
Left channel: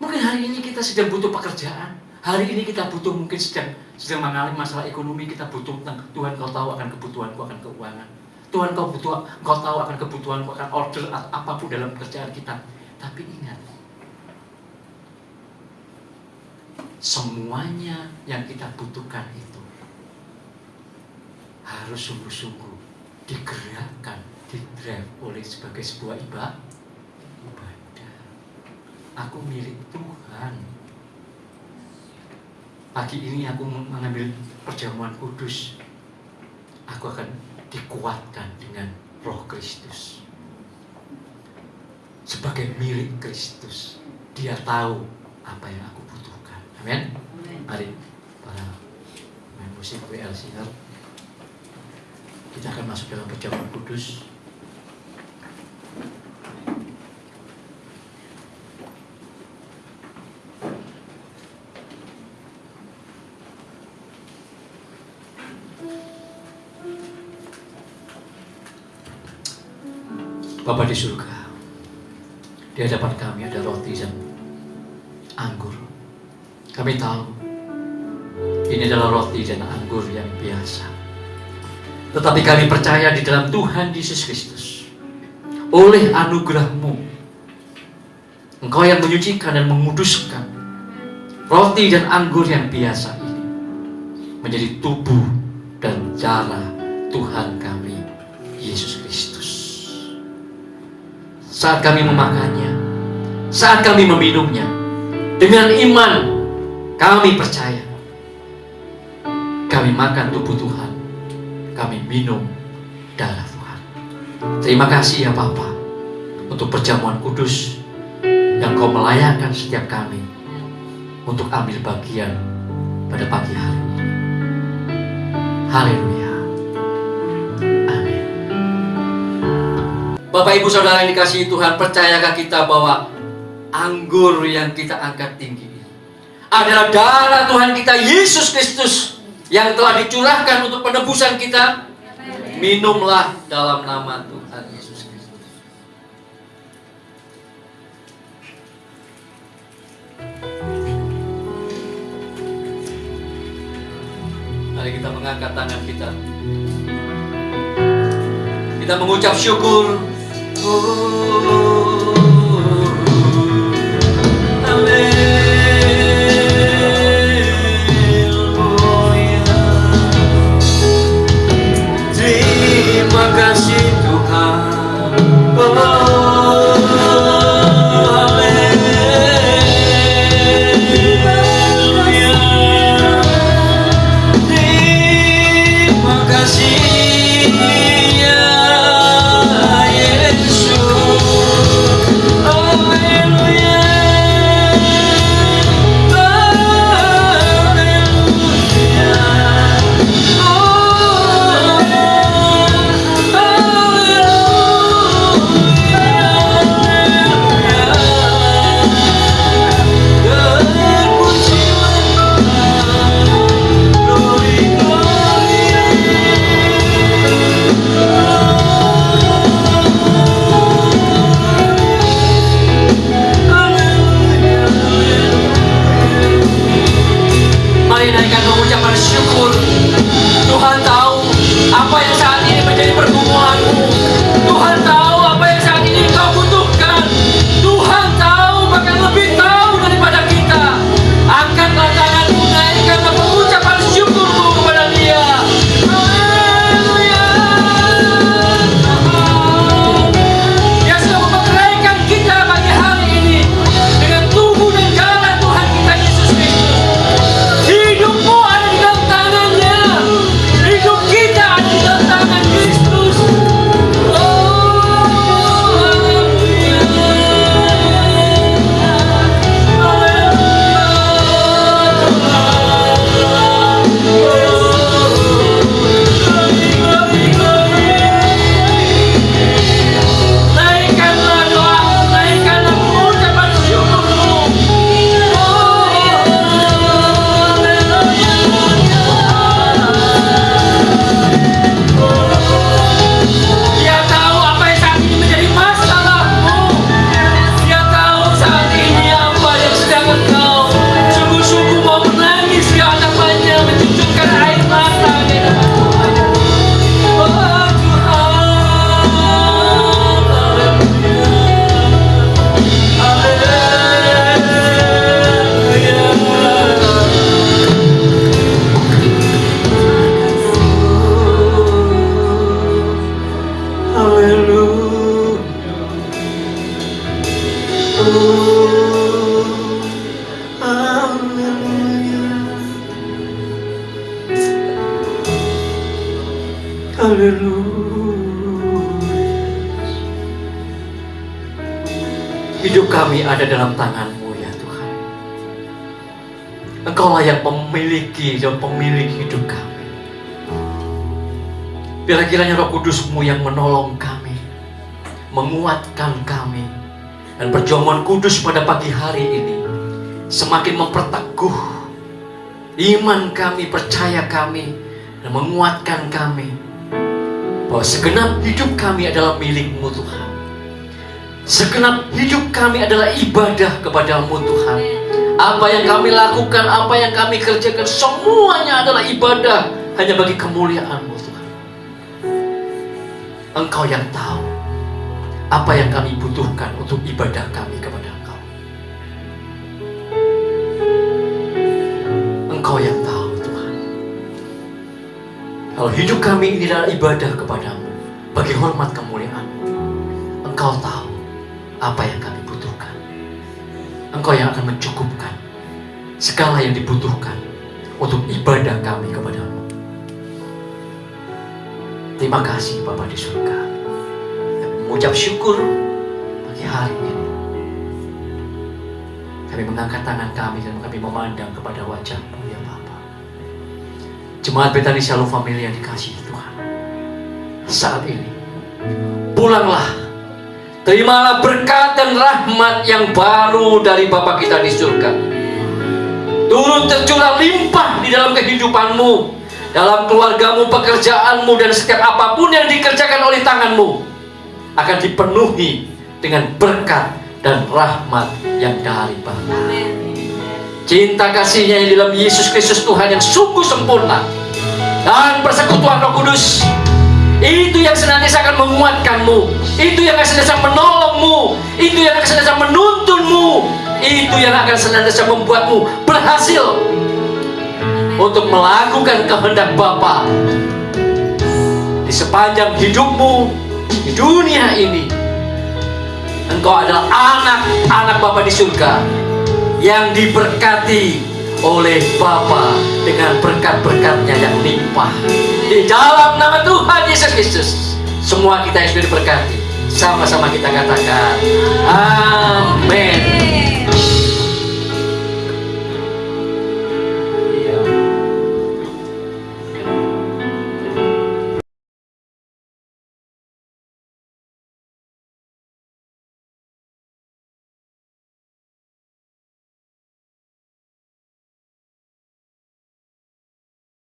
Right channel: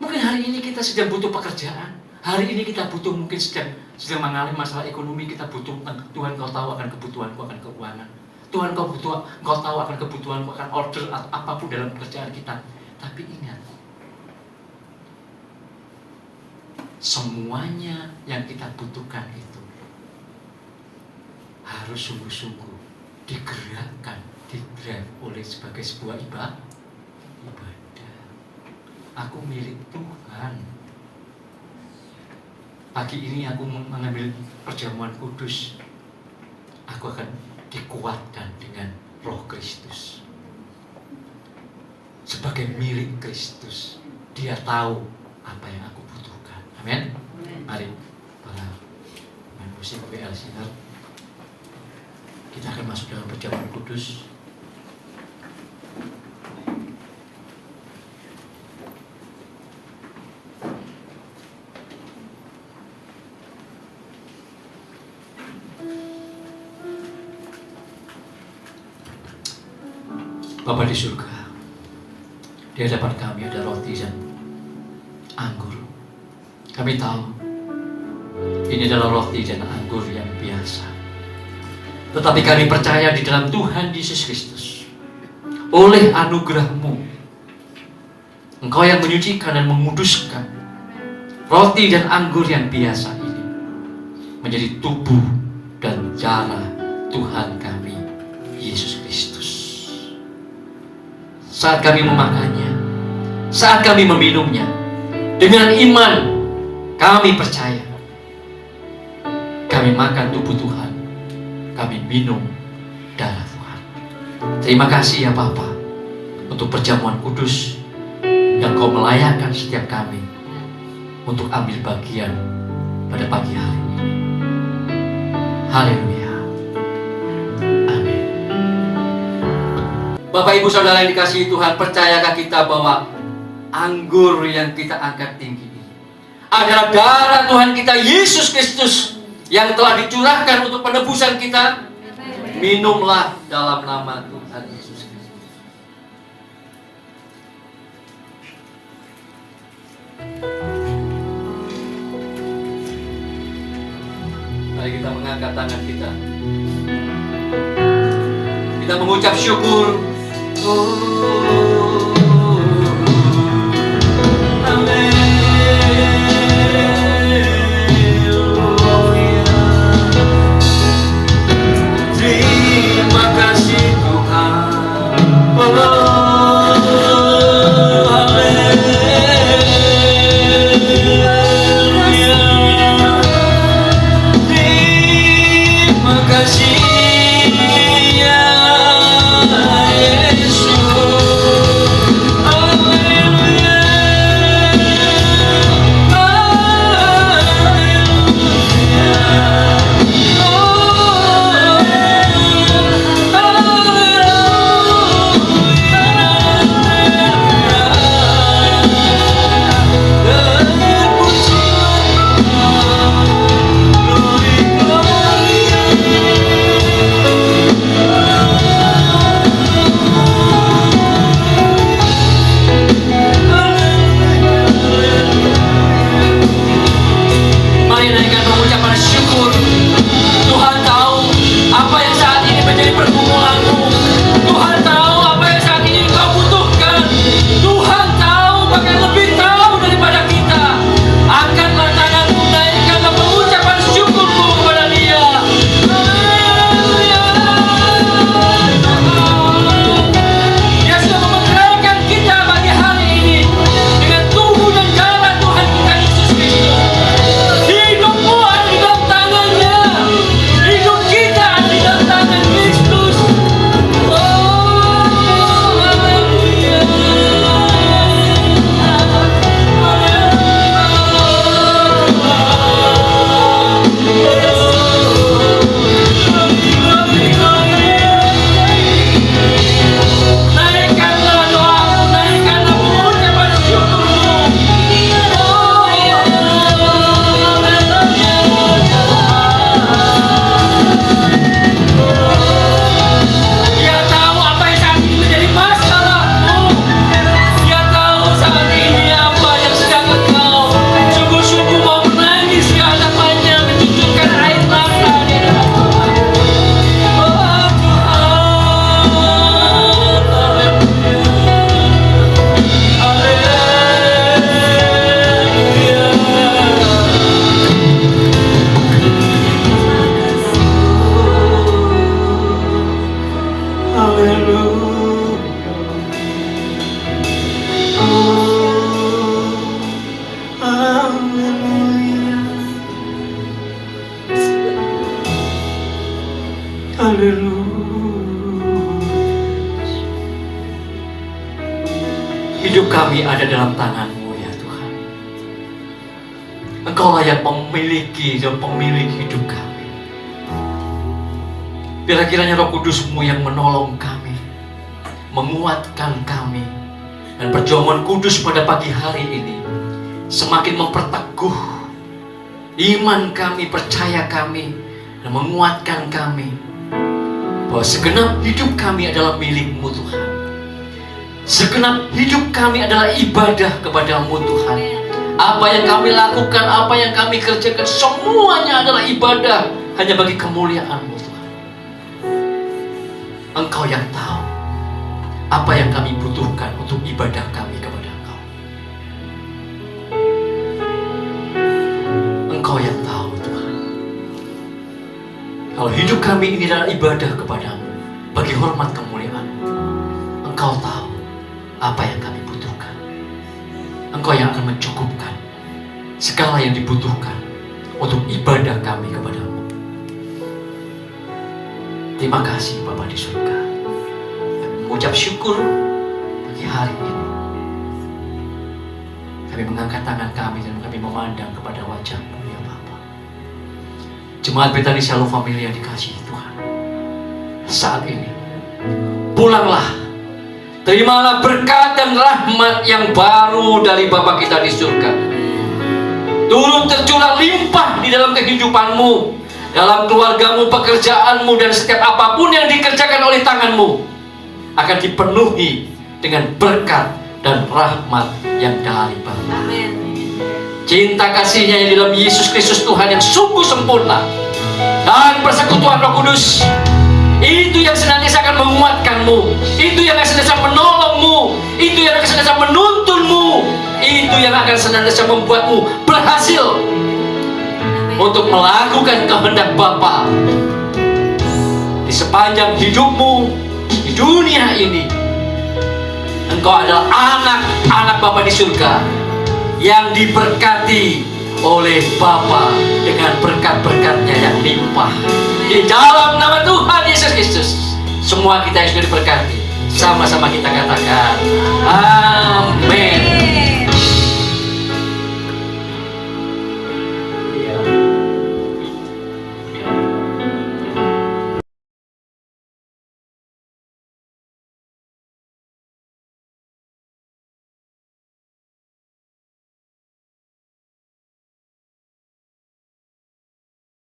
Mungkin hari ini kita sedang butuh pekerjaan. Hari ini kita butuh, mungkin sedang mengalami masalah ekonomi. Kita butuh, Tuhan kau tahu akan kebutuhanku akan keuangan. Tuhan kau tahu akan kebutuhanku akan order atau apapun dalam pekerjaan kita. Tapi ingat, semuanya yang kita butuhkan itu harus sungguh-sungguh digerakkan, didrive oleh sebagai sebuah ibadah. Aku milik Tuhan. Pagi ini aku mengambil perjamuan kudus. Aku akan dikuatkan dengan Roh Kristus. Sebagai milik Kristus, Dia tahu apa yang aku butuhkan. Amin. Mari para main musik WL Sinar, kita akan masuk dalam perjamuan kudus. Bapa di surga, di hadapan kami ada roti dan anggur. Kami tahu ini adalah roti dan anggur yang biasa, tetapi kami percaya di dalam Tuhan Yesus Kristus, oleh anugerah-Mu, Engkau yang menyucikan dan menguduskan roti dan anggur yang biasa ini menjadi tubuh dan darah Tuhan kami Yesus Kristus. Saat kami memakannya, saat kami meminumnya, dengan iman kami percaya. Kami makan tubuh Tuhan, kami minum darah Tuhan. Terima kasih ya Bapa untuk perjamuan kudus yang Kau melayakkan setiap kami untuk ambil bagian pada pagi hari ini. Haleluya. Bapak Ibu Saudara yang dikasihi Tuhan, percayakah kita bahwa anggur yang kita angkat tinggi ini adalah darah Tuhan kita Yesus Kristus yang telah dicurahkan untuk penebusan kita? Minumlah dalam nama Tuhan Yesus Kristus. Mari kita mengangkat tangan kita. Kita mengucap syukur. Terima kasih Tuhan. Terima kasih ya Yesus. Hidup kami ada dalam tangan-Mu ya Tuhan. Engkaulah yang memiliki dan pemilik hidup kami. Biarlah kiranya Roh Kudus-Mu yang menolong kami, menguatkan kami, dan perjamuan kudus pada pagi hari ini semakin memperteguh iman kami, percaya kami, dan menguatkan kami bahwa segenap hidup kami adalah milik-Mu Tuhan. Segenap hidup kami adalah ibadah kepada-Mu Tuhan. Apa yang kami lakukan, apa yang kami kerjakan, semuanya adalah ibadah hanya bagi kemuliaan-Mu Tuhan. Engkau yang tahu apa yang kami butuhkan untuk ibadah kami kepada Engkau. Engkau yang tahu Tuhan. Kalau hidup kami ini adalah ibadah kepada-Mu bagi hormat kemuliaan-Mu, Engkau tahu apa yang kami butuhkan. Engkau yang akan mencukupkan segala yang dibutuhkan untuk ibadah kami kepada-Mu. Terima kasih Bapa di surga. Kami mengucap syukur pagi hari ini. Kami mengangkat tangan kami dan kami memandang kepada wajah-Mu ya Bapa. Jemaat Betani Shalom Family yang dikasihi Tuhan, saat ini pulanglah, terimalah berkat dan rahmat yang baru dari Bapa kita di surga. Turun tercurah limpah di dalam kehidupan-Mu, dalam keluarga-Mu, pekerjaan-Mu, dan setiap apapun yang dikerjakan oleh tangan-Mu akan dipenuhi dengan berkat dan rahmat yang dari Bapa. Cinta kasih-Nya yang di dalam Yesus Kristus Tuhan yang sungguh sempurna, dan persekutuan Roh Kudus itu yang senantiasa akan menguatkan-Mu, itu yang akan senantiasa menolong-Mu, itu yang akan senantiasa menuntun-Mu, itu yang akan senantiasa membuat-Mu berhasil untuk melakukan kehendak Bapa di sepanjang hidup-Mu di dunia ini. Engkau adalah anak-anak Bapa di surga yang diberkati oleh Bapa dengan berkat-berkat-Nya yang limpah. Di dalam nama Tuhan Yesus Kristus, semua kita yang sudah diberkati, sama-sama kita katakan